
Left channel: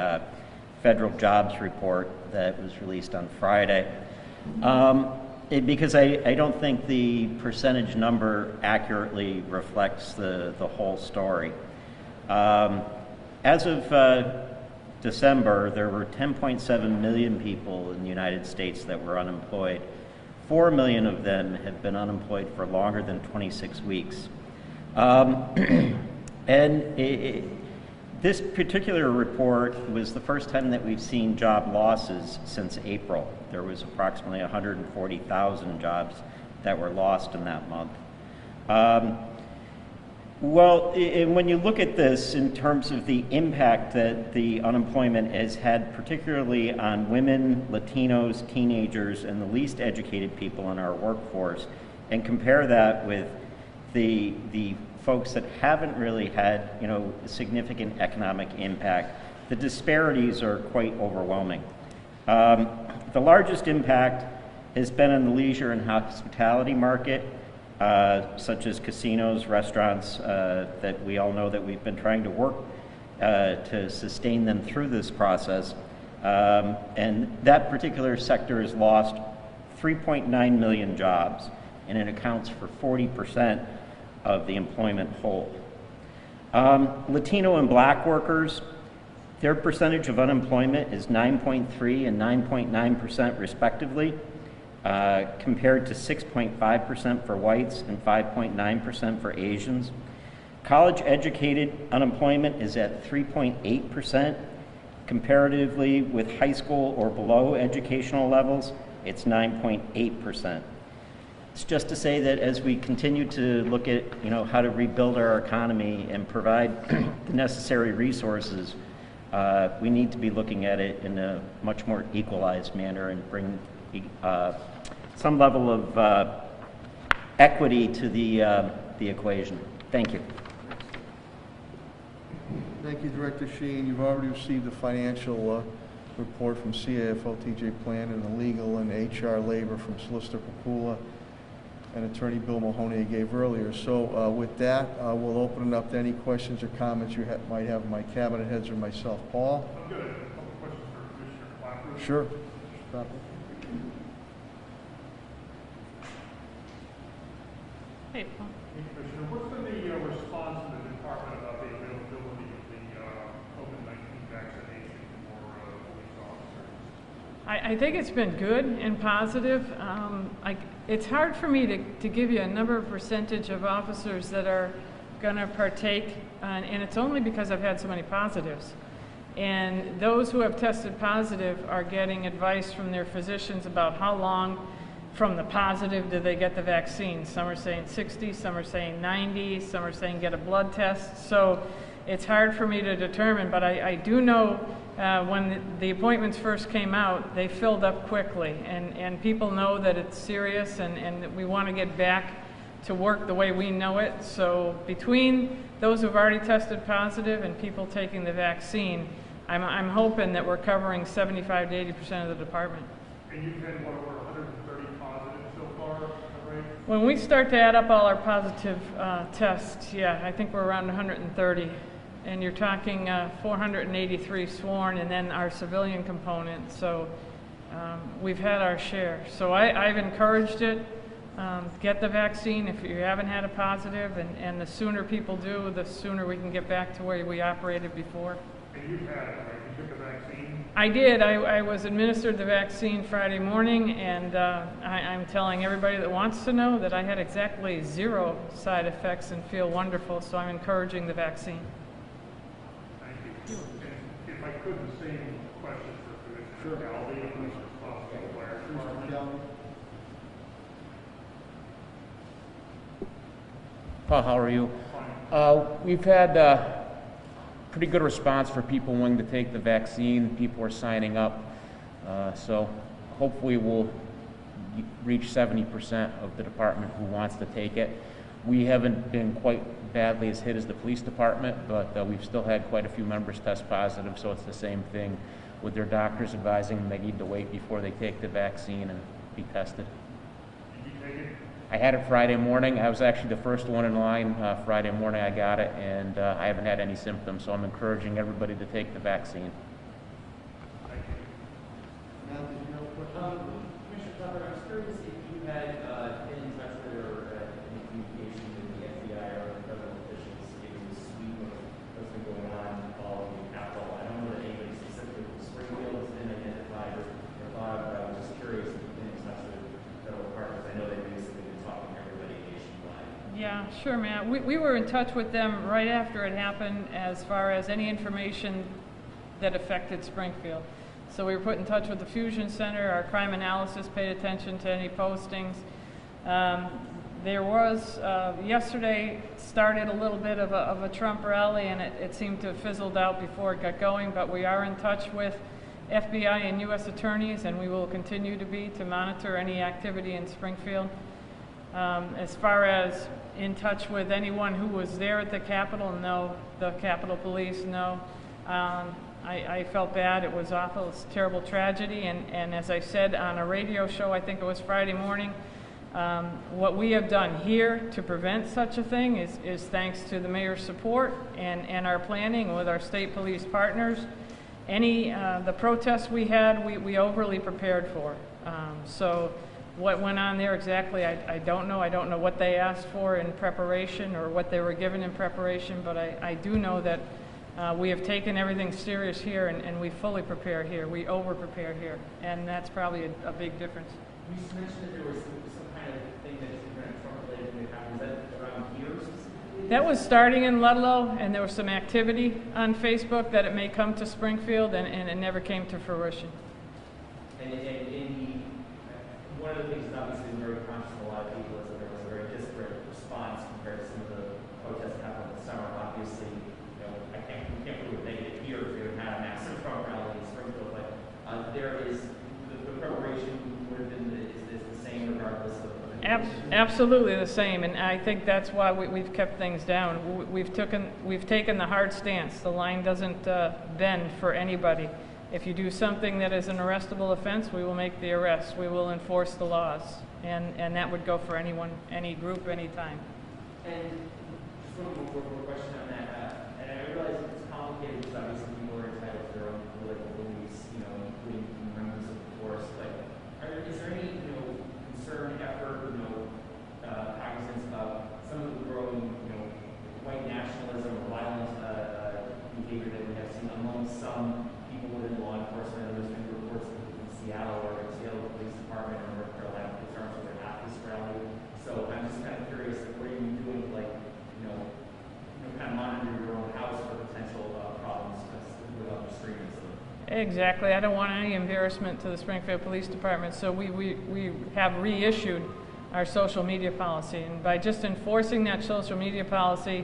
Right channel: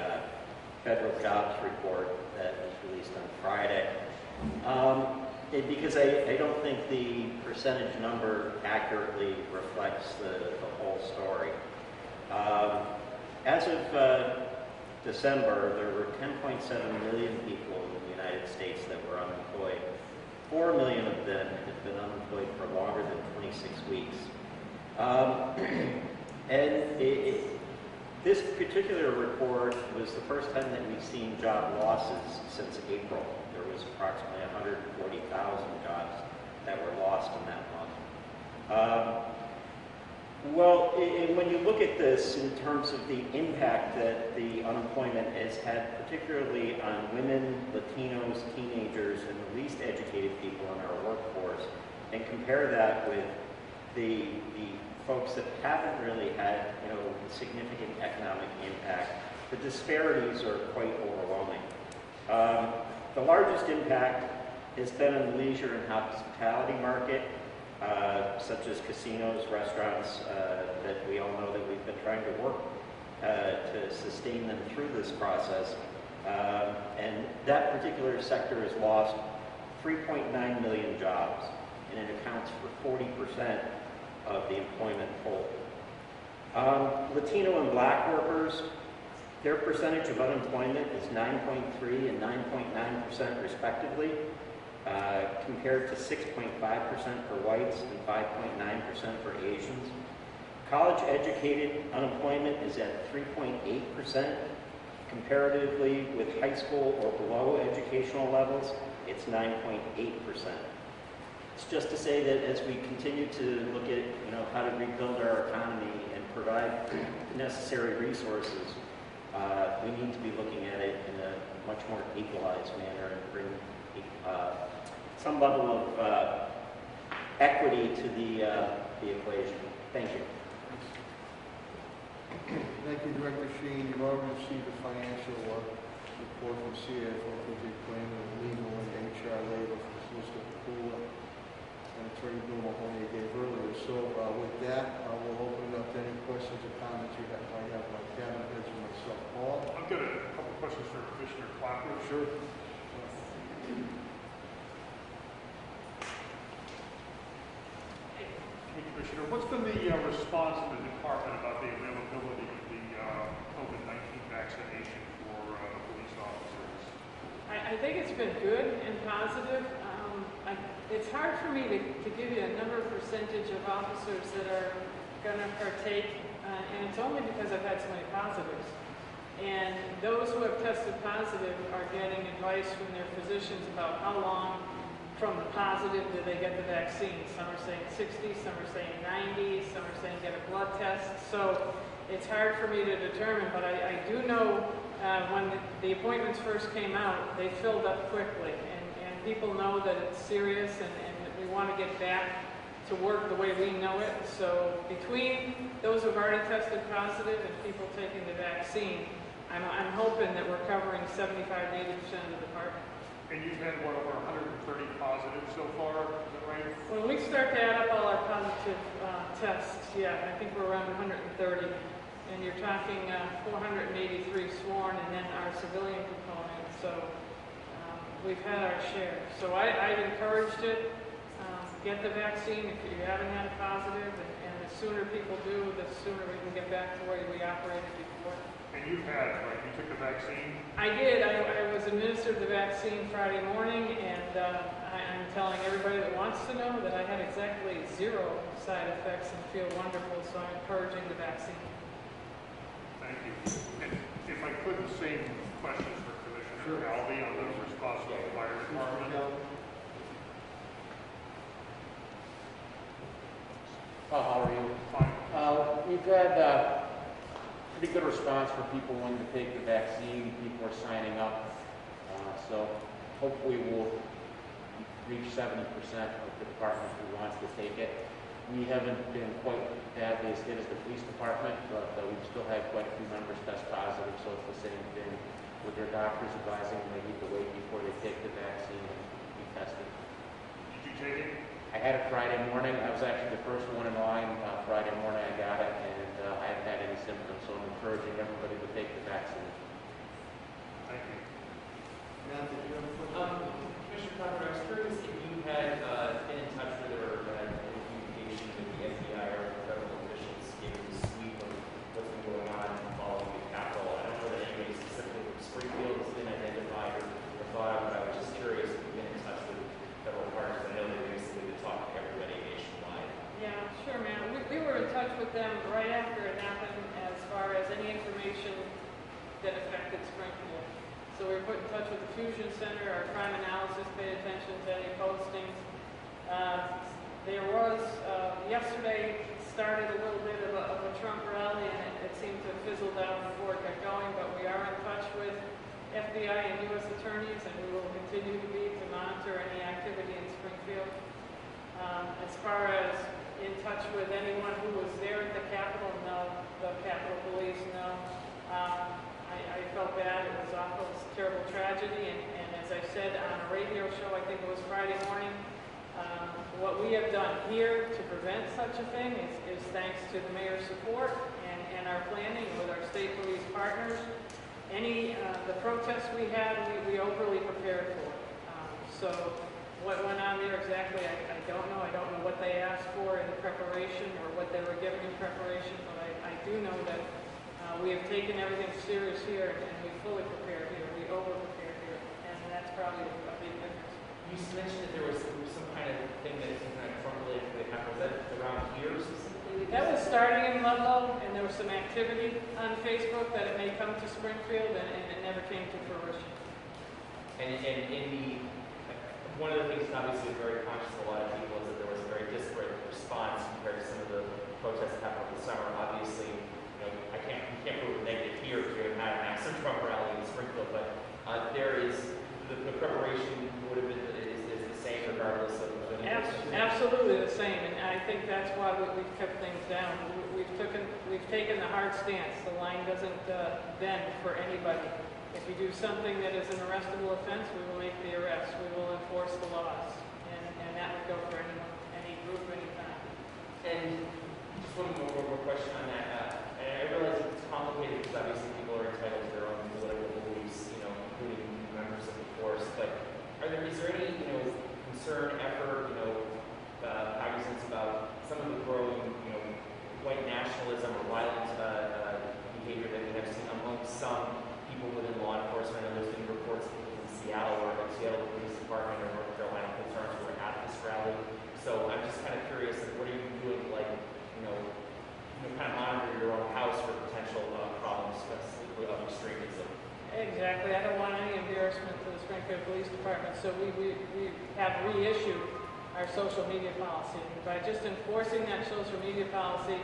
federal jobs report that was released on Friday. Because I don't think the percentage number accurately reflects the whole story. As of December, there were 10.7 million people in the United States that were unemployed. 4 million of them have been unemployed for longer than 26 weeks. This particular report was the first time that we've seen job losses since April. There was approximately 140,000 jobs that were lost in that month. When you look at this in terms of the impact that the unemployment has had, particularly on women, Latinos, teenagers, and the least educated people in our workforce, and compare that with the folks that haven't really had, significant economic impact, the disparities are quite overwhelming. The largest impact has been in the leisure and hospitality market, such as casinos, restaurants, that we all know that we've been trying to work to sustain them through this process. And that particular sector has lost 3.9 million jobs, and it accounts for 40% of the employment pool. Latino and Black workers Their percentage of unemployment is 9.3 and 9.9% respectively, compared to 6.5% for whites and 5.9% for Asians. College-educated unemployment is at 3.8%. Comparatively with high school or below educational levels, it's 9.8%. It's just to say that as we continue to look at, how to rebuild our economy and provide the necessary resources, we need to be looking at it in a much more equalized manner and bring some level of equity to the equation. Thank you. Thank you, Director Sheehan. You've already received the financial report from CAFO, TJ Plan, and the legal and HR labor from Solicitor Papula and Attorney Bill Mahoney I gave earlier. So with that, we'll open it up to any questions or comments you might have of my cabinet heads or myself. Paul? I've got a couple of questions for Commissioner Clapper. Sure. Hey, Paul. Commissioner, what's been the response from the department about the availability of the COVID-19 vaccination for police officers? I think it's been good and positive. It's hard for me to give you a number of percentage of officers that are going to partake, and it's only because I've had so many positives. And those who have tested positive are getting advice from their physicians about how long from the positive do they get the vaccine. Some are saying 60, some are saying 90, some are saying get a blood test. So it's hard for me to determine, but I do know when the appointments first came out, they filled up quickly, and people know that it's serious and that we want to get back to work the way we know it. So between those who've already tested positive and people taking the vaccine, I'm hoping that we're covering 75 to 80% of the department. And you've had, what, over 130 positives so far, right? When we start to add up all our positive tests, yeah, I think we're around 130. And you're talking 483 sworn, and then our civilian component. So we've had our share. So I've encouraged it. Get the vaccine if you haven't had a positive, and the sooner people do, the sooner we can get back to where we operated before. And you've had it, right? You took the vaccine? I did. I was administered the vaccine Friday morning, and I'm telling everybody that wants to know that I had exactly 0 side effects and feel wonderful, so I'm encouraging the vaccine. Thank you. And if I could, the same questions for Commissioner Galvey on the response to the fire department. How are you? Fine. We've had pretty good response for people wanting to take the vaccine. People are signing up. So hopefully we'll reach 70% of the department who wants to take it. We haven't been quite badly as hit as the police department, but we've still had quite a few members test positive, so it's the same thing with their doctors advising them they need to wait before they take the vaccine and be tested. Did you take it? I had it Friday morning. I was actually the first one in line. Friday morning I got it, and I haven't had any symptoms, so I'm encouraging everybody to take the vaccine. Thank you. Commissioner Clapper, I was curious if you had been in touch with or any communication with the FBI or federal officials given the sweep of what's been going on following the Capitol. I don't know that anybody specifically from Springfield has been identified or thought of, but I was just curious if you've been in touch with federal departments. I know they do. Yeah, sure, Matt. We were in touch with them right after it happened as far as any information that affected Springfield. So we were put in touch with the Fusion Center. Our crime analysis paid attention to any postings. There was, yesterday started a little bit of a Trump rally, and it seemed to have fizzled out before it got going, but we are in touch with FBI and U.S. attorneys, and we will continue to be to monitor any activity in Springfield. As far as in touch with anyone who was there at the Capitol, no. The Capitol Police, no. I felt bad. It was awful. It's a terrible tragedy. And as I said on a radio show, I think it was Friday morning, what we have done here to prevent such a thing is thanks to the mayor's support and our planning with our state police partners. The protests we had, we overly prepared for. So what went on there exactly, I don't know. I don't know what they asked for in preparation or what they were given in preparation, but I do know that We have taken everything serious here, and we fully prepare here. We over-prepare here, and that's probably a big difference. You mentioned that there was some kind of thing that was kind of Trump-related that happened. Was that around here specifically? That was starting in Ludlow, and there was some activity on Facebook that it may come to Springfield, and it never came to fruition. And one of the things that obviously is very conscious of a lot of people is that there was a very disparate response compared to some of the protests that happened over the summer. Obviously, you can't prove a negative here if you had a massive Trump rally in Springfield, but there is the preparation would have been is the same regardless of Absolutely the same, and I think that's why we've kept things down. We've taken the hard stance. The line doesn't bend for anybody. If you do something that is an arrestable offense, we will make the arrest. We will enforce the laws, and that would go for anyone, any group, any time. And just one more question on that. And I realize it's complicated because obviously people are entitled to their own political beliefs, including members of the force. But is there any, concern, effort, cognizance about some of the growing, white nationalism or violent behavior that we have seen among some people within law enforcement? And there's been reports in Seattle or Seattle Police Department or North Carolina police departments who were at this rally. So I'm just kind of curious, what are you doing to kind of monitor your own house for potential problems with extremism? Exactly. I don't want any embarrassment to the Springfield Police Department, so we have reissued our social media policy. And by just enforcing that social media policy,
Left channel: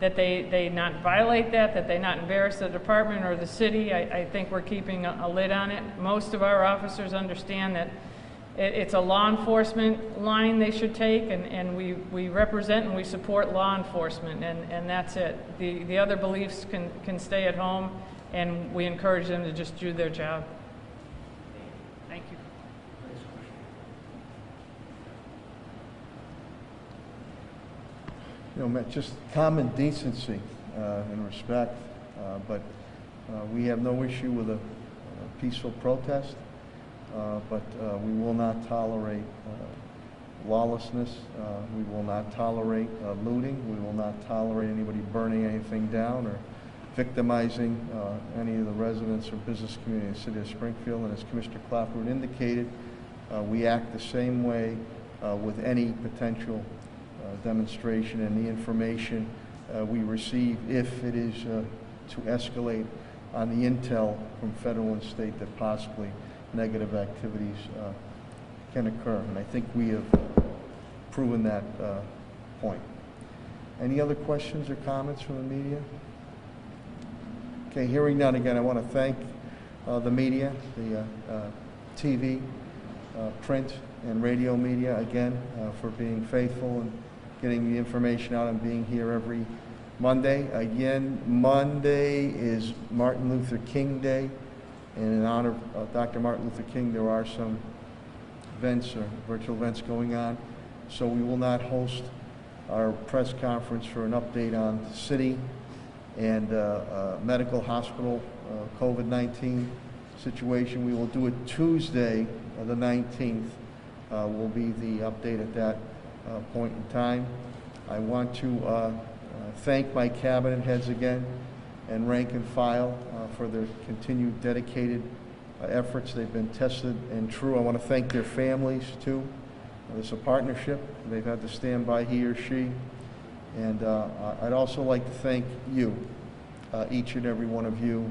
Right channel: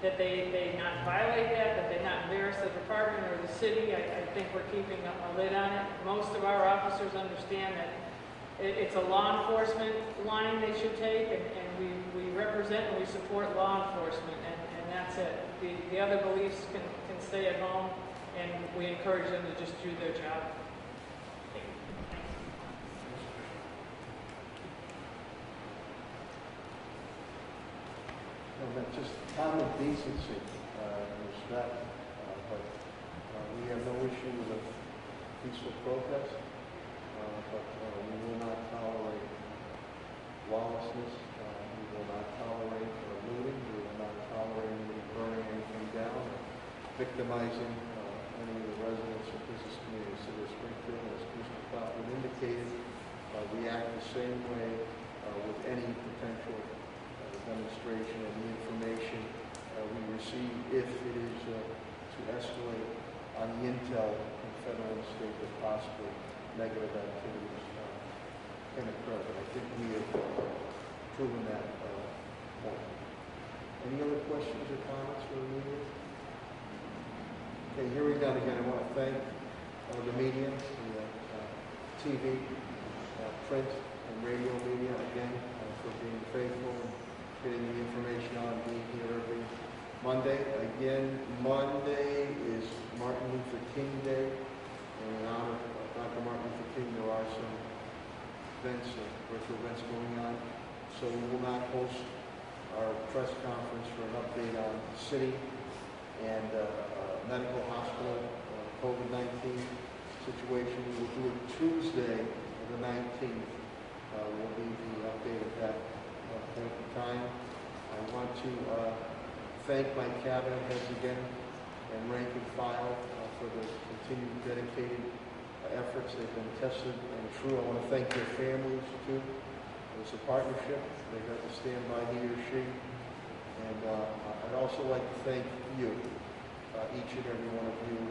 that they not violate that they not embarrass the department or the city, I think we're keeping a lid on it. Most of our officers understand that it's a law enforcement line they should take, and we represent and we support law enforcement, and that's it. The other beliefs can stay at home, and we encourage them to just do their job. Thank you. Matt, just common decency and respect, but we have no issue with a peaceful protest, but we will not tolerate lawlessness. We will not tolerate looting. We will not tolerate anybody burning anything down or victimizing any of the residents or business community in the city of Springfield. And as Commissioner Clapper indicated, we act the same way with any potential demonstration and the information we receive, if it is to escalate on the intel from federal and state that possibly negative activities can occur. And I think we have proven that point. Any other questions or comments from the media? Okay, hearing none, again, I want to thank the media, the TV, print, and radio media, again, for being faithful and getting the information out and being here every Monday. Again, Monday is Martin Luther King Day, and in honor of Dr. Martin Luther King, there are some events, virtual events going on, so we will not host our press conference for an update on city and medical hospital COVID-19 situation. We will do it Tuesday, the 19th, will be the update at that point in time. I want to thank my cabinet heads again and rank and file for their continued dedicated efforts. They've been tested and true. I want to thank their families too. It's a partnership. They've had to stand by he or she. And I'd also like to thank you, each and every one of you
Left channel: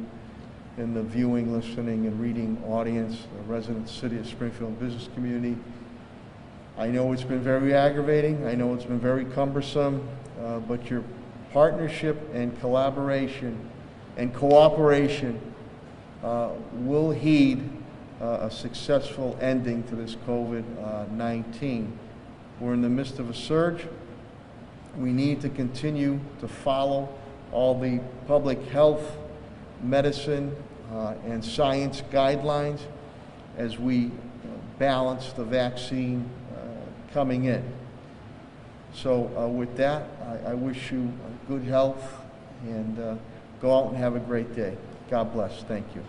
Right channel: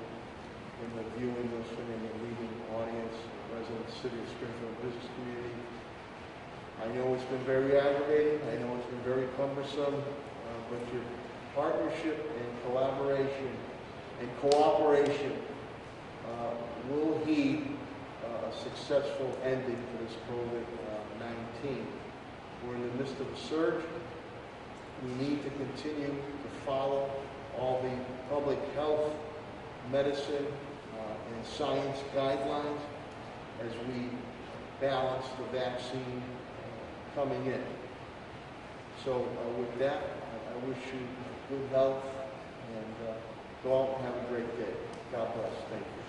in the viewing, listening, and reading audience, the resident city of Springfield business community. I know it's been very aggravating. I know it's been very cumbersome, but your partnership and collaboration and cooperation will heed a successful ending to this COVID-19. We're in the midst of a surge. We need to continue to follow all the public health, medicine, and science guidelines as we balance the vaccine coming in. So with that, I wish you good health, and go out and have a great day. God bless. Thank you.